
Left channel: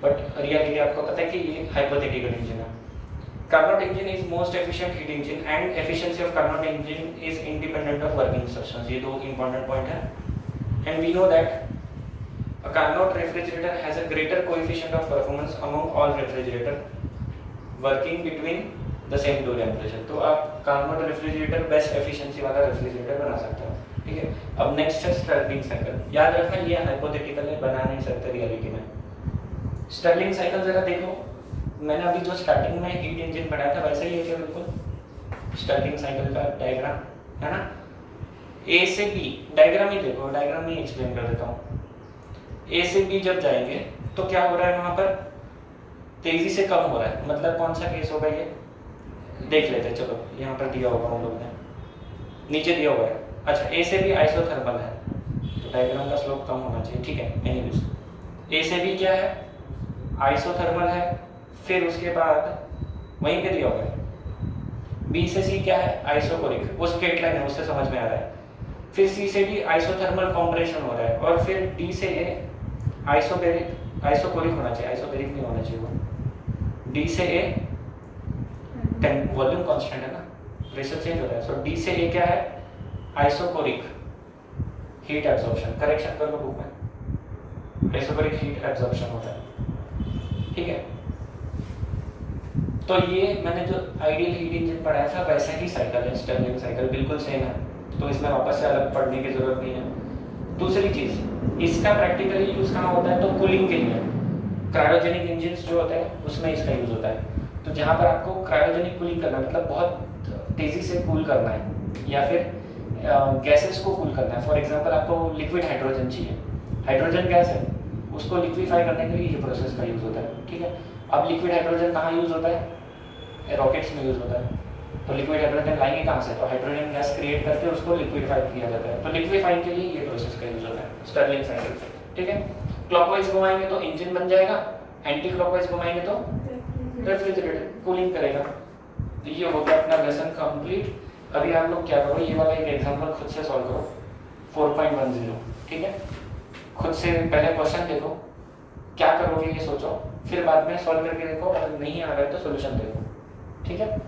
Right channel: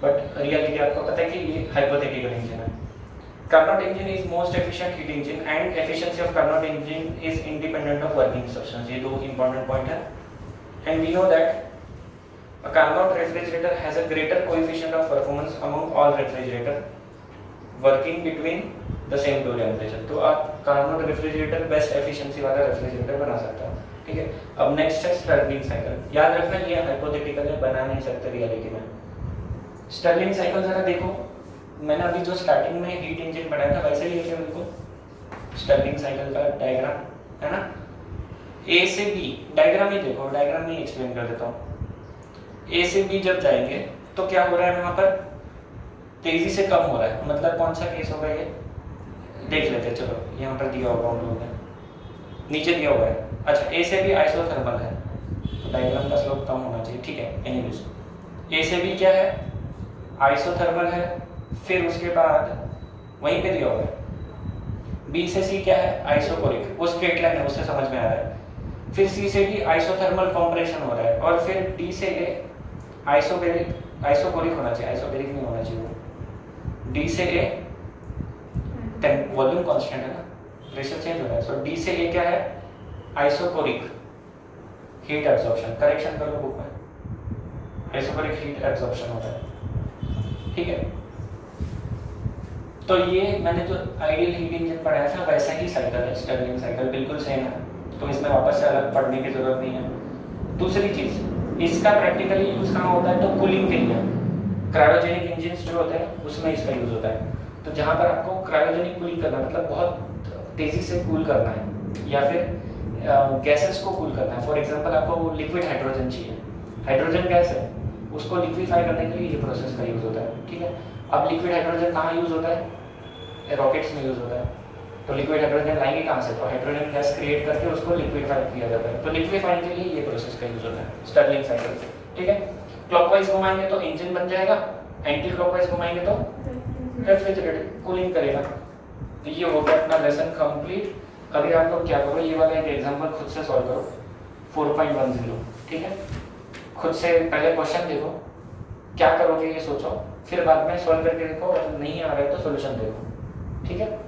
बट रियलिटी आपको पता है कि ये हाइपोथेटिकल इंजन है। Carnot engine is most efficient heat engine and efficiency of Carnot engine is independent of working substance. ये दो इंपॉर्टेंट पॉइंट है। And we know that a Carnot refrigerator has a greater coefficient of performance among all refrigerator working between the same two temperature। तो आप Carnot refrigerator best efficiency वाला refrigerator बना सकते हो, ठीक है। अब नेक्स्ट है स्टर्लिंग साइकिल। याद रखना ये हाइपोथेटिकल है, बना नहीं सकते रियलिटी में। स्टर्लिंग साइकिल जरा देखो, मैंने अभी जो स्टार्टिंग में हीट इंजन बनाया था वैसे ही है बिल्कुल स्टर्लिंग साइकिल का डायग्राम, है ना। ए से बी डायग्राम ही देखो, डायग्राम में एक्सप्लेन कर देता हूँ। ए से बी जब जाएंगे तो क्या हो रहा है, वहां पर तेजी से कम हो रहा है। मतलब कौन सा केस होगा ये देख लेते हैं। चलो यहाँ पर दिया होगा उन लोगों ने, नीचे दिया हुआ है। अच्छा, ए से बी आइसोथर्मल है तो डायग्राम का स्लोप कम होना चाहिए, ठीक है। एनीवेज ए से बी क्या है, आइसोथर्मल है। फिर उसके बाद वहीं पे दिया हुआ है बी से सी क्या है, आइसोकोरिक। वो स्ट्रेट लाइन है, उससे समझ में आ रहा है। फिर सी से डी आइसोथर्मल कॉम्प्रेशन हो रहा है और फिर डी से ए आइसोकोरिक होना चाहिए, आइसोबेरिक नहीं होना चाहिए वो। डी से ए वॉल्यूम कांस्टेंट है ना, प्रेशर चेंज हो रहा है। सो डी से ए क्या है, आइसोकोरिक हीट एब्जॉर्प्शन। करेक्शन कर लो बुक में, आइसोकोरिक हीट एब्जॉर्प्शन होता है, ठीक है। तो ये मैंने जो आइडियल हीट इंजन पढ़ाया था वैसा ही साइकिल है, स्टर्लिंग साइकिल बिल्कुल सेम है। तो इसमें वापस से अलग पढ़ने की जरूरत नहीं है। दूसरी चीज, इसका प्रैक्टिकली यूज कहाँ होता है, तो कूलिंग के लिए। क्रायोजेनिक इंजन जो होते हैं उसमें इसका यूज होता है। तो जहाँ पर आपको क्रायोजेनिक कूलिंग करना मतलब बहुत तेजी से कूल करना है या फिर गैसेस को कूल करना है। फॉर एग्जाम्पल आपको लिक्विड हाइड्रोजन चाहिए, हाइड्रोजन गैस है, उसको लिक्विफाई करने के लिए ये प्रोसेस का यूज होता है, ठीक है। अब लिक्विड हाइड्रोजन कहाँ यूज होता है, रॉकेट्स में यूज होता है। तो लिक्विड हाइड्रोजन लाएंगे कहाँ से, तो हाइड्रोजन गैस क्रिएट करके उसको लिक्विफाई किया जाता है। तो लिक्विफाइंग के लिए ये प्रोसेस का यूज होता है स्टर्लिंग साइकिल, ठीक है। क्लॉकवाइज घुमाएंगे तो इंजन बन जाएगा, एंटी क्लॉकवाइज घुमाएंगे तो रेफ्रिजरेटर कूलिंग करेगा। तो ये हो गया अपना लेसन कंप्लीट। अभी आप लोग क्या करो, ये वाला एक एग्जांपल खुद से सॉल्व करो 4.10, ठीक है। खुद से पहले क्वेश्चन देखो, क्या करोगे ये सोचो, फिर बाद में सॉल्व करके देखो, अगर नहीं आ रहा है तो सोल्यूशन देखो, ठीक है।